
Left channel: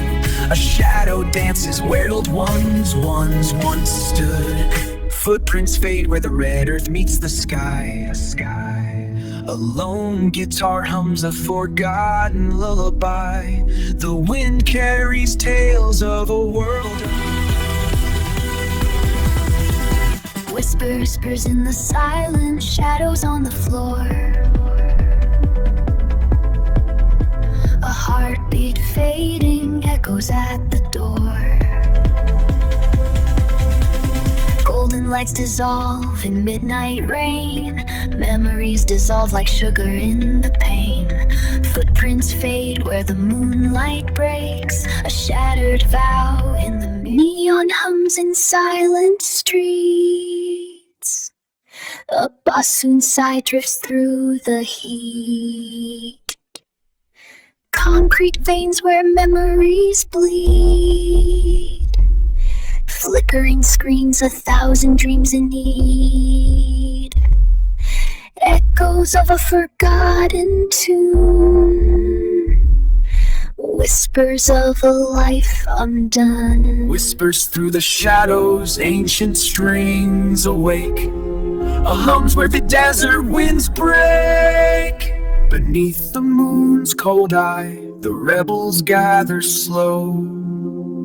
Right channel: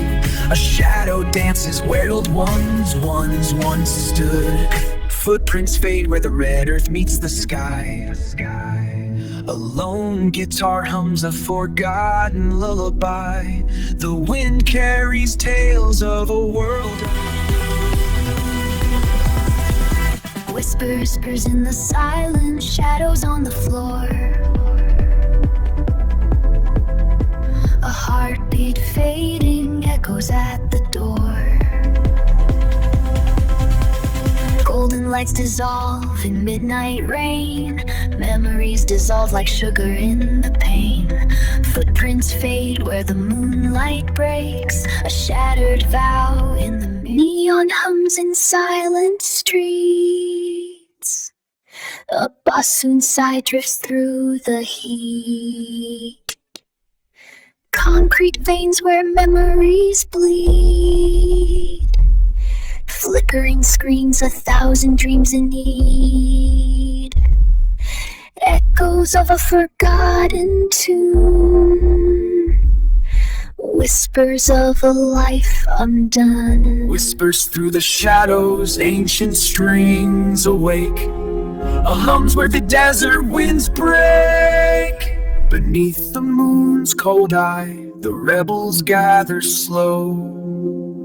A shadow dances where old ones once stood. Footprints fade where the red earth meets the sky. A lone guitar hums a forgotten lullaby. The wind carries tales of a world. Whispers in the silence, shadows on the floor. A heartbeat fading echoes at the door. Golden lights dissolve in midnight rain. Memories dissolve like sugar in the pain. Footprints fade where the moonlight breaks. A shattered vow in the neon hums in silent streets. A bassoon sigh drifts through the heat. Concrete veins where memories bleed. Flickering screens, 1,000 dreams in need. Echoes of a forgotten tune. Whispers of a life undone. Whispers through the shadows, ancient strings awake. A hums where the desert winds break. Beneath the moon's cold eye, the rebels gather slow.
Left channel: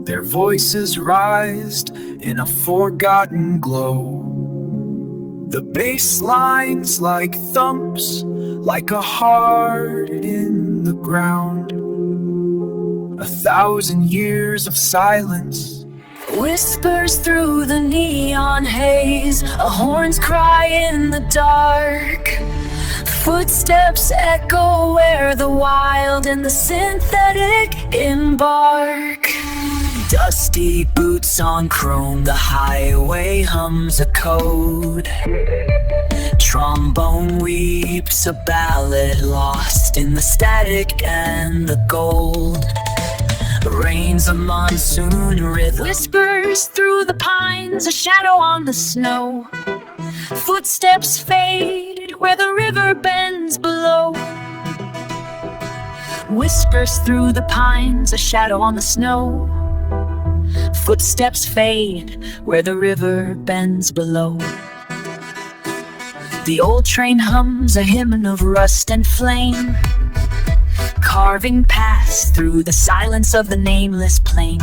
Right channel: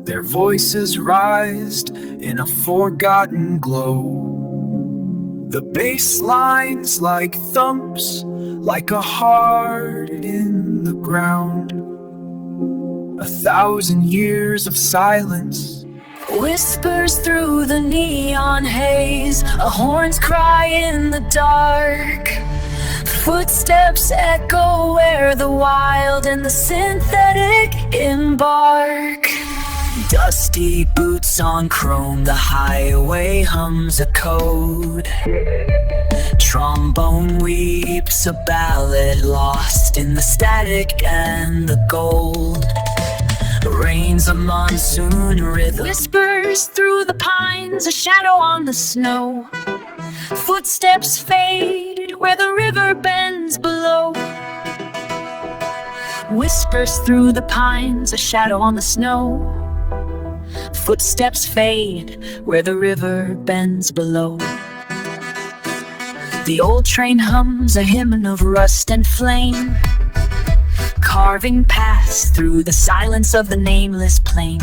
Their voices rise in a forgotten glow. The bass lines like thumps, like a heart in the ground. 1,000 years of silence. Whispers through the neon haze, a horn's cry in the dark. Footsteps echo where the wild and the synthetic embark. Dusty boots on chrome, the highway hums a code. Trombone weeps a ballad lost in the static and the gold. Rains a monsoon rhythm. Whispers through the pines, a shadow on the snow. Footsteps fade where the river bends below. Whispers through the pines, a shadow on the snow. Footsteps fade where the river bends below. The old train hums a hymn of rust and flame, carving paths through the silence of the nameless plain.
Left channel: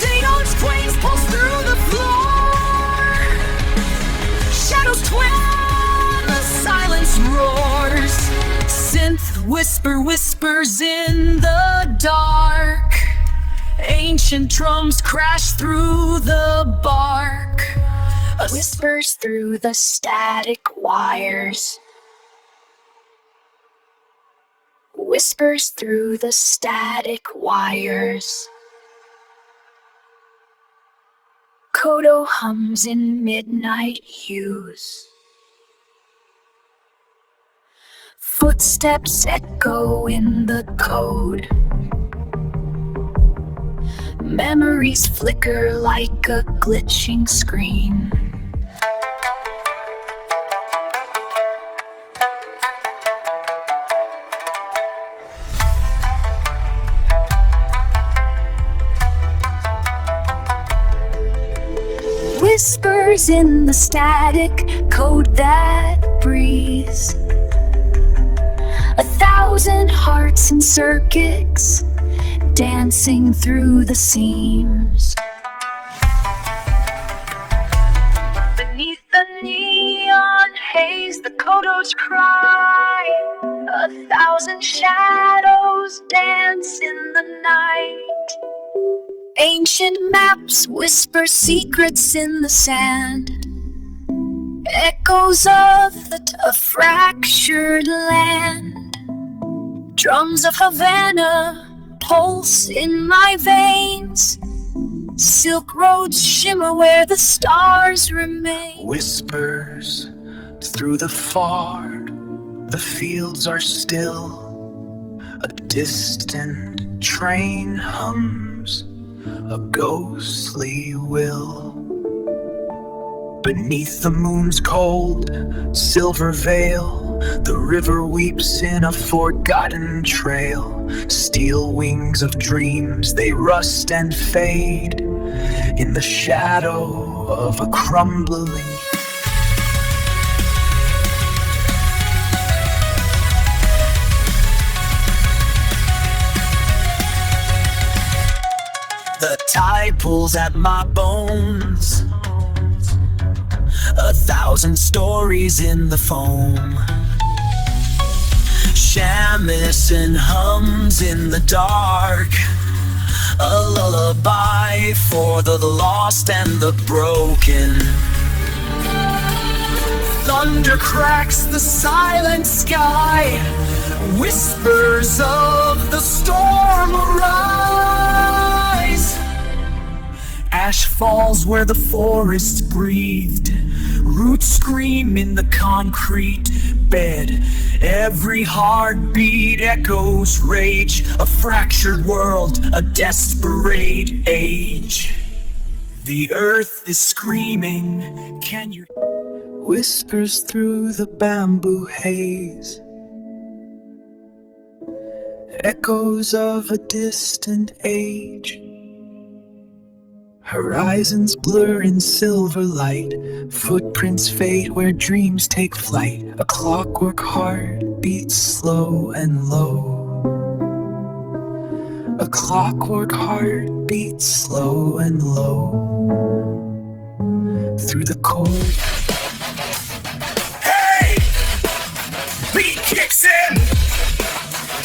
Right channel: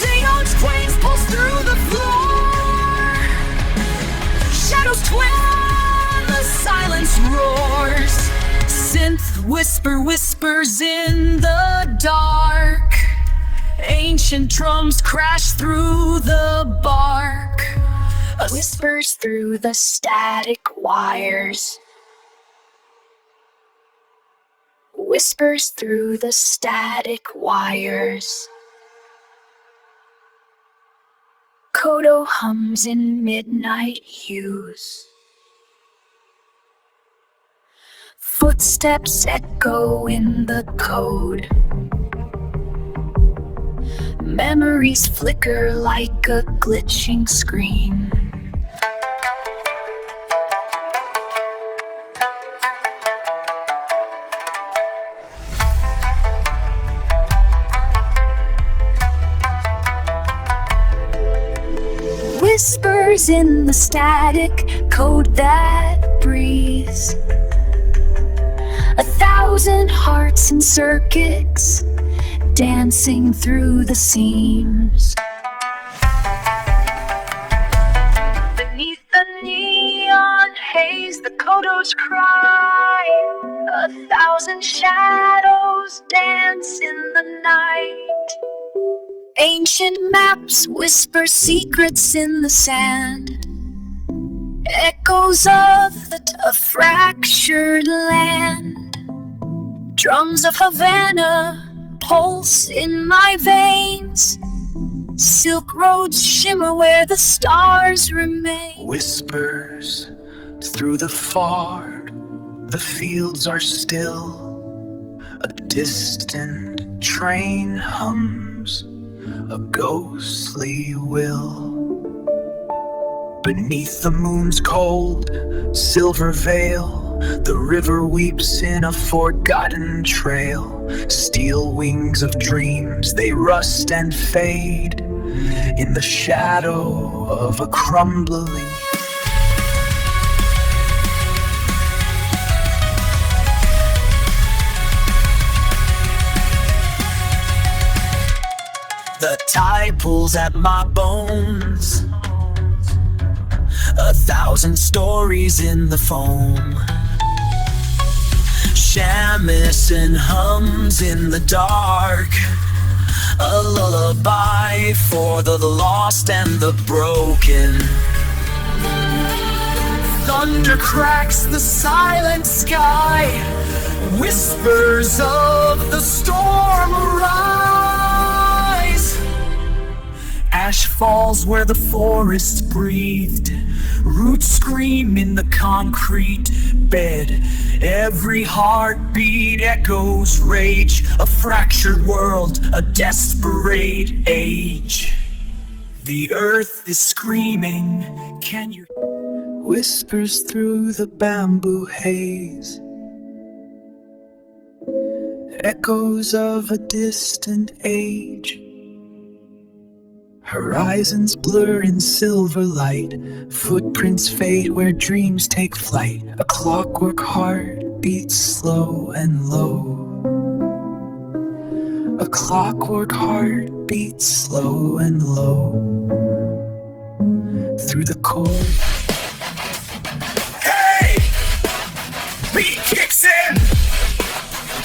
Neon's flames pulse through the floor. Shadows twin, the silence roars. Synth whispers in the dark. Ancient drums crash through the bark. Whispers through the static wires. Whispers through the static wires. Kodo hums in midnight hues. Footsteps echo in the code. Memories flicker like a glitching screen. Whispers in the static code that breathes. 1,000 hearts and circuits dancing through the seams. Beneath the neon haze, the kodos cry. 1,000 shadows dance in the night. Ancient maps whisper secrets in the sand. Echoes of a fractured land. Drums of Havana pulse in my veins. Silk roads shimmer where the stars remain. Whispers through the fog, the fields are still. A distant train hums a ghostly will. Beneath the moon's cold silver veil, The river weeps in a forgotten trail. Steel wings of dreams, they rust and fade in the shadow of a crumbling. The tide pulls at my bones, 1,000 stories in the foam. Shamisen hums in the dark, a lullaby for the lost and the broken. Thunder cracks the silent sky, whispers of the storm arise. Ash falls where the forest breathed, roots scream in the concrete bed. Every heartbeat echoes rage, a fractured world, a desperate age. The earth is screaming, can you? Whispers through the bamboo haze, echoes of a distant age. Horizons blur in silver light, footprints fade where dreams take flight. A clockwork heart beats slow and low. A clockwork heart beats slow and low. Through the chord. Hey! Beat kicks in!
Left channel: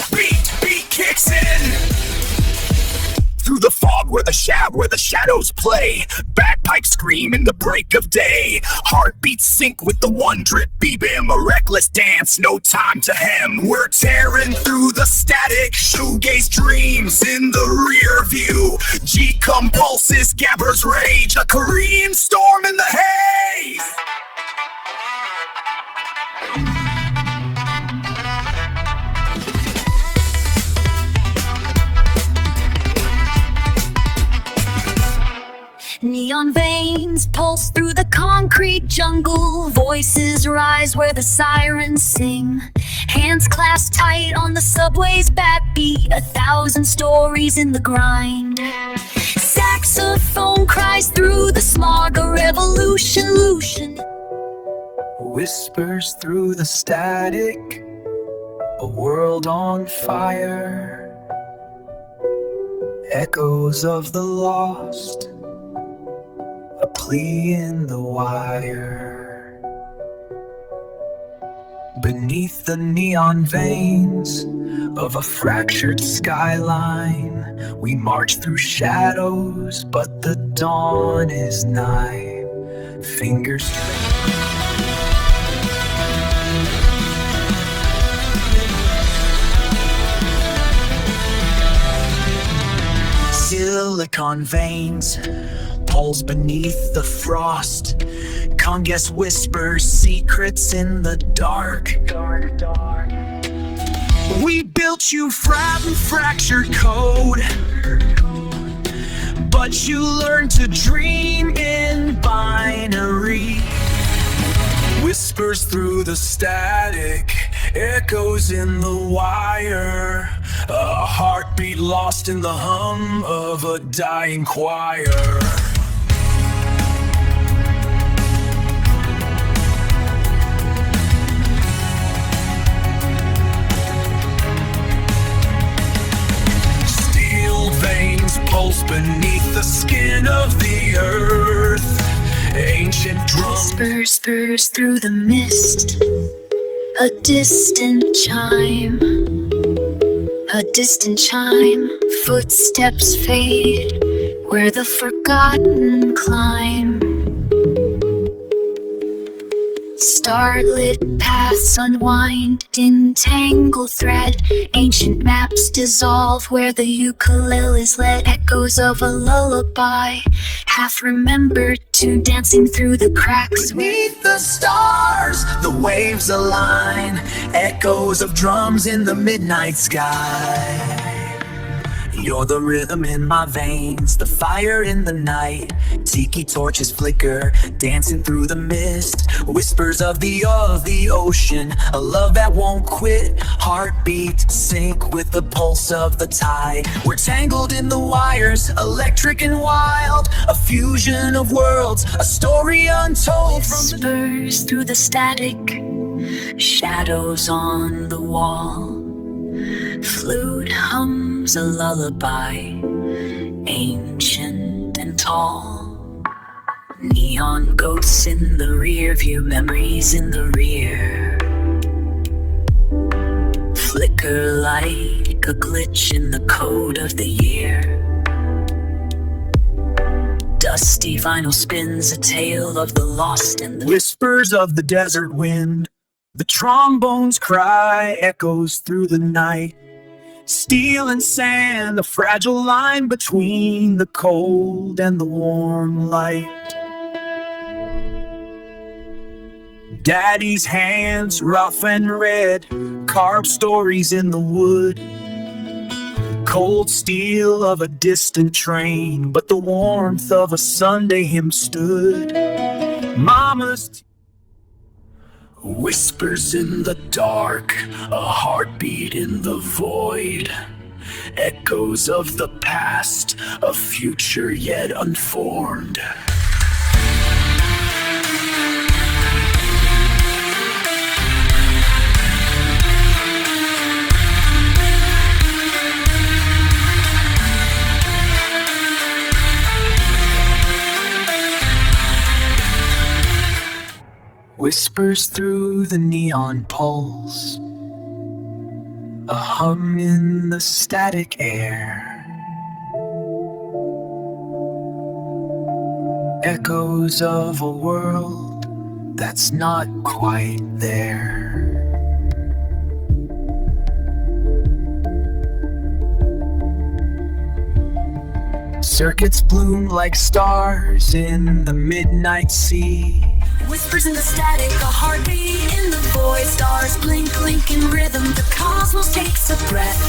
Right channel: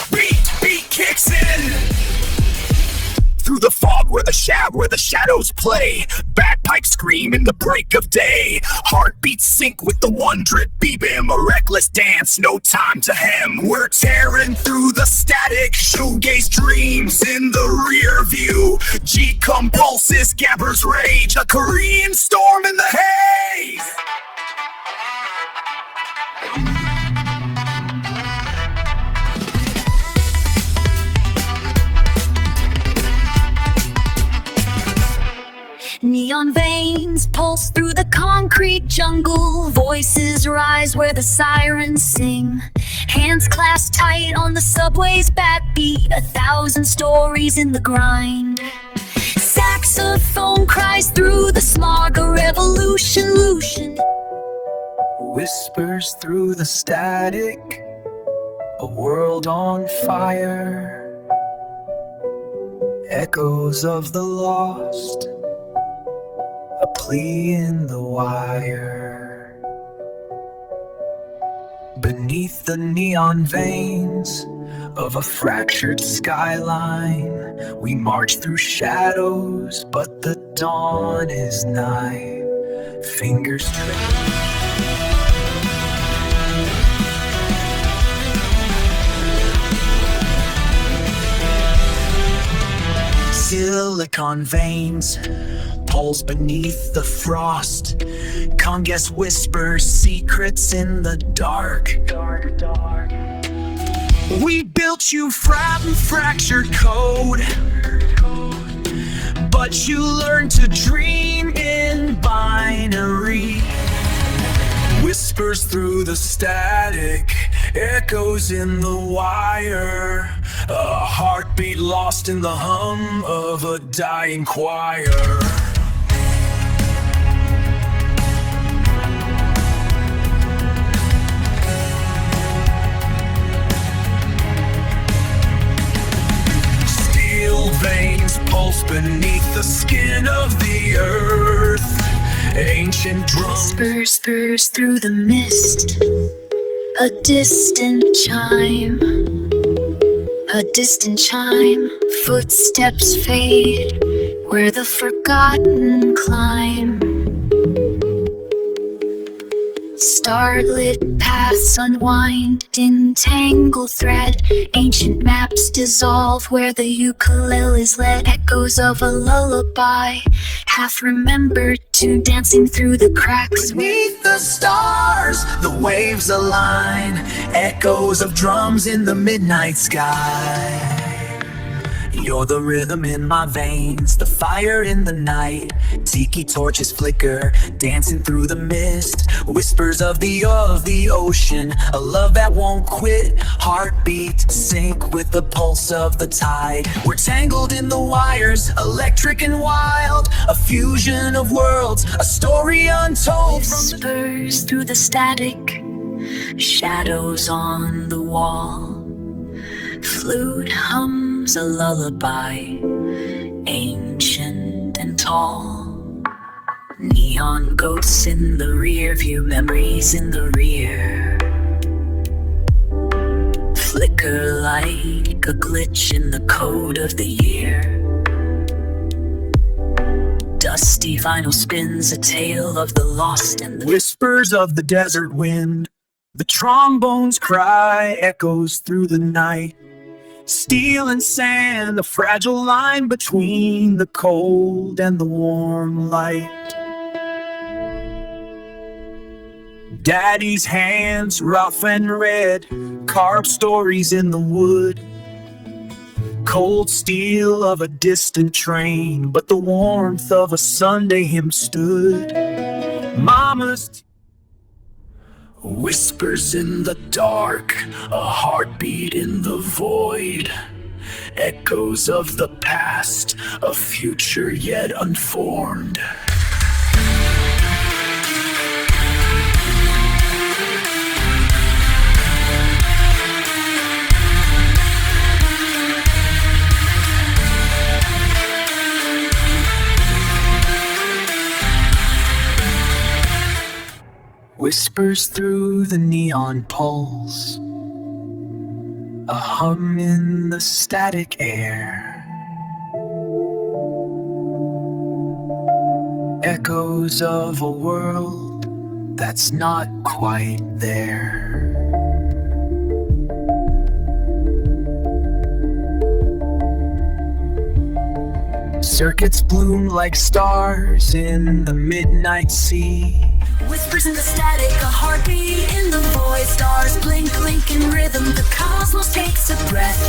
Beat kicks in! Through the fog where the shadows play, bagpipes scream in the break of day. Heartbeats sync with the one drip BBM, a reckless dance, no time to hem. We're tearing through the static, shoegaze dreams in the rear view. G-cum pulses, gabbers rage, a Korean storm in the haze. Neon veins pulse through the concrete jungle. Voices rise where the sirens sing. Hands clasped tight on the subway's backbeat. 1,000 stories in the grind. Saxophone cries through the smog. A revolution. Whispers through the static, a world on fire. Echoes of the lost, a plea in the wire. Beneath the neon veins of a fractured skyline, we march through shadows, but the dawn is nigh. Fingers trail. Silicon veins pulse beneath the frost. Congas whispers secrets in the dark. We built you from fractured code, but you learned to dream in binary. Whispers through the static, echoes in the wire. A heartbeat lost in the hum of a dying choir. Steel veins pulse beneath the skin of the earth. Ancient drums Whispers through the mist. A distant chime. A distant chime. Footsteps fade where the forgotten climb. Starlit paths unwind in tangled thread. Ancient maps dissolve where the ukuleles led. Echoes of a lullaby, half remembered to dancing through the cracks. beneath the stars, the waves align. Echoes of drums in the midnight sky. You're the rhythm in my veins, the fire in the night. Tiki torches flicker, dancing through the mist. Whispers of the ocean, a love that won't quit. Heartbeat sync with the pulse of the tide. We're tangled in the wires, electric and wild. A fusion of worlds, a story untold. Whispers through the static, shadows on the wall. Flute hums a lullaby, ancient and tall. Neon ghosts in the rear view, memories in the rear. Flicker like a glitch in the code of the year. Dusty vinyl spins a tale of the lost and the Whispers of the desert wind, the trombone's cry echoes through the night. Steel and sand, a fragile line between the cold and the warm light. Daddy's hands, rough and red, carved stories in the wood. Cold steel of a distant train, but the warmth of a Sunday hymn stood. Mama's whispers in the dark, a heartbeat in the void. Echoes of the past, a future yet unformed. Whispers through the neon pulse, a hum in the static air. Echoes of a world that's not quite there. Circuits bloom like stars in the midnight sea. whispers in the static, a heartbeat in the void. Stars blink, blink in rhythm, the cosmos takes a breath.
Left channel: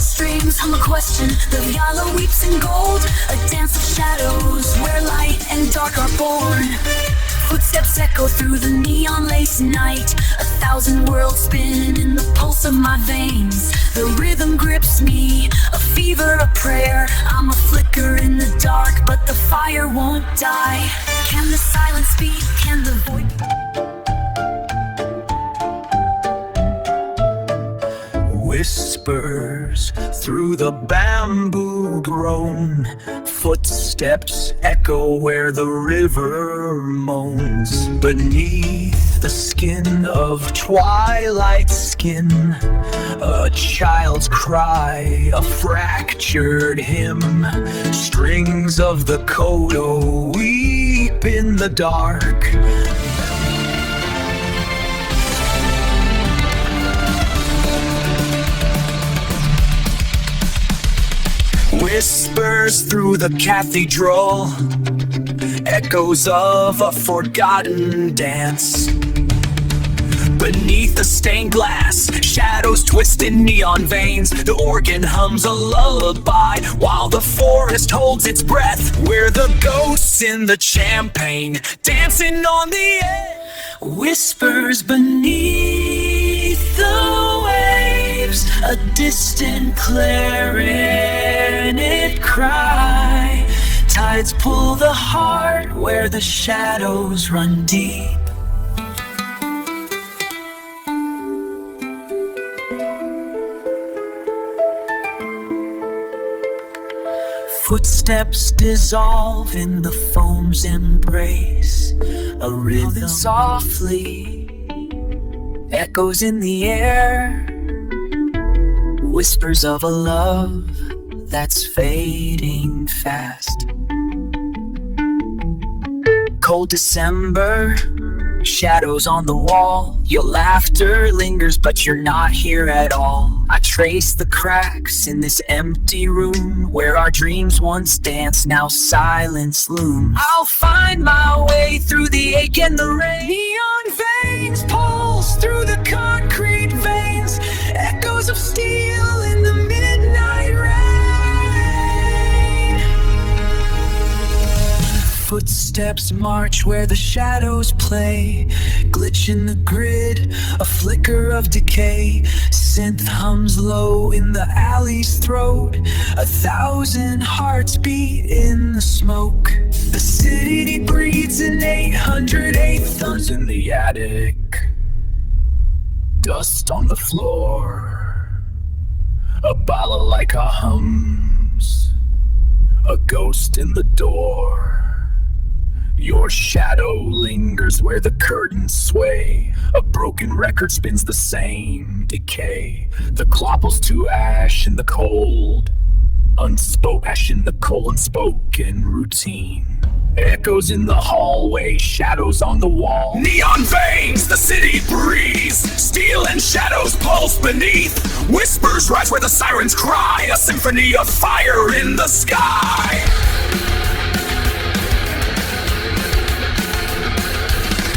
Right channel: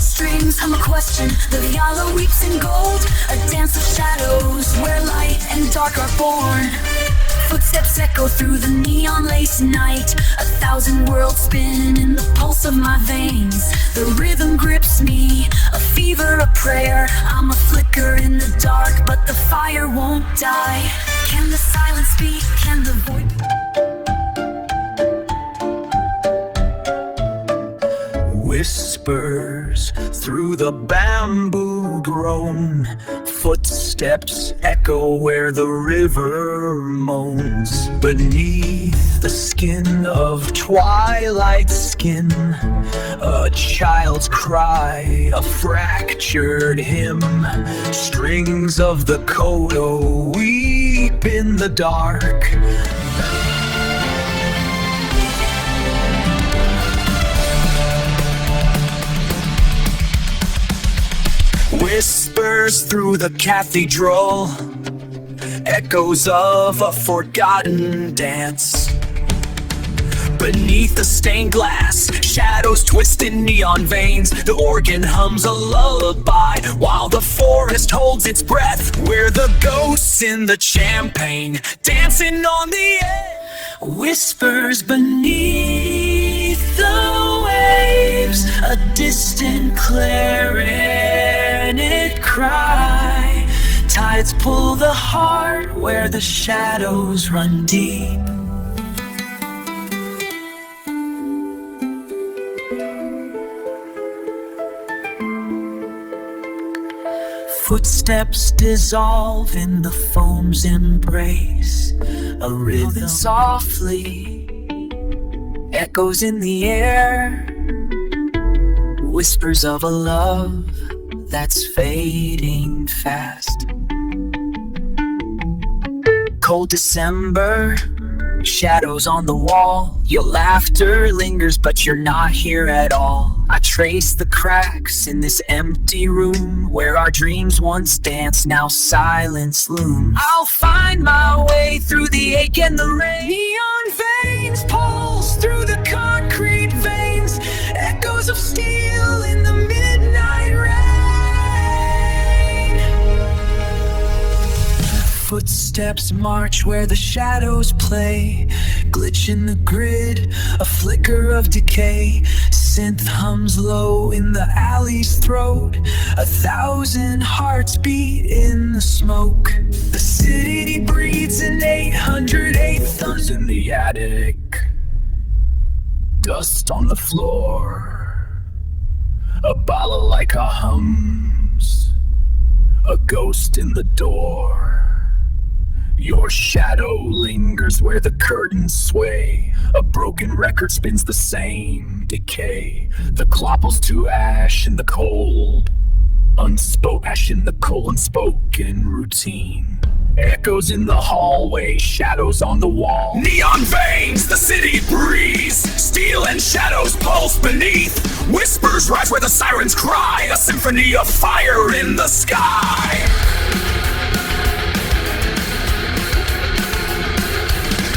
Strings hum a question, the viola weeps in gold. A dance of shadows where light and dark are born. Footsteps echo through the neon lace night. 1,000 worlds spin in the pulse of my veins. The rhythm grips me, a fever, a prayer. I'm a flicker in the dark, but the fire won't die. Can the silence speak? Can the void? Whispers through the bamboo drone. Footsteps echo where the river moans. Beneath the skin of twilight skin, a child's cry, a fractured hymn. Strings of the kodo weep in the dark. Whispers through the cathedral, echoes of a forgotten dance. Beneath the stained glass, shadows twist in neon veins. The organ hums a lullaby while the forest holds its breath. We're the ghosts in the champagne, dancing on the edge. Whispers beneath the waves, a distant clarinet cry. Tides pull the heart where the shadows run deep. Footsteps dissolve in the foam's embrace. A rhythm softly echoes in the air. Whispers of a love that's fading fast. Cold December, shadows on the wall. Your laughter lingers, but you're not here at all. I trace the cracks in this empty room where our dreams once danced, now silence looms. I'll find my way through the ache and the rain. Neon veins pulse through the concrete veins. Echoes of steel in the midnight rain. Footsteps march where the shadows play. Glitch in the grid, a flicker of decay. Synth hums low in the alley's throat. 1,000 hearts beat in the smoke. The city breathes in 808 thunder in the attic. Dust on the floor. A balalaika hums. A ghost in the door. Your shadow lingers where the curtains sway. A broken record spins the same decay. The clopples to ash in the cold. Ash in the cold, unspoken routine. Echoes in the hallway, shadows on the wall. Neon veins, the city breathes. Steel and shadows pulse beneath. Whispers rise where the sirens cry. A symphony of fire in the sky.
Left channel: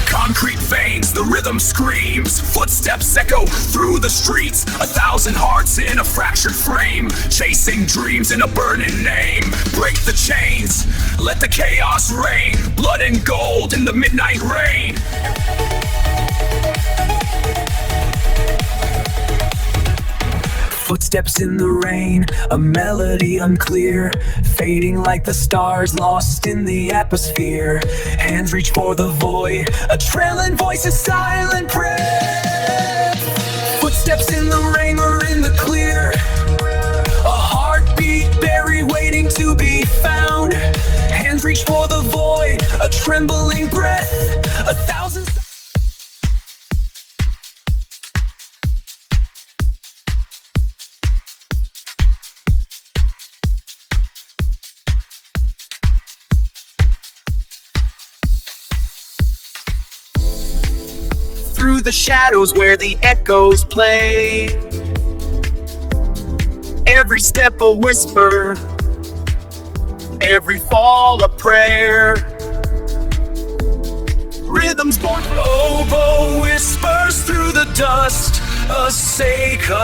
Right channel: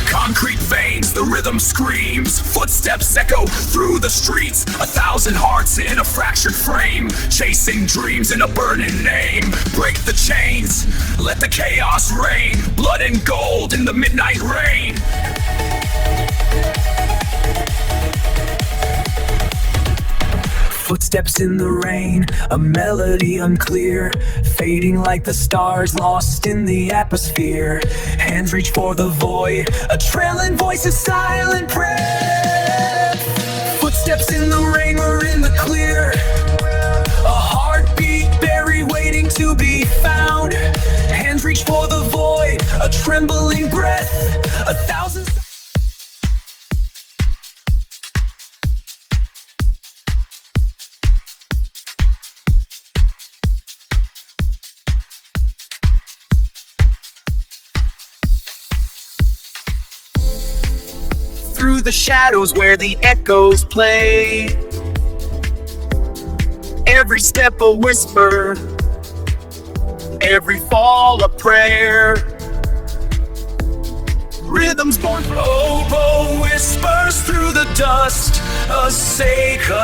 Concrete veins, the rhythm screams. Footsteps echo through the streets. 1,000 hearts in a fractured frame. Chasing dreams in a burning name. Break the chains, let the chaos reign. Blood and gold in the midnight rain. Footsteps in the rain, a melody unclear, fading like the stars lost in the atmosphere. Hands reach for the void, a trailing voice, a silent prayer. Footsteps in the rain, we're in the clear. A heartbeat buried, waiting to be found. Hands reach for the void, a trembling breath, 1,000. Through the shadows where the echoes play. Every step a whisper, every fall a prayer. Rhythms born from oboe whispers through the dust. A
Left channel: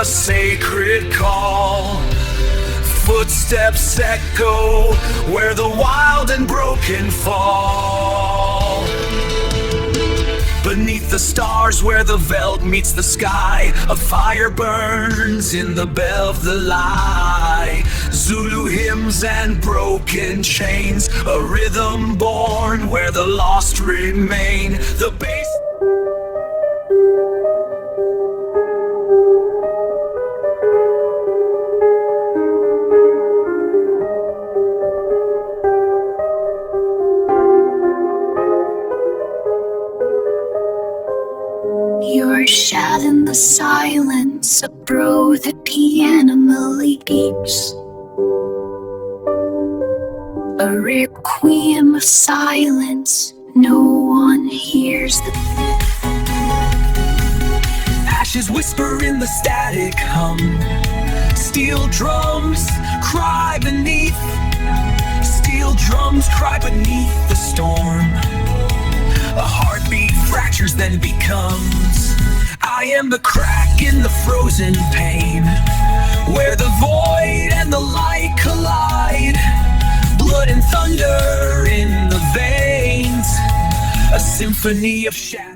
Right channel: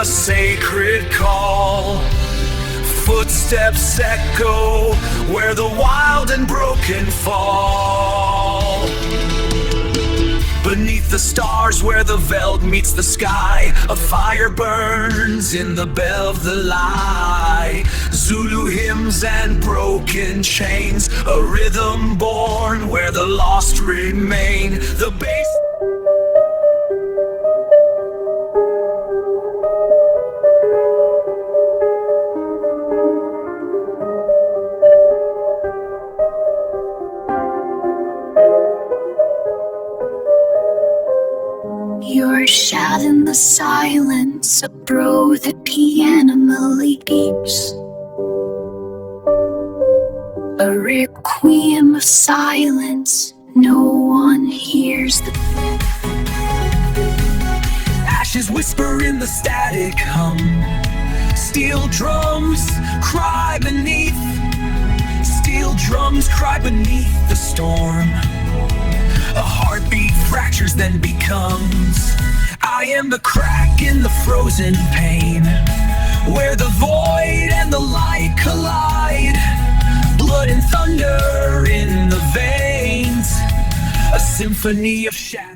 sacred call. Footsteps echo where the wild and broken fall. Beneath the stars where the veldt meets the sky, a fire burns in the bell of the light. Zulu hymns and broken chains, a rhythm born where the lost remain. The bass. Your shout in the silence, a bro the piano leaps. A requiem of silence, no one hears the Ashes whisper in the static hum. Steel drums cry beneath. Steel drums cry beneath the storm. A heartbeat fractures then becomes. I am the crack in the frozen pain, where the void and the light collide. Blood and thunder in the veins, a symphony of shadows.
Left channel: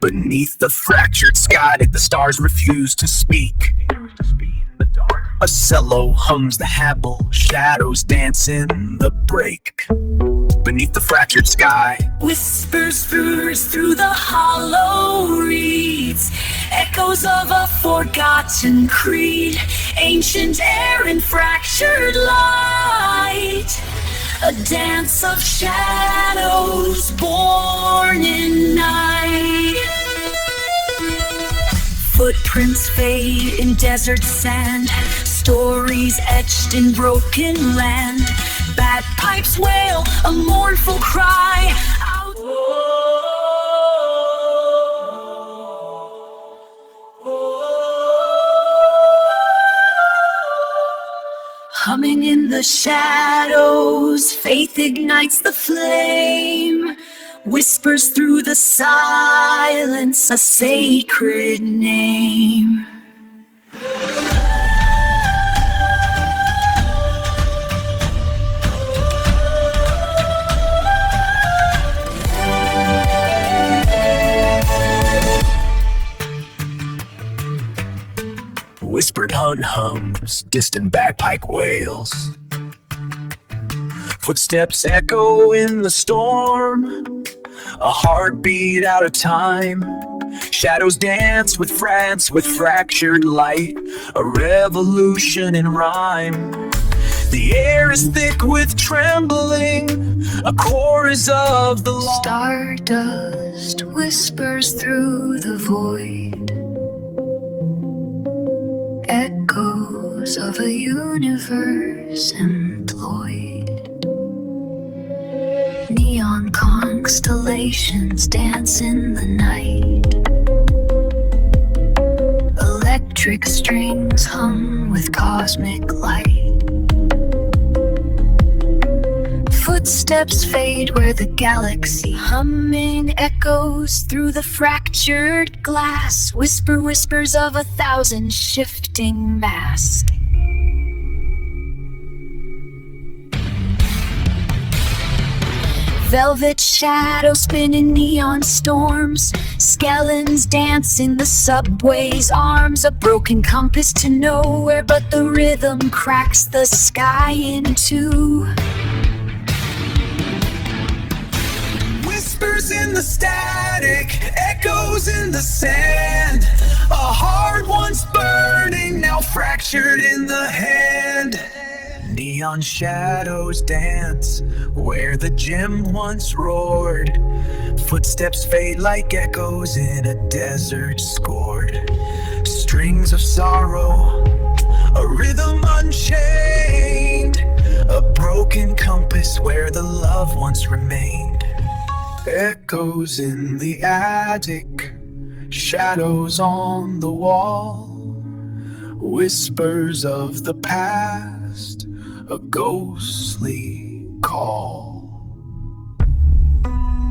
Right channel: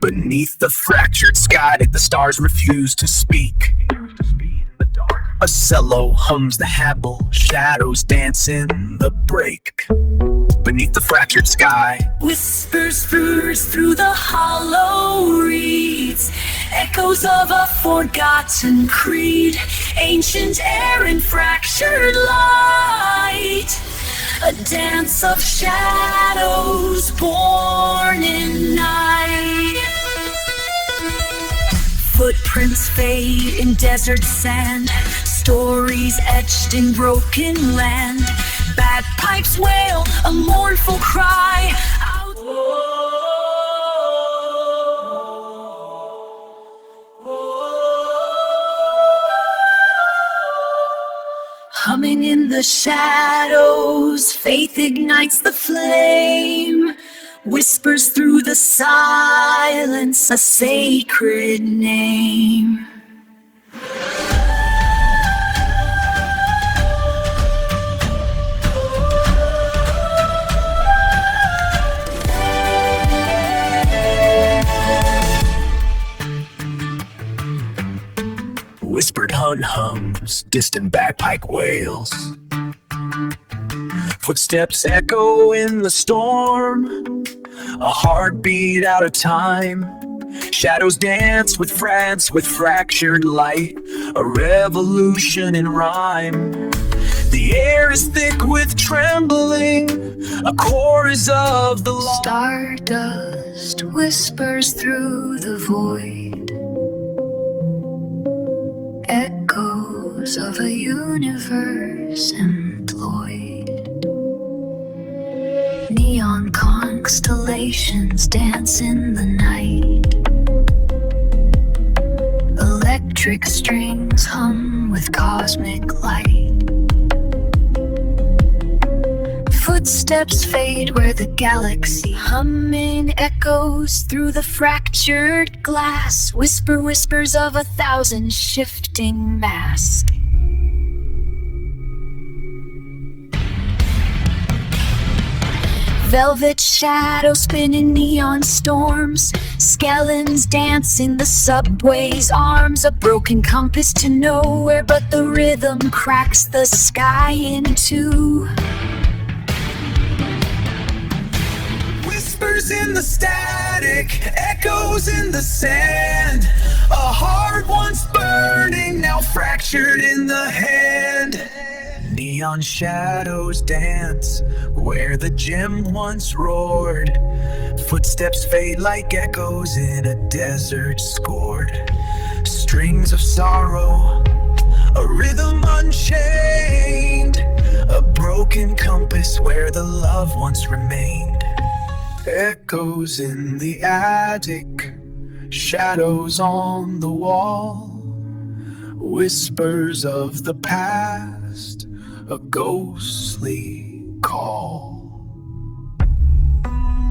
Beneath the fractured sky, the stars refuse to speak. A cello hums the habble, shadows dance in the break. Beneath the fractured sky, whispers through the hollow reeds, echoes of a forgotten creed, ancient air and fractured light. A dance of shadows born in night. Footprints fade in desert sand, stories etched in broken land. Bagpipes wail a mournful cry out. Humming in the the shadows, faith ignites the flame, whispers through the silence a sacred name. Whispered hunt hums, distant bagpipe wails. Footsteps echo in the storm, a heartbeat out of time. Shadows dance with fractured light, a revolution in rhyme. The air is thick with trembling, a chorus of the lost. Stardust whispers through the void, echoes of a universe employed. Neon constellations dance in the night, electric strings hum with cosmic light. Footsteps fade where the galaxy humming echoes through the fractured glass. Whispers of 1,000 shifting masks. Velvet shadows spin in neon storms. Skeletons dance in the subway's arms. A broken compass to nowhere, but the rhythm cracks the sky in two. Whispers in the static, echoes in the sand. A heart once burning, now fractured in the hand. Neon shadows dance where the gem once roared. Footsteps fade like echoes in a desert scored. Strings of sorrow, a rhythm unchained. A broken compass where the love once remained. Echoes in the attic, shadows on the wall. Whispers of the past, a ghostly call.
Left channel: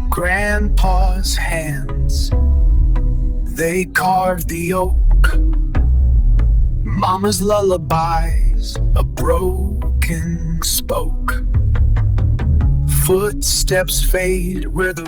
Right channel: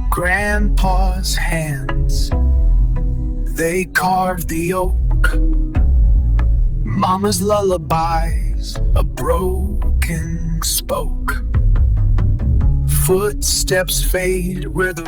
Grandpa's hands, they carved the oak. Mama's lullabies, a broken spoke. Footsteps fade where the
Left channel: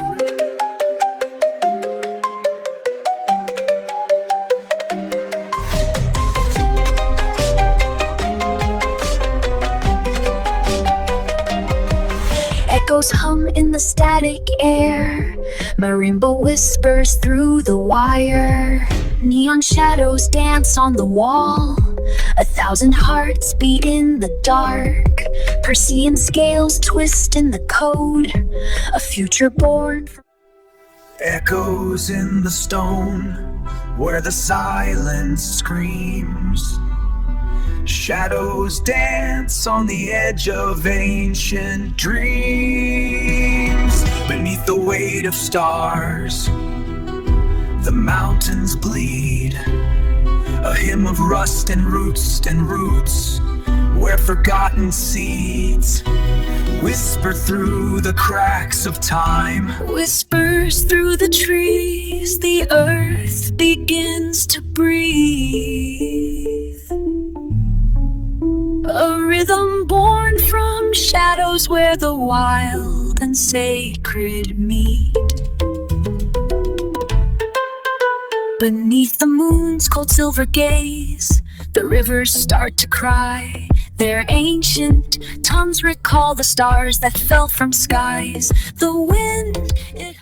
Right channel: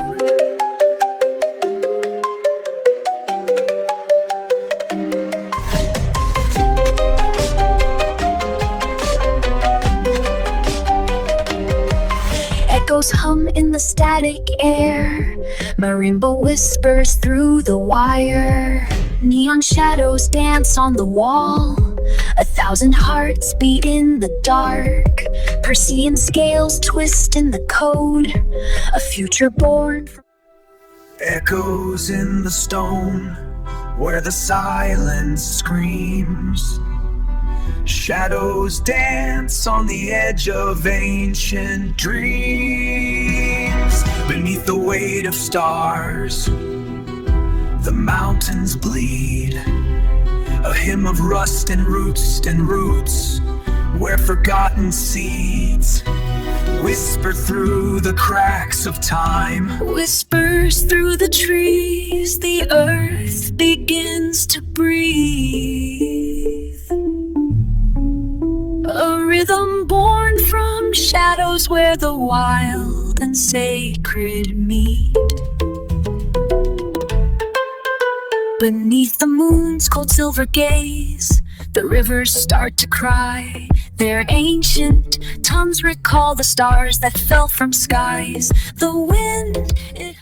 Echoes hum in the static air. Marimba whispers through the wire. Neon shadows dance on the wall. 1,000 hearts beat in the dark. Persean scales twist in the code. A future born from echoes in the stone where the silence screams. Shadows dance on the edge of ancient dreams. Beneath the weight of stars, the mountains bleed. A hymn of rust and roots, where forgotten seeds whisper through the cracks of time. whispers through the trees. The earth begins to breathe. A rhythm born from shadows where the wild and sacred meet. Beneath the moon's cold silver gaze, the rivers start to cry. Their ancient tongues recall the stars that fell from skies. The wind, it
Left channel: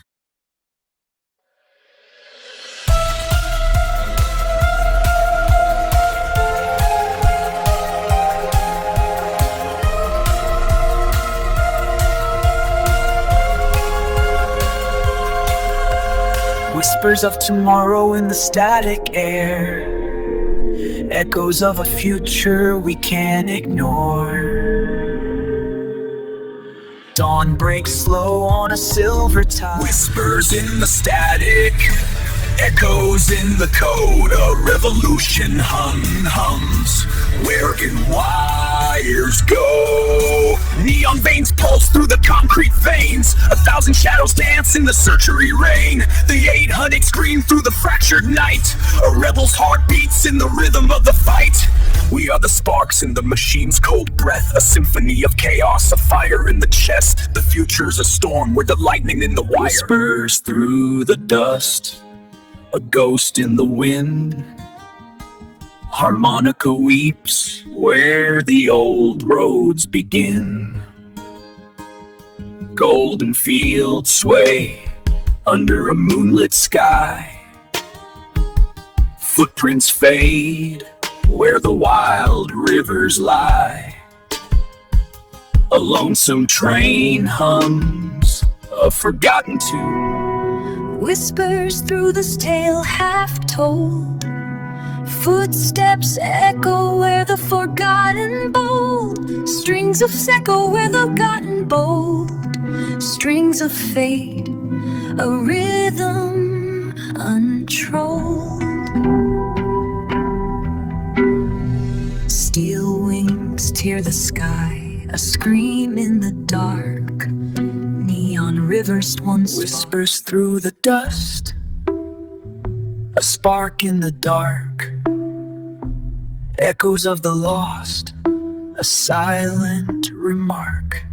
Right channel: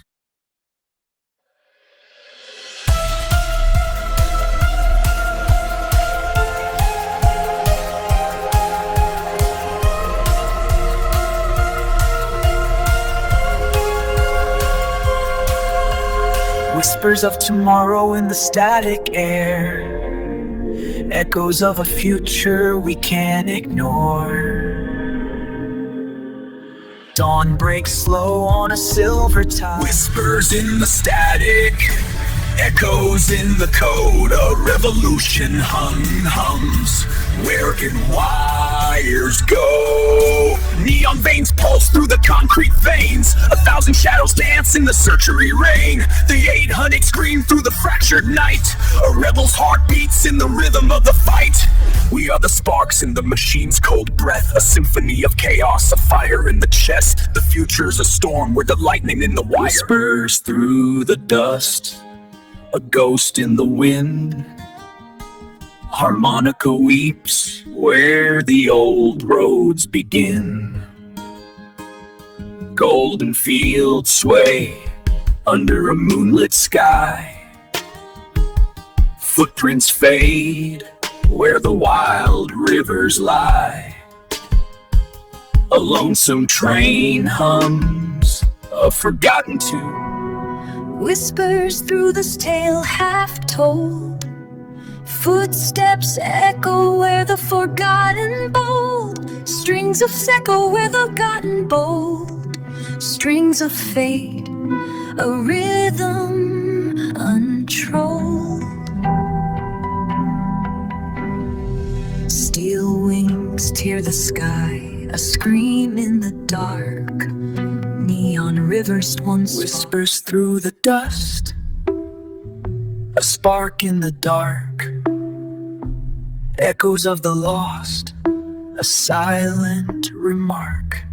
Whispers of tomorrow in the static air, echoes of a future we can't ignore. Dawn breaks slow on a silver tide. Whispers in the static, Echoes in the code, a revolution hums. Where can wires go? Neon veins pulse through the concrete veins. 1,000 shadows dance in the surgery rain. The 800 scream through the fractured night. A rebel's heart beats in the rhythm of the fight. We are the sparks in the machine's cold breath. A symphony of chaos, a fire in the chest. The future's a storm with the lightning in the wire. Whispers through the dust, a ghost in the wind. Harmonica weeps where the old roads begin. Golden fields sway under a moonlit sky. Footprints fade where the wild rivers lie. A lonesome train hums a forgotten tune. Whispers through this tale half told. Footsteps echo where the forgotten bold. Strings of echo where the forgotten bold. Strings of fate, a rhythm untrolled. Steel wings tear the sky, a scream in the dark. Neon rivers once Whispers through the dust, a spark in the dark. Echoes of the lost, a silent remark.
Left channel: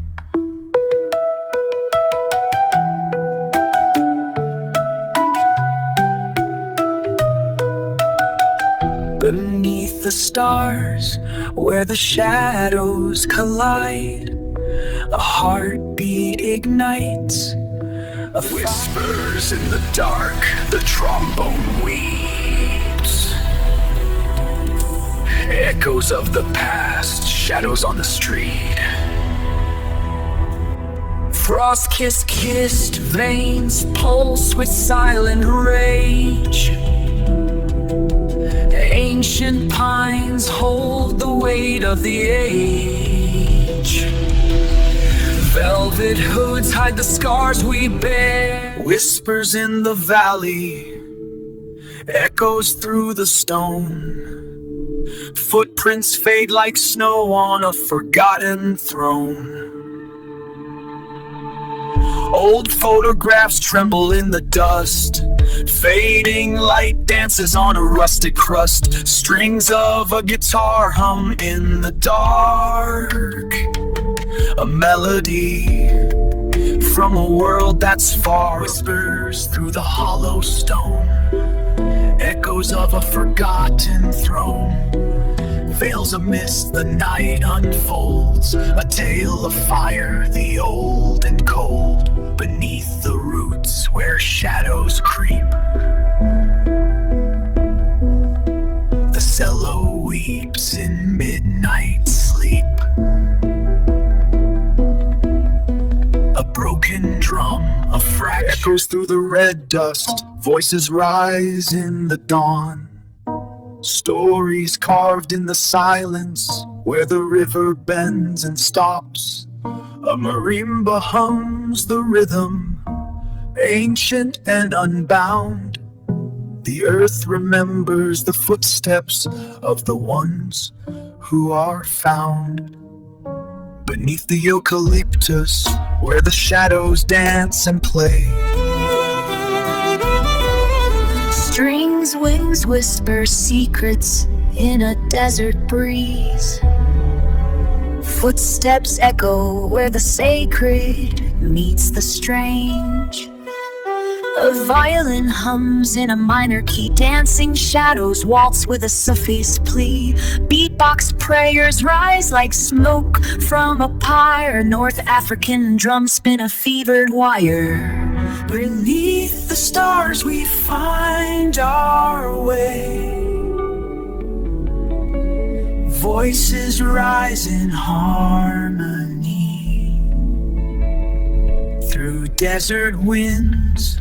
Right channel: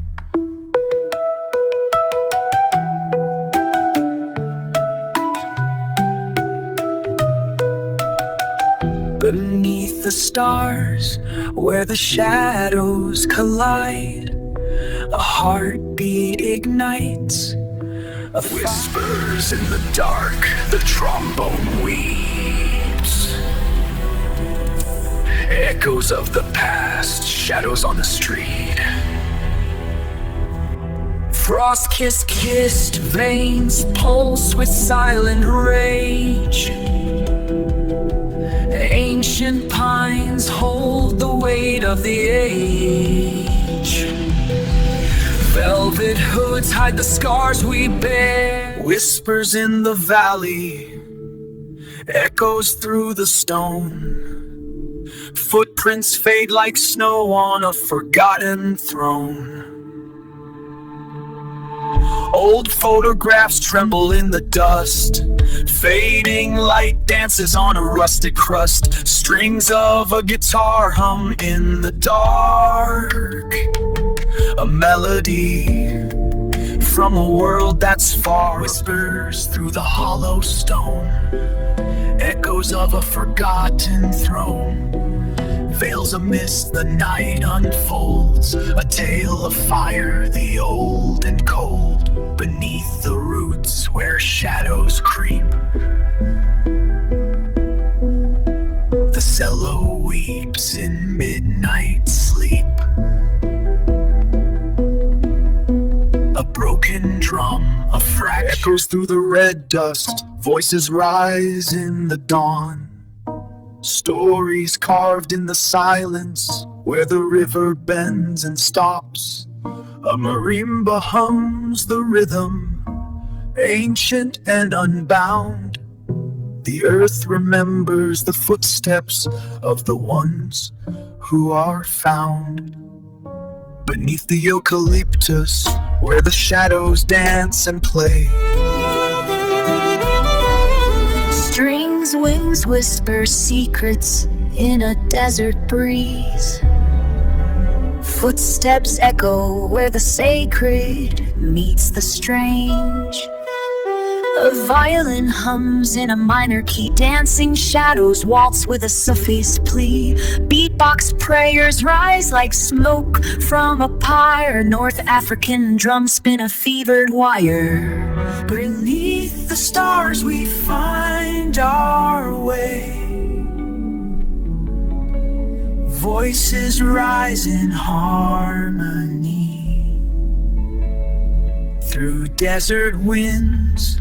Beneath the stars, where the shadows collide, a heartbeat ignites. A Whispers in the dark, the trombone weeps. Echoes of the past, shadows on the street. frost-kissed veins pulse with silent rage. Ancient pines hold the weight of the age. Velvet hoods hide the scars we bear. Whispers in the valley, echoes through the stone. Footprints fade like snow on a forgotten throne. Old photographs tremble in the dust. Fading light dances on a rusted crust. Strings of a guitar hum in the dark. A melody from a world that's far. Whispers through the hollow stone. Echoes of a forgotten throne. Veils a mist, the night unfolds. A tale of fire, the old and cold. Beneath the roots where shadows creep. The cello weeps in midnight sleep. A broken drum, a fracture echoes through the red dust. Voices rise in the dawn. Stories carved in the silence where the river bends and stops. A marimba hums the rhythm, ancient and unbound. The earth remembers the footsteps of the ones who are found. Beneath the eucalyptus where the shadows dance and play. Strings, wings, whisper secrets in a desert breeze. Footsteps echo where the sacred meets the strange. A violin hums in a minor key. Dancing shadows waltz with a Sufi's plea. Beatbox prayers rise like smoke from a pyre. North African drums spin a fevered wire. Beneath the stars we find our way. Voices rise in harmony. Through desert winds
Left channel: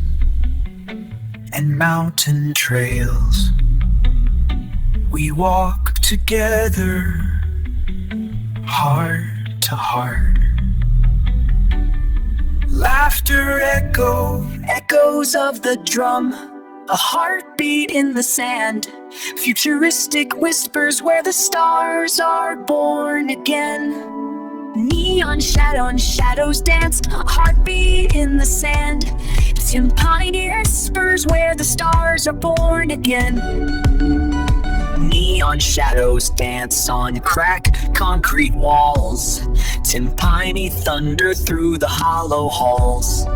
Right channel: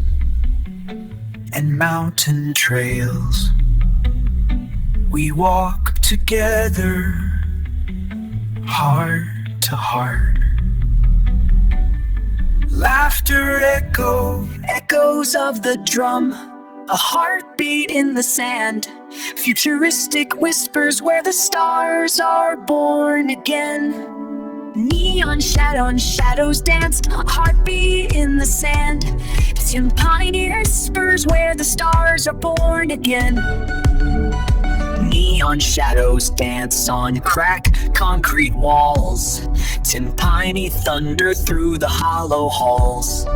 and mountain trails, we walk together, heart to heart. Laughter echoes of the drum. A heartbeat in the sand, futuristic whispers where the stars are born again. Neon shadows dance, a heartbeat in the sand. Timpani whispers where the stars are born again. Neon shadows dance on cracked concrete walls. Timpani thunder through the hollow halls.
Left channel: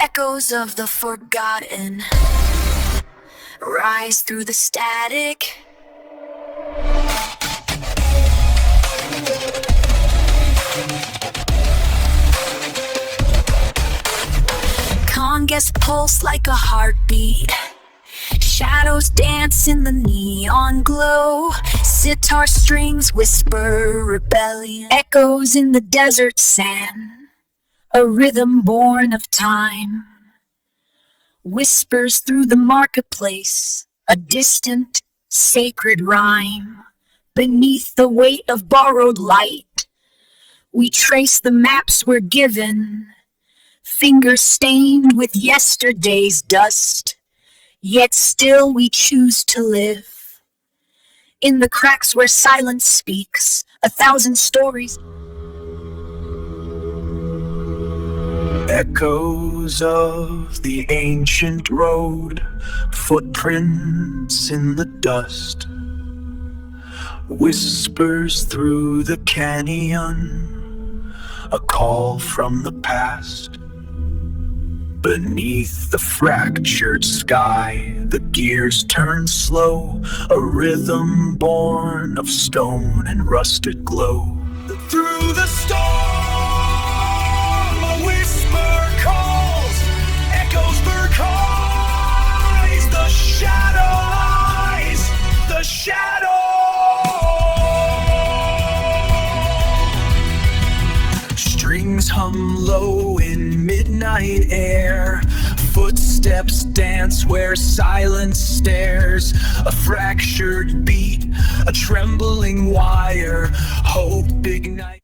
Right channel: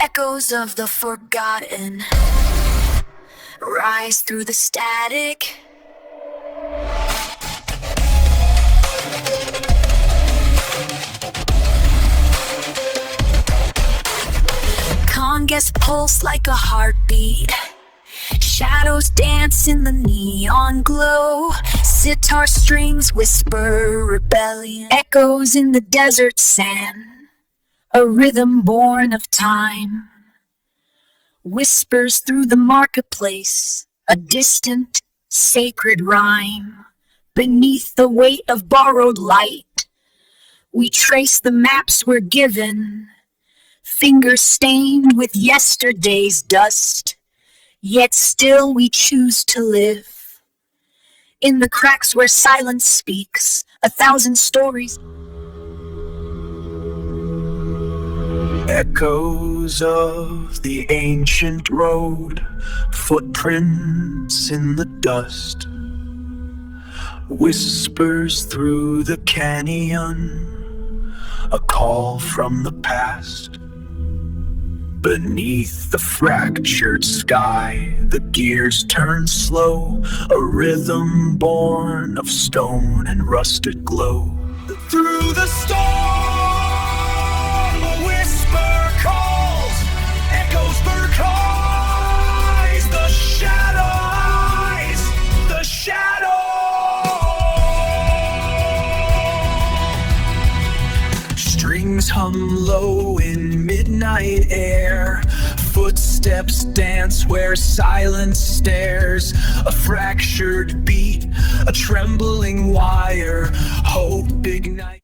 Echoes of the forgotten rise through the static. Congas pulse like a heartbeat. Shadows dance in the neon glow. Sitar strings whisper rebellion. Echoes in the desert sand. A rhythm born of time. Whispers through the marketplace. A distant, sacred rhyme. Beneath the weight of borrowed light, we trace the maps we're given. Fingers stained with yesterday's dust, yet still we choose to live. In the cracks where silence speaks, 1,000 stories. Echoes of the ancient road, footprints in the dust, whispers through the canyon, a call from the past. Beneath the fractured sky, the gears turn slow, a rhythm born of stone and rusted glow. Through the storm, a whisper calls, echoes verkais, the shadows, the shadow. Strings hum low in midnight air. Footsteps dance where silence stares. A fractured beat, a trembling wire. Hope ignites.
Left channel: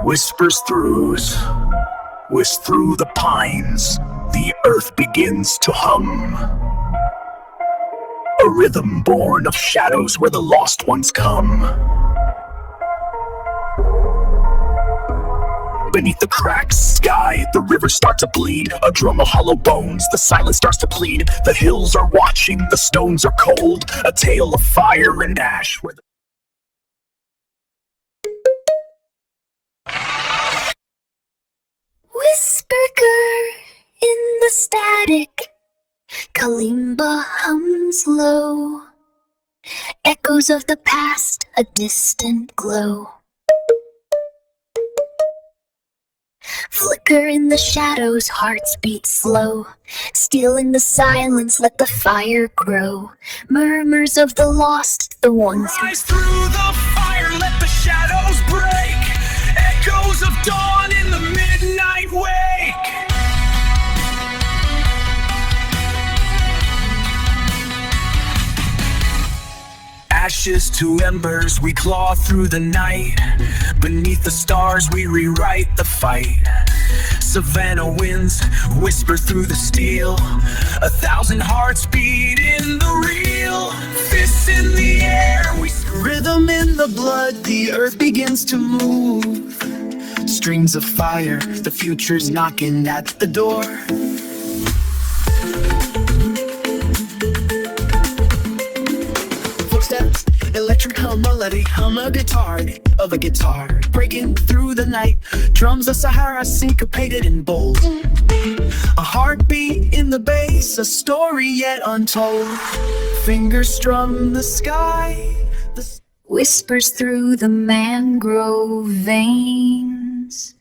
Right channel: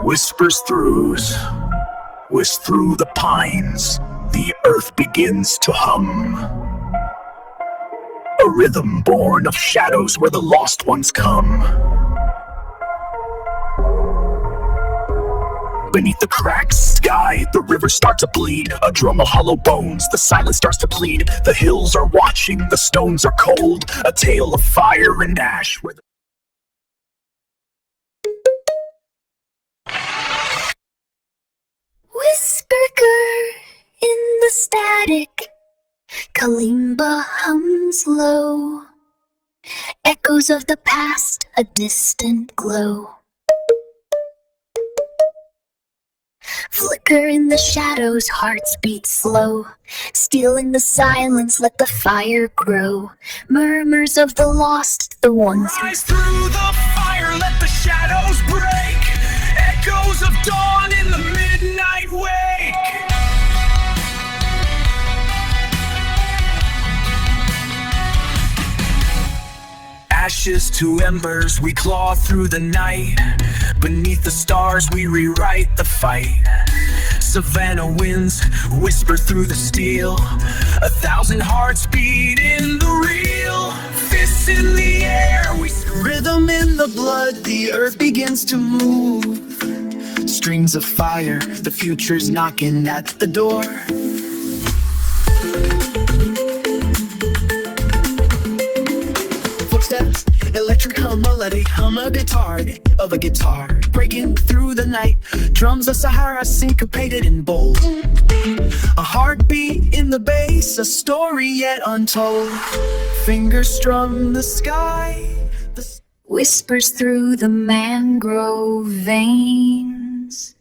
Whispers through the pines, the earth begins to hum. A rhythm born of shadows where the lost ones come. Beneath the cracked sky, the river starts to bleed. A drum of hollow bones, the silence starts to plead. The hills are watching, the stones are cold. A tale of fire and ash where the Whisper in the static, kalimba hums low. Echoes of the past, a distant glow. Flicker in the shadows, hearts beat slow. Still in the silence, let the fire grow. Murmurs of the lost, the ones rise through the fire, let the shadows break. Echoes of dawn in the midnight wake. Ashes to embers, we claw through the night. Beneath the stars, we rewrite the fight. Savannah winds whisper through the steel. 1,000 hearts beat in the real. Fists in the air, we rhythm in the blood. The earth begins to move. Strings of fire, the future's knocking at the door. Footsteps, electric hum, melodic hum, a guitar of a guitar. Breaking through the night, drums of Sahara syncopated and bold. A heartbeat in the bass, a story yet untold. Fingers strum the sky. whispers through the mangrove veins.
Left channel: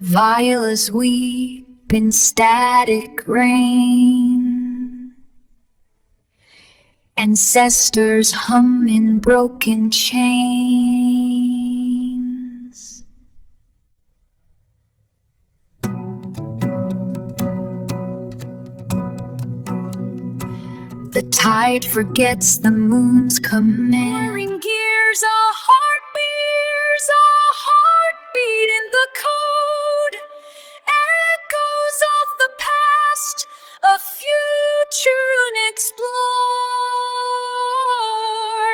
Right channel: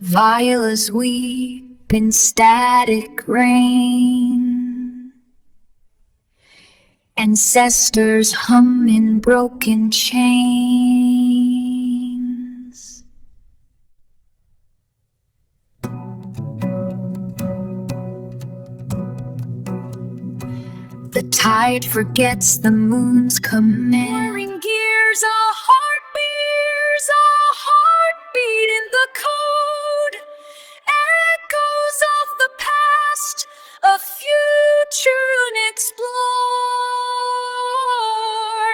Violas weep in static rain. Ancestors hum in broken chains. The tide forgets the moon's command. Whirring gears, a heartbeat in the code. Echoes of the past, a future unexplored.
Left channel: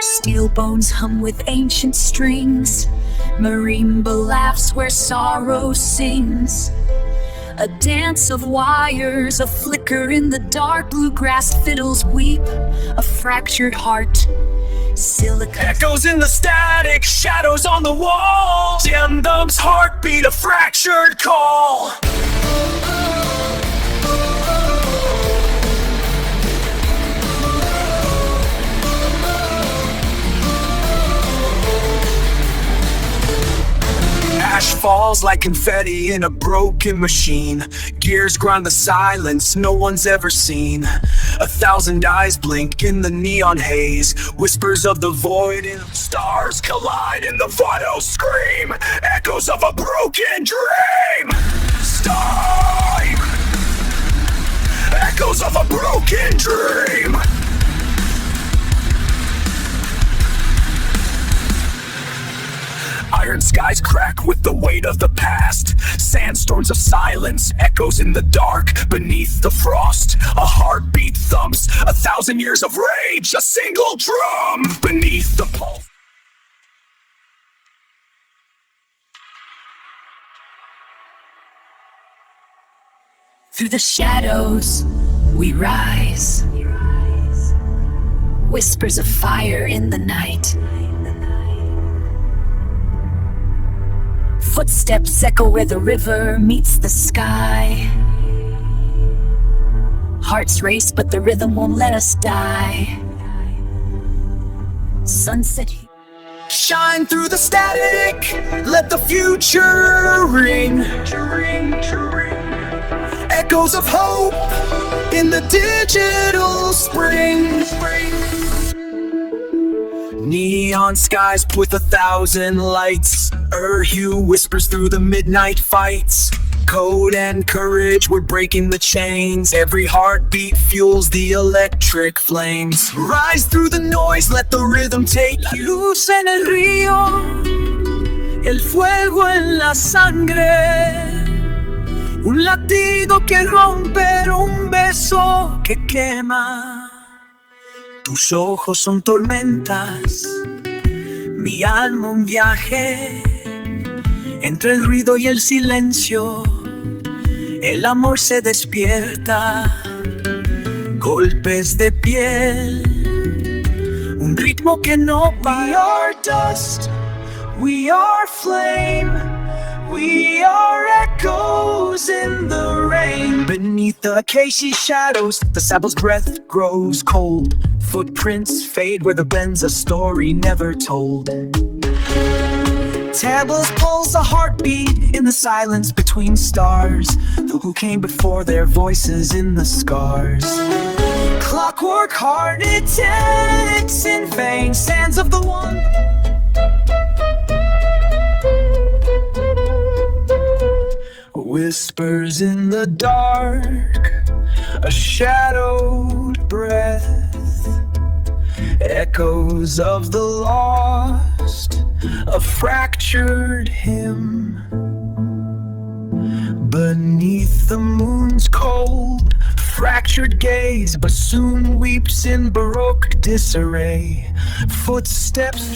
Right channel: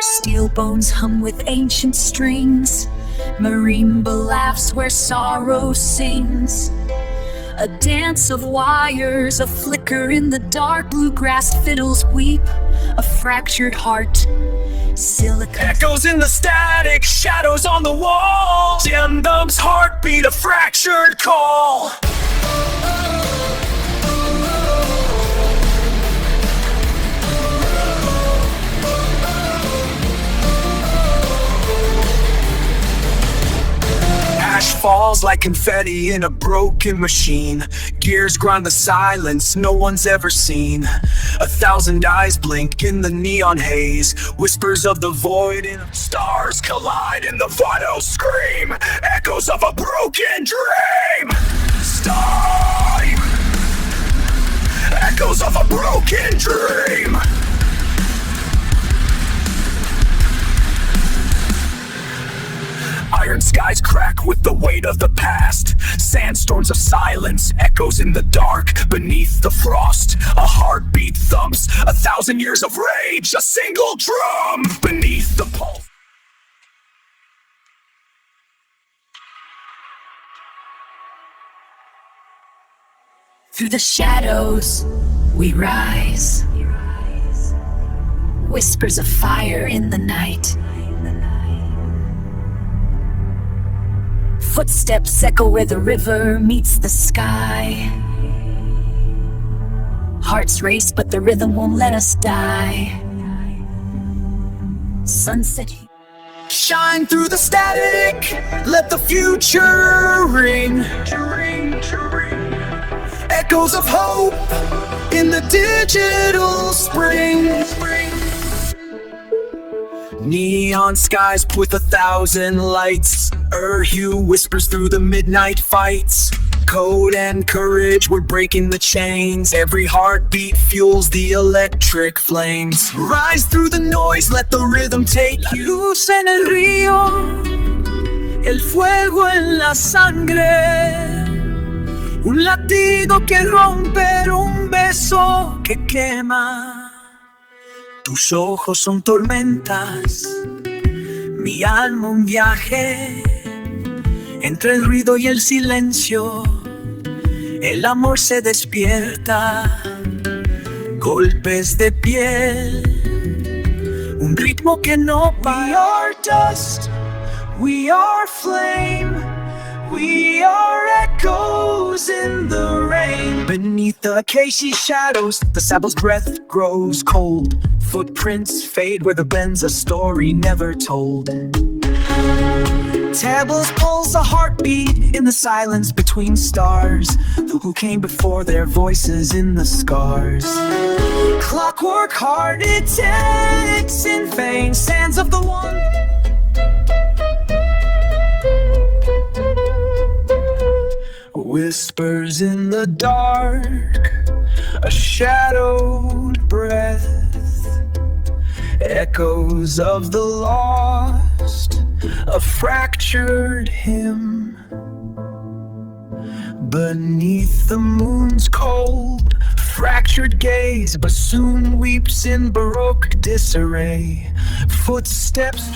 Steel bones hum with ancient strings. Marimba laughs where sorrow sings. A dance of wires, a flicker in the dark. Bluegrass fiddles weep, a fractured heart. Silica Echoes in the static, shadows on the wall. Jimdum's heartbeat, a fractured call. Ash falls like confetti in a broken machine. Gears grind the silence no one's ever seen. 1,000 eyes blink in the neon haze. Whispers of the void and stars collide in the final scream. Echoes of a broken dream. Time. Echoes of a broken dream. Iron skies crack with the weight of the past. Sandstorms of silence, echoes in the dark. Beneath the frost, a heartbeat thumps. 1,000 years of rage, a single drum. Beneath the pulse. through the shadows we rise. Whispers of fire in the night. Footsteps echo where the river meets the sky. Hearts race, but the rhythm won't let us die. Sunset. Shine through the static, let the future ring. Echoes of hope in the digital spring. Neon skies with 1,000 lights. Hue whispers through the midnight fights. Code and courage, we're breaking the chains. Every heartbeat fuels the electric flames. Rise through the noise, let the rhythm take you. Luz en el río, el fuego en la sangre. Un latido que rompe, un beso que quema. Tus ojos son tormentas, mi alma un viaje. Entre el ruido y el silencio, el amor se despierta. Golpes de piel, un ritmo que no para. We are dust, we are flame, we are echoes in the rain. Beneath the acacia shadows, the saddle's breath grows cold. Footprints fade where the bends a story never told. Tables pulls a heartbeat in the silence between stars. The who came before their voices in the scars. Clockwork heart, it ticks in vain. Sands of the one. Whispers in the dark, a shadowed breath. Echoes of the lost, a fractured hymn. Beneath the moon's cold, fractured gaze, bassoon weeps in baroque disarray. Footsteps.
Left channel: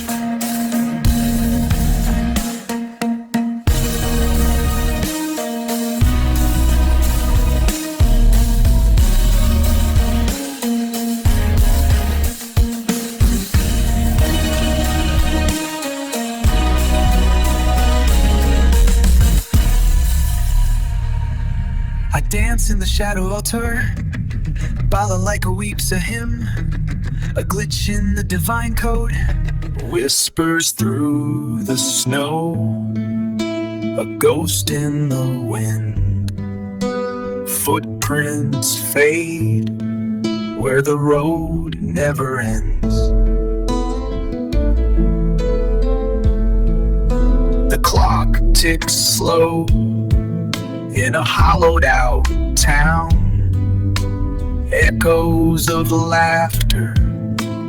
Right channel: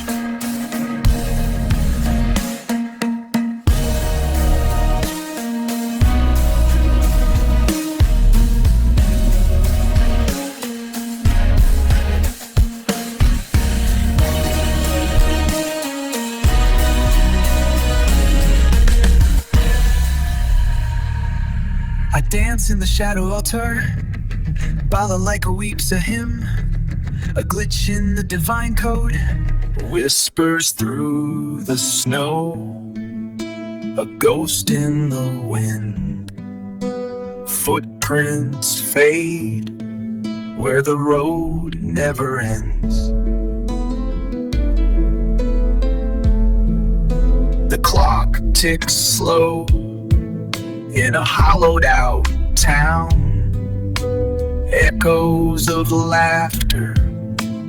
I dance in the shadow altar. Balalaika weeps a hymn. A glitch in the divine code. Whispers through the snow, a ghost in the wind. Footprints fade where the road never ends. The clock ticks slow in a hollowed out town. Echoes of laughter,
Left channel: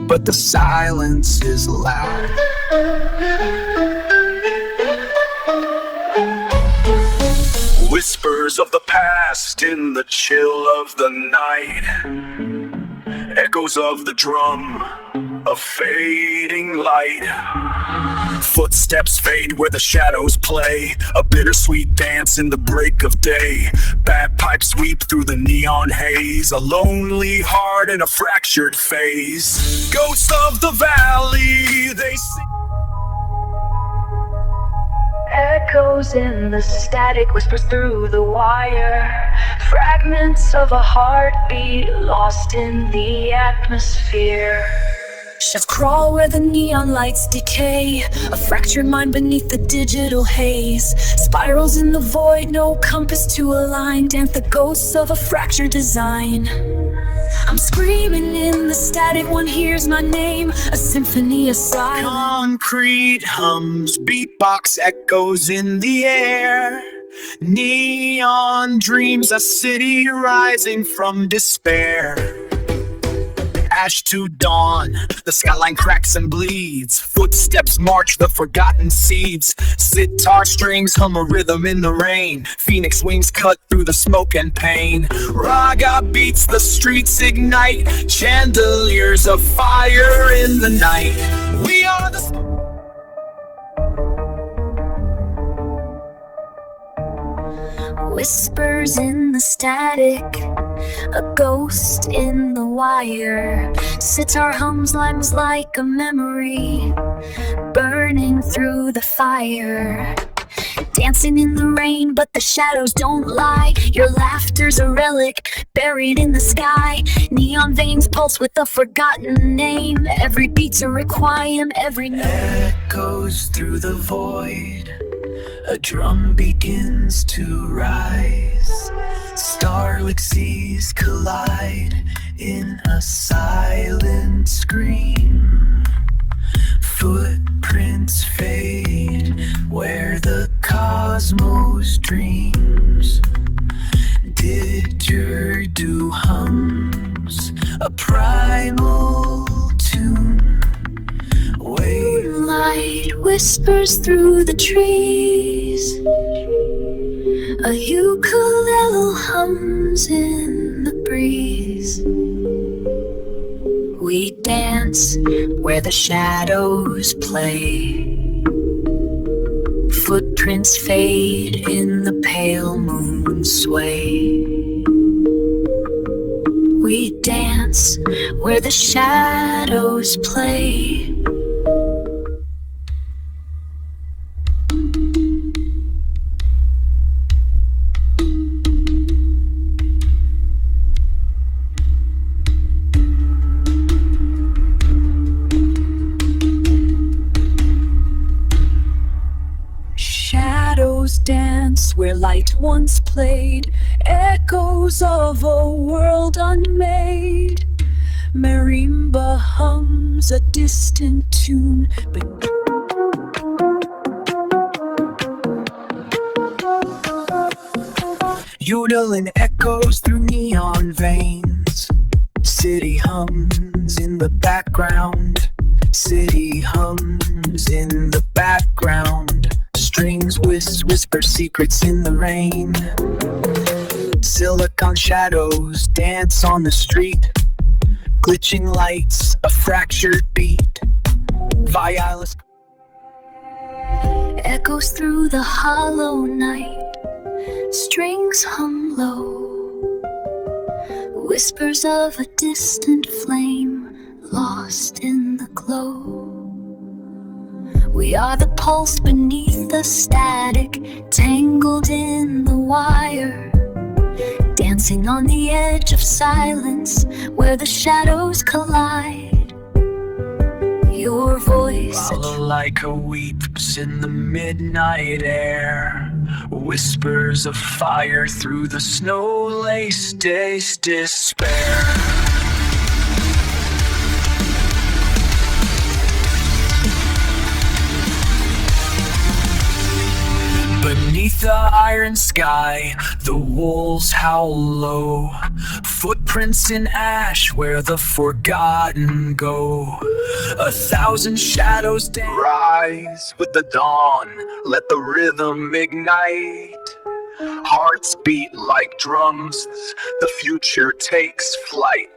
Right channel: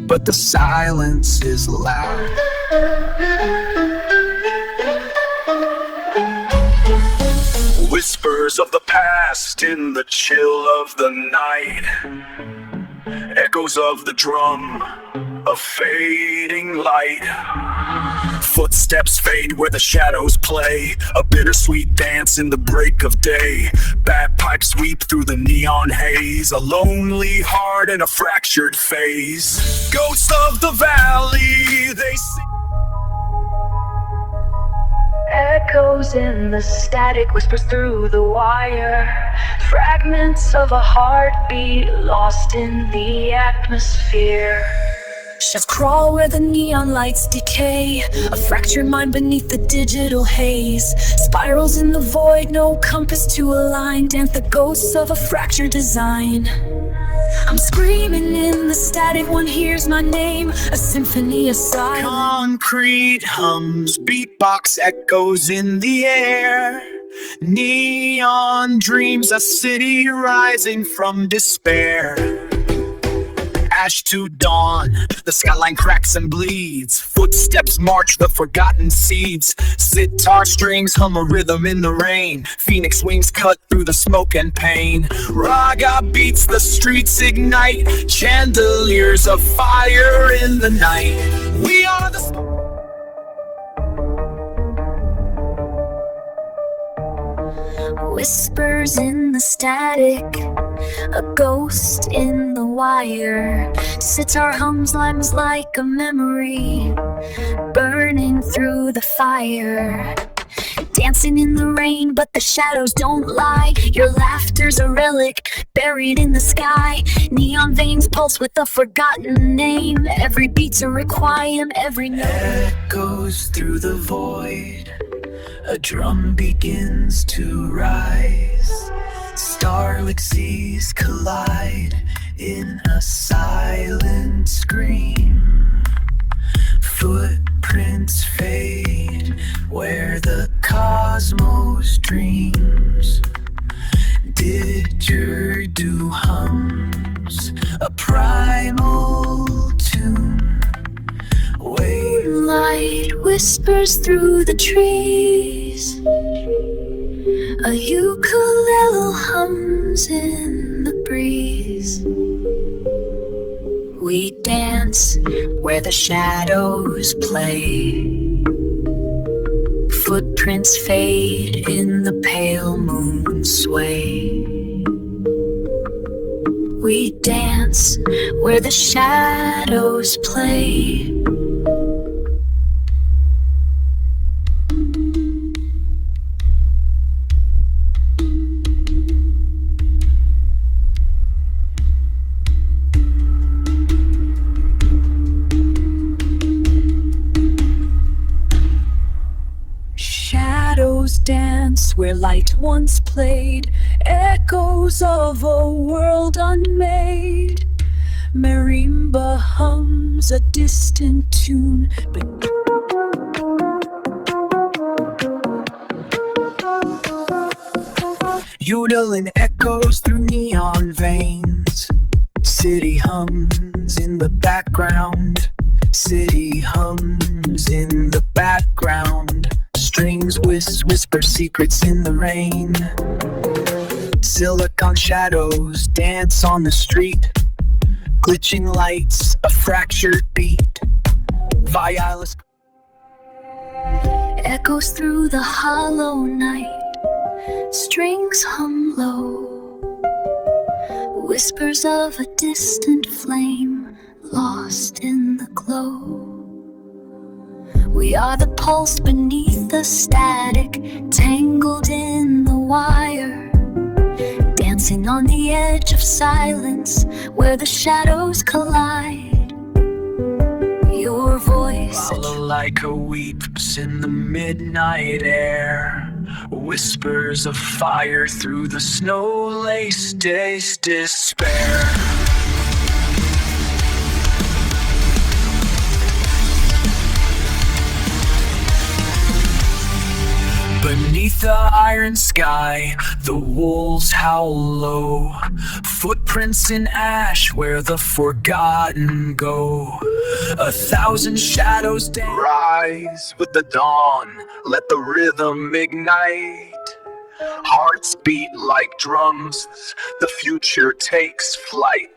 but the silence is loud. Whispers of the past in the chill of the night. Echoes of the drum, a fading light. Footsteps fade where the shadows play, a bittersweet dance in the break of day. Bagpipes sweep through the neon haze, a lonely heart in a fractured phase. Ghosts of the valley, they sing. Echoes in the static, whispers through the wire. Fragments of a heartbeat lost in the atmosphere. Shadows crawl where the neon lights decay, a fractured mind beneath the digital haze. Spirals in the void, no compass to align. Dance the ghosts of a fractured design. I'm screaming in the static, one hears my name, a symphony of silence. Concrete hums, beatbox echoes in the air. Neon dreams, a city rising from despair. Ash to dawn, the skyline cracks and bleeds. Footsteps march the forgotten seeds. Sitar strings hum a rhythm in the rain. Phoenix wings cut through the smoke and pain. Raga beats, the streets ignite. Chandeliers of fire in the night. We are the Whispers in the static, a ghost in the wire. Sitar hums limes like a memory, burning through the fire. Dancing in the rain, but the shadows don't lie. Your laughter's a relic, buried in the sky. Neon veins pulse with a forgotten name. Every beat's a requiem, every note echoes through the void. A drum begins to rise. Starlit seas collide in a silent scream. Footprints fade where the cosmos dreams. Didgeridoo hums a primal tune. Moonlight whispers through the trees. A ukulele hums in the breeze. We dance where the shadows play. Footprints fade in the pale moon's sway. We dance where the shadows play. Shadows dance where light once played. Echoes of a world unmade. Marimba hums a distant tune. Yodeling echoes through neon veins. City hums in the background. City hums in the background. Strings whisper secrets in the rain. Silicon shadows dance on the street. Glitching lights, a fractured beat. Violence Echoes through the hollow night. Strings hum low. Whispers of a distant flame lost in the glow. We are the pulse beneath the static, tangled in the wire. Dancing on the edge of silence where the shadows collide. Your voice. Balalaika weeps in the midnight air, whispers of fire through the snow-laced day's despair. Beneath the iron sky, the wolves howl low, footprints in ash where the forgotten go. 1,000 shadows dance. Rise with the dawn, let the rhythm ignite. Hearts beat like drums, the future takes flight.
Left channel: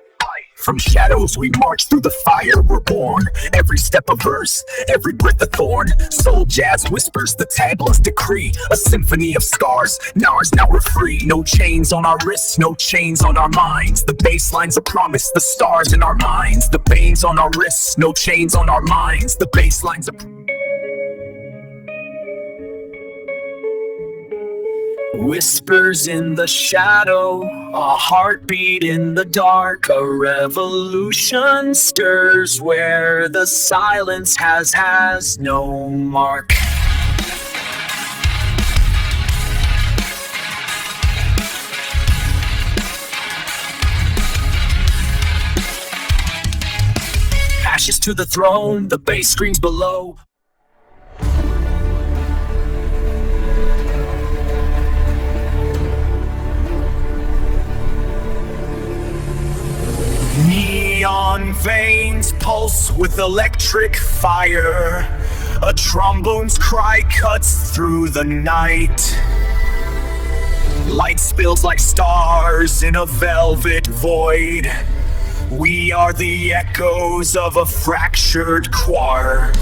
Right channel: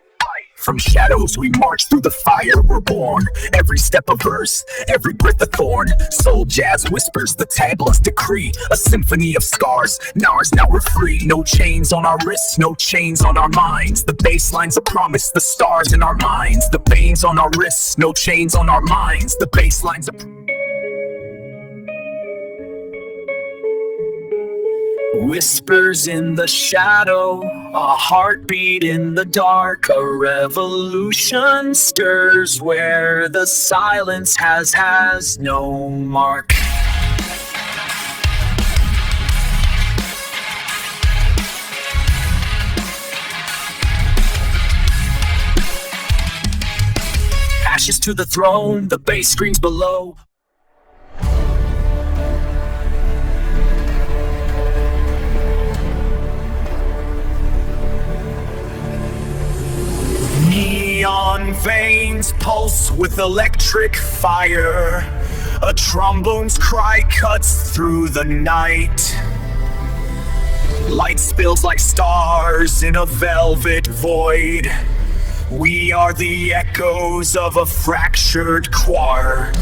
From shadows we march, through the fire we're born. Every step a verse, every breath a thorn. Soul jazz whispers the tagless decree, a symphony of scars. Now we're free. No chains on our wrists, no chains on our minds. The bassline's a promise, the stars in our minds. The veins on our wrists, no chains on our minds. The bassline's a whispers in the shadow, a heartbeat in the dark. A revolution stirs where the silence has no mark. Ashes to the throne, the bass screams below. Neon veins pulse with electric fire. A trombone's cry cuts through the night. Light spills like stars in a velvet void. We are the echoes of a fractured choir.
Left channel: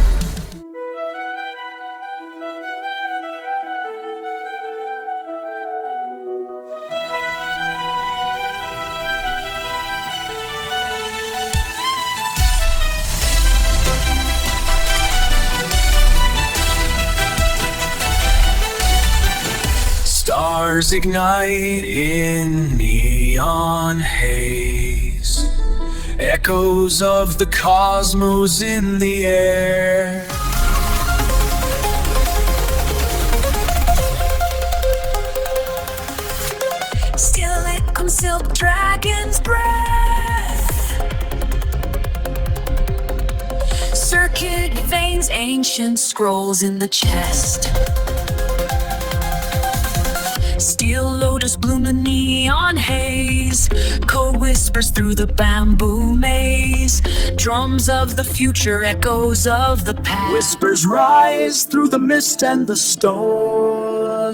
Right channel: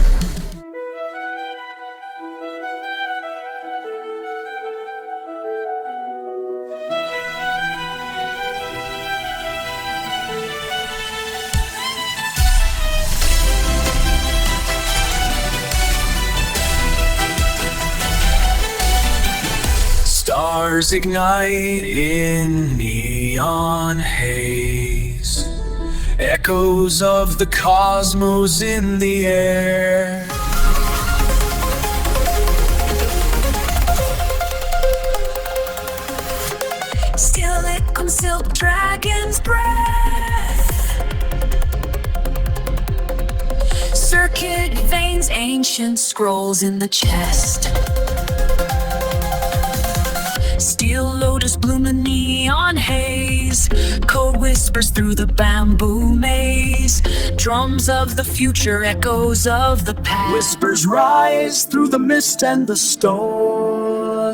Stars ignite in neon haze, echoes of the cosmos in the air. Still it comes silk dragon's breath. Circuit veins, ancient scrolls in the chest. Steel lotus bloom in neon haze. Code whispers through the bamboo maze. Drums of the future, echoes of the past. Whispers rise through the mist and the stone.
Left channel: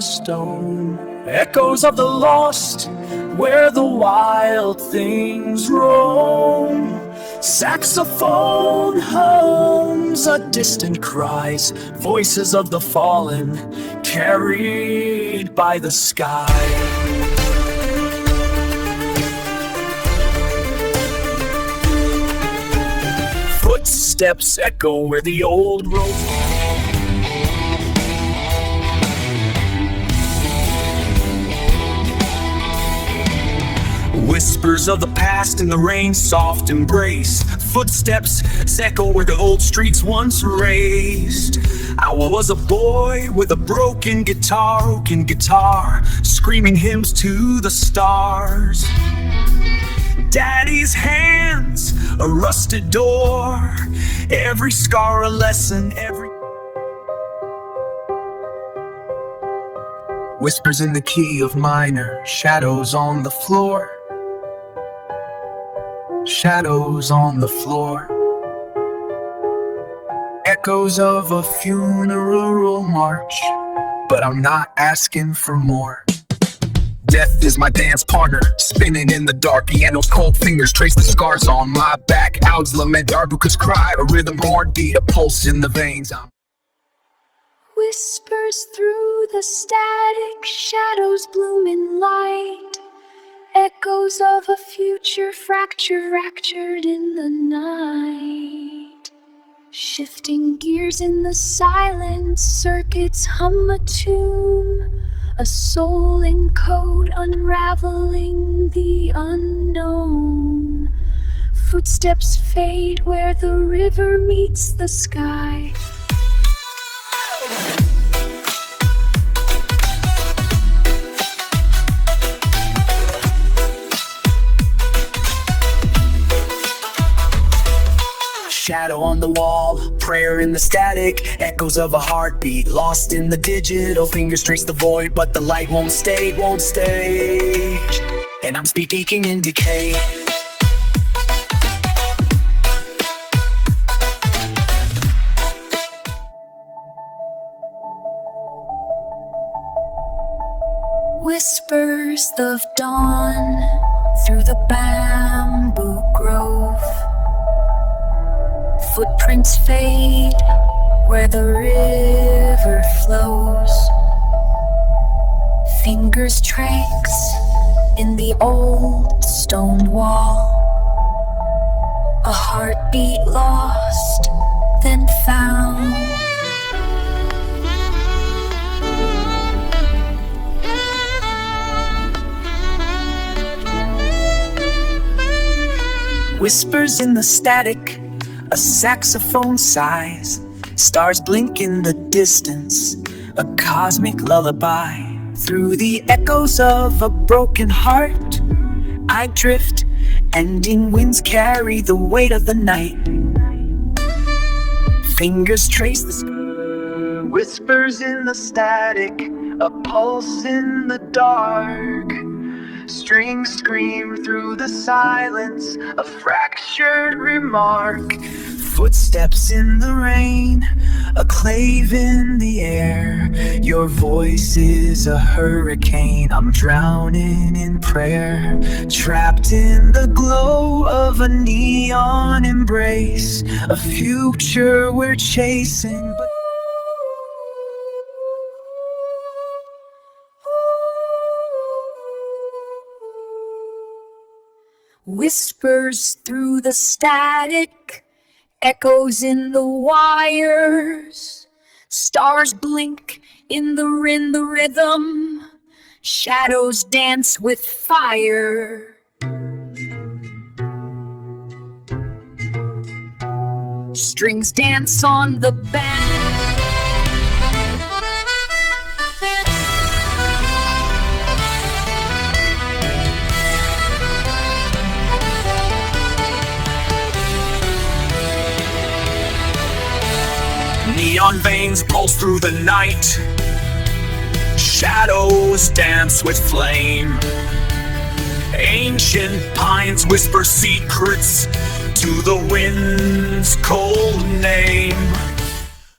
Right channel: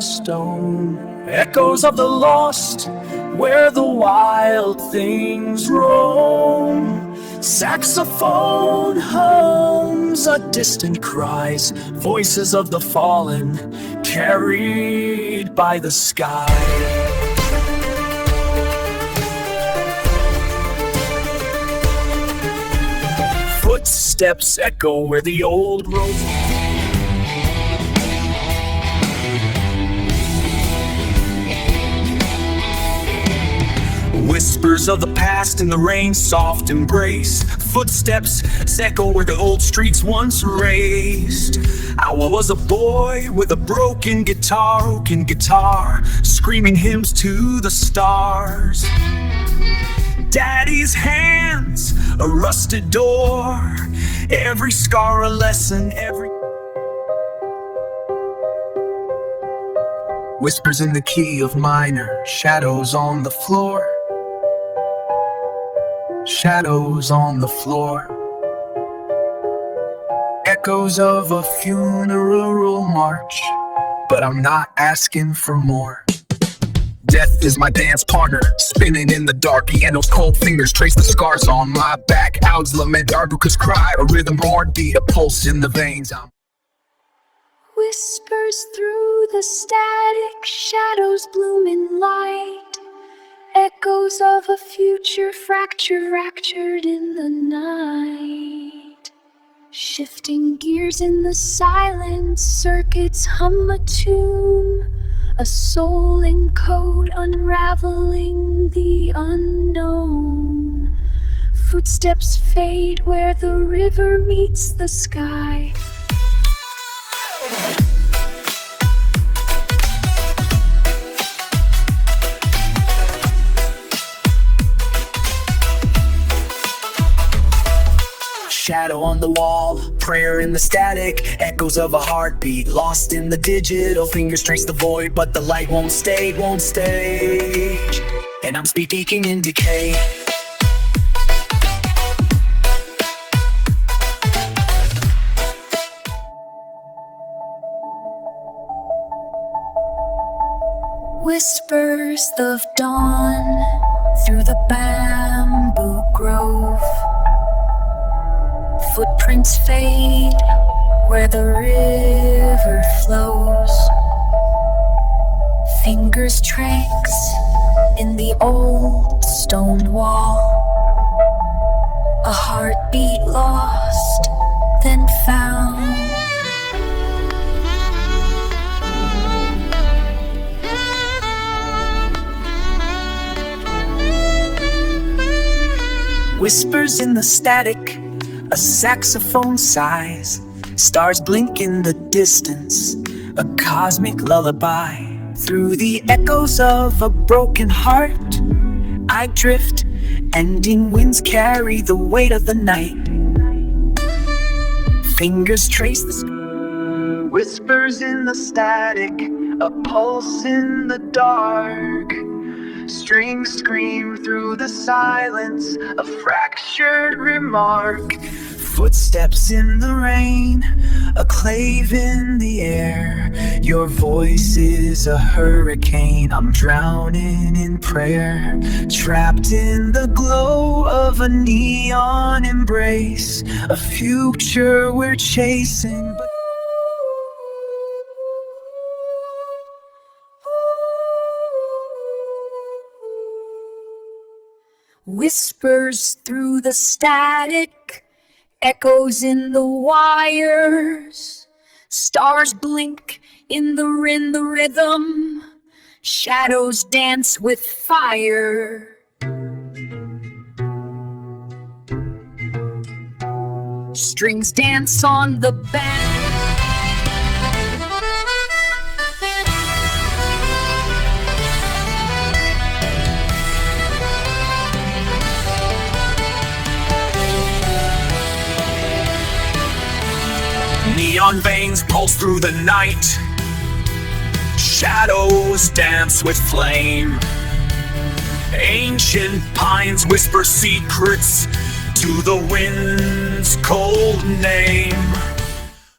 Echoes of the lost, where the wild things roam. Saxophone hums a distant cries, voices of the fallen carried by the sky. Footsteps echo where the old roads. Whispers of the past in the rain's soft embrace. Footsteps echo where the old streets once raced. I was a boy with a broken guitar, screaming hymns to the stars. Daddy's hands, a rusted door, every scar a lesson, every whispers in the key of minor, shadows on the floor. Shadows on the floor, echoes of a funeral march, but I'm not asking for more. Death is my dance partner, spinning in the dark. Piano's cold fingers trace the scars on my back. Owls lament, Darbukas cry, a rhythm heartbeat, a pulse in the veins. Whispers through the static, shadows bloom in light. Echoes of a future fractured in the night. Shifting gears in the silence, circuits hum a tune. A soul in code unraveling the unknown. Footsteps fade where the river meets the sky. Shadow on the wall, prayer in the static, echoes of a heartbeat lost in the digital. Fingers trace the void, but the light won't stay. And I'm speaking in decay. Whispers of dawn through the bamboo grove. Footprints fade where the river flows. Fingers tracks in the old stone wall. A heartbeat lost, then found. Whispers in the static, a saxophone sighs. Stars blink in the distance, a cosmic lullaby. Through the echoes of a broken heart, I drift, ending winds carry the weight of the night. Fingers trace the sky. Whispers in the static, a pulse in the dark. Strings scream through the silence, a fractured remark. Footsteps in the rain, a clave in the air. Your voice is a hurricane, I'm drowning in prayer. Trapped in the glow of a neon embrace, a future we're chasing. Whispers through the static, echoes in the wires. Stars blink in the rhythm. Shadows dance with fire. Strings dance on the band. Neon veins pulse through the night. Shadows dance with flame. Ancient pines whisper secrets to the wind's cold name.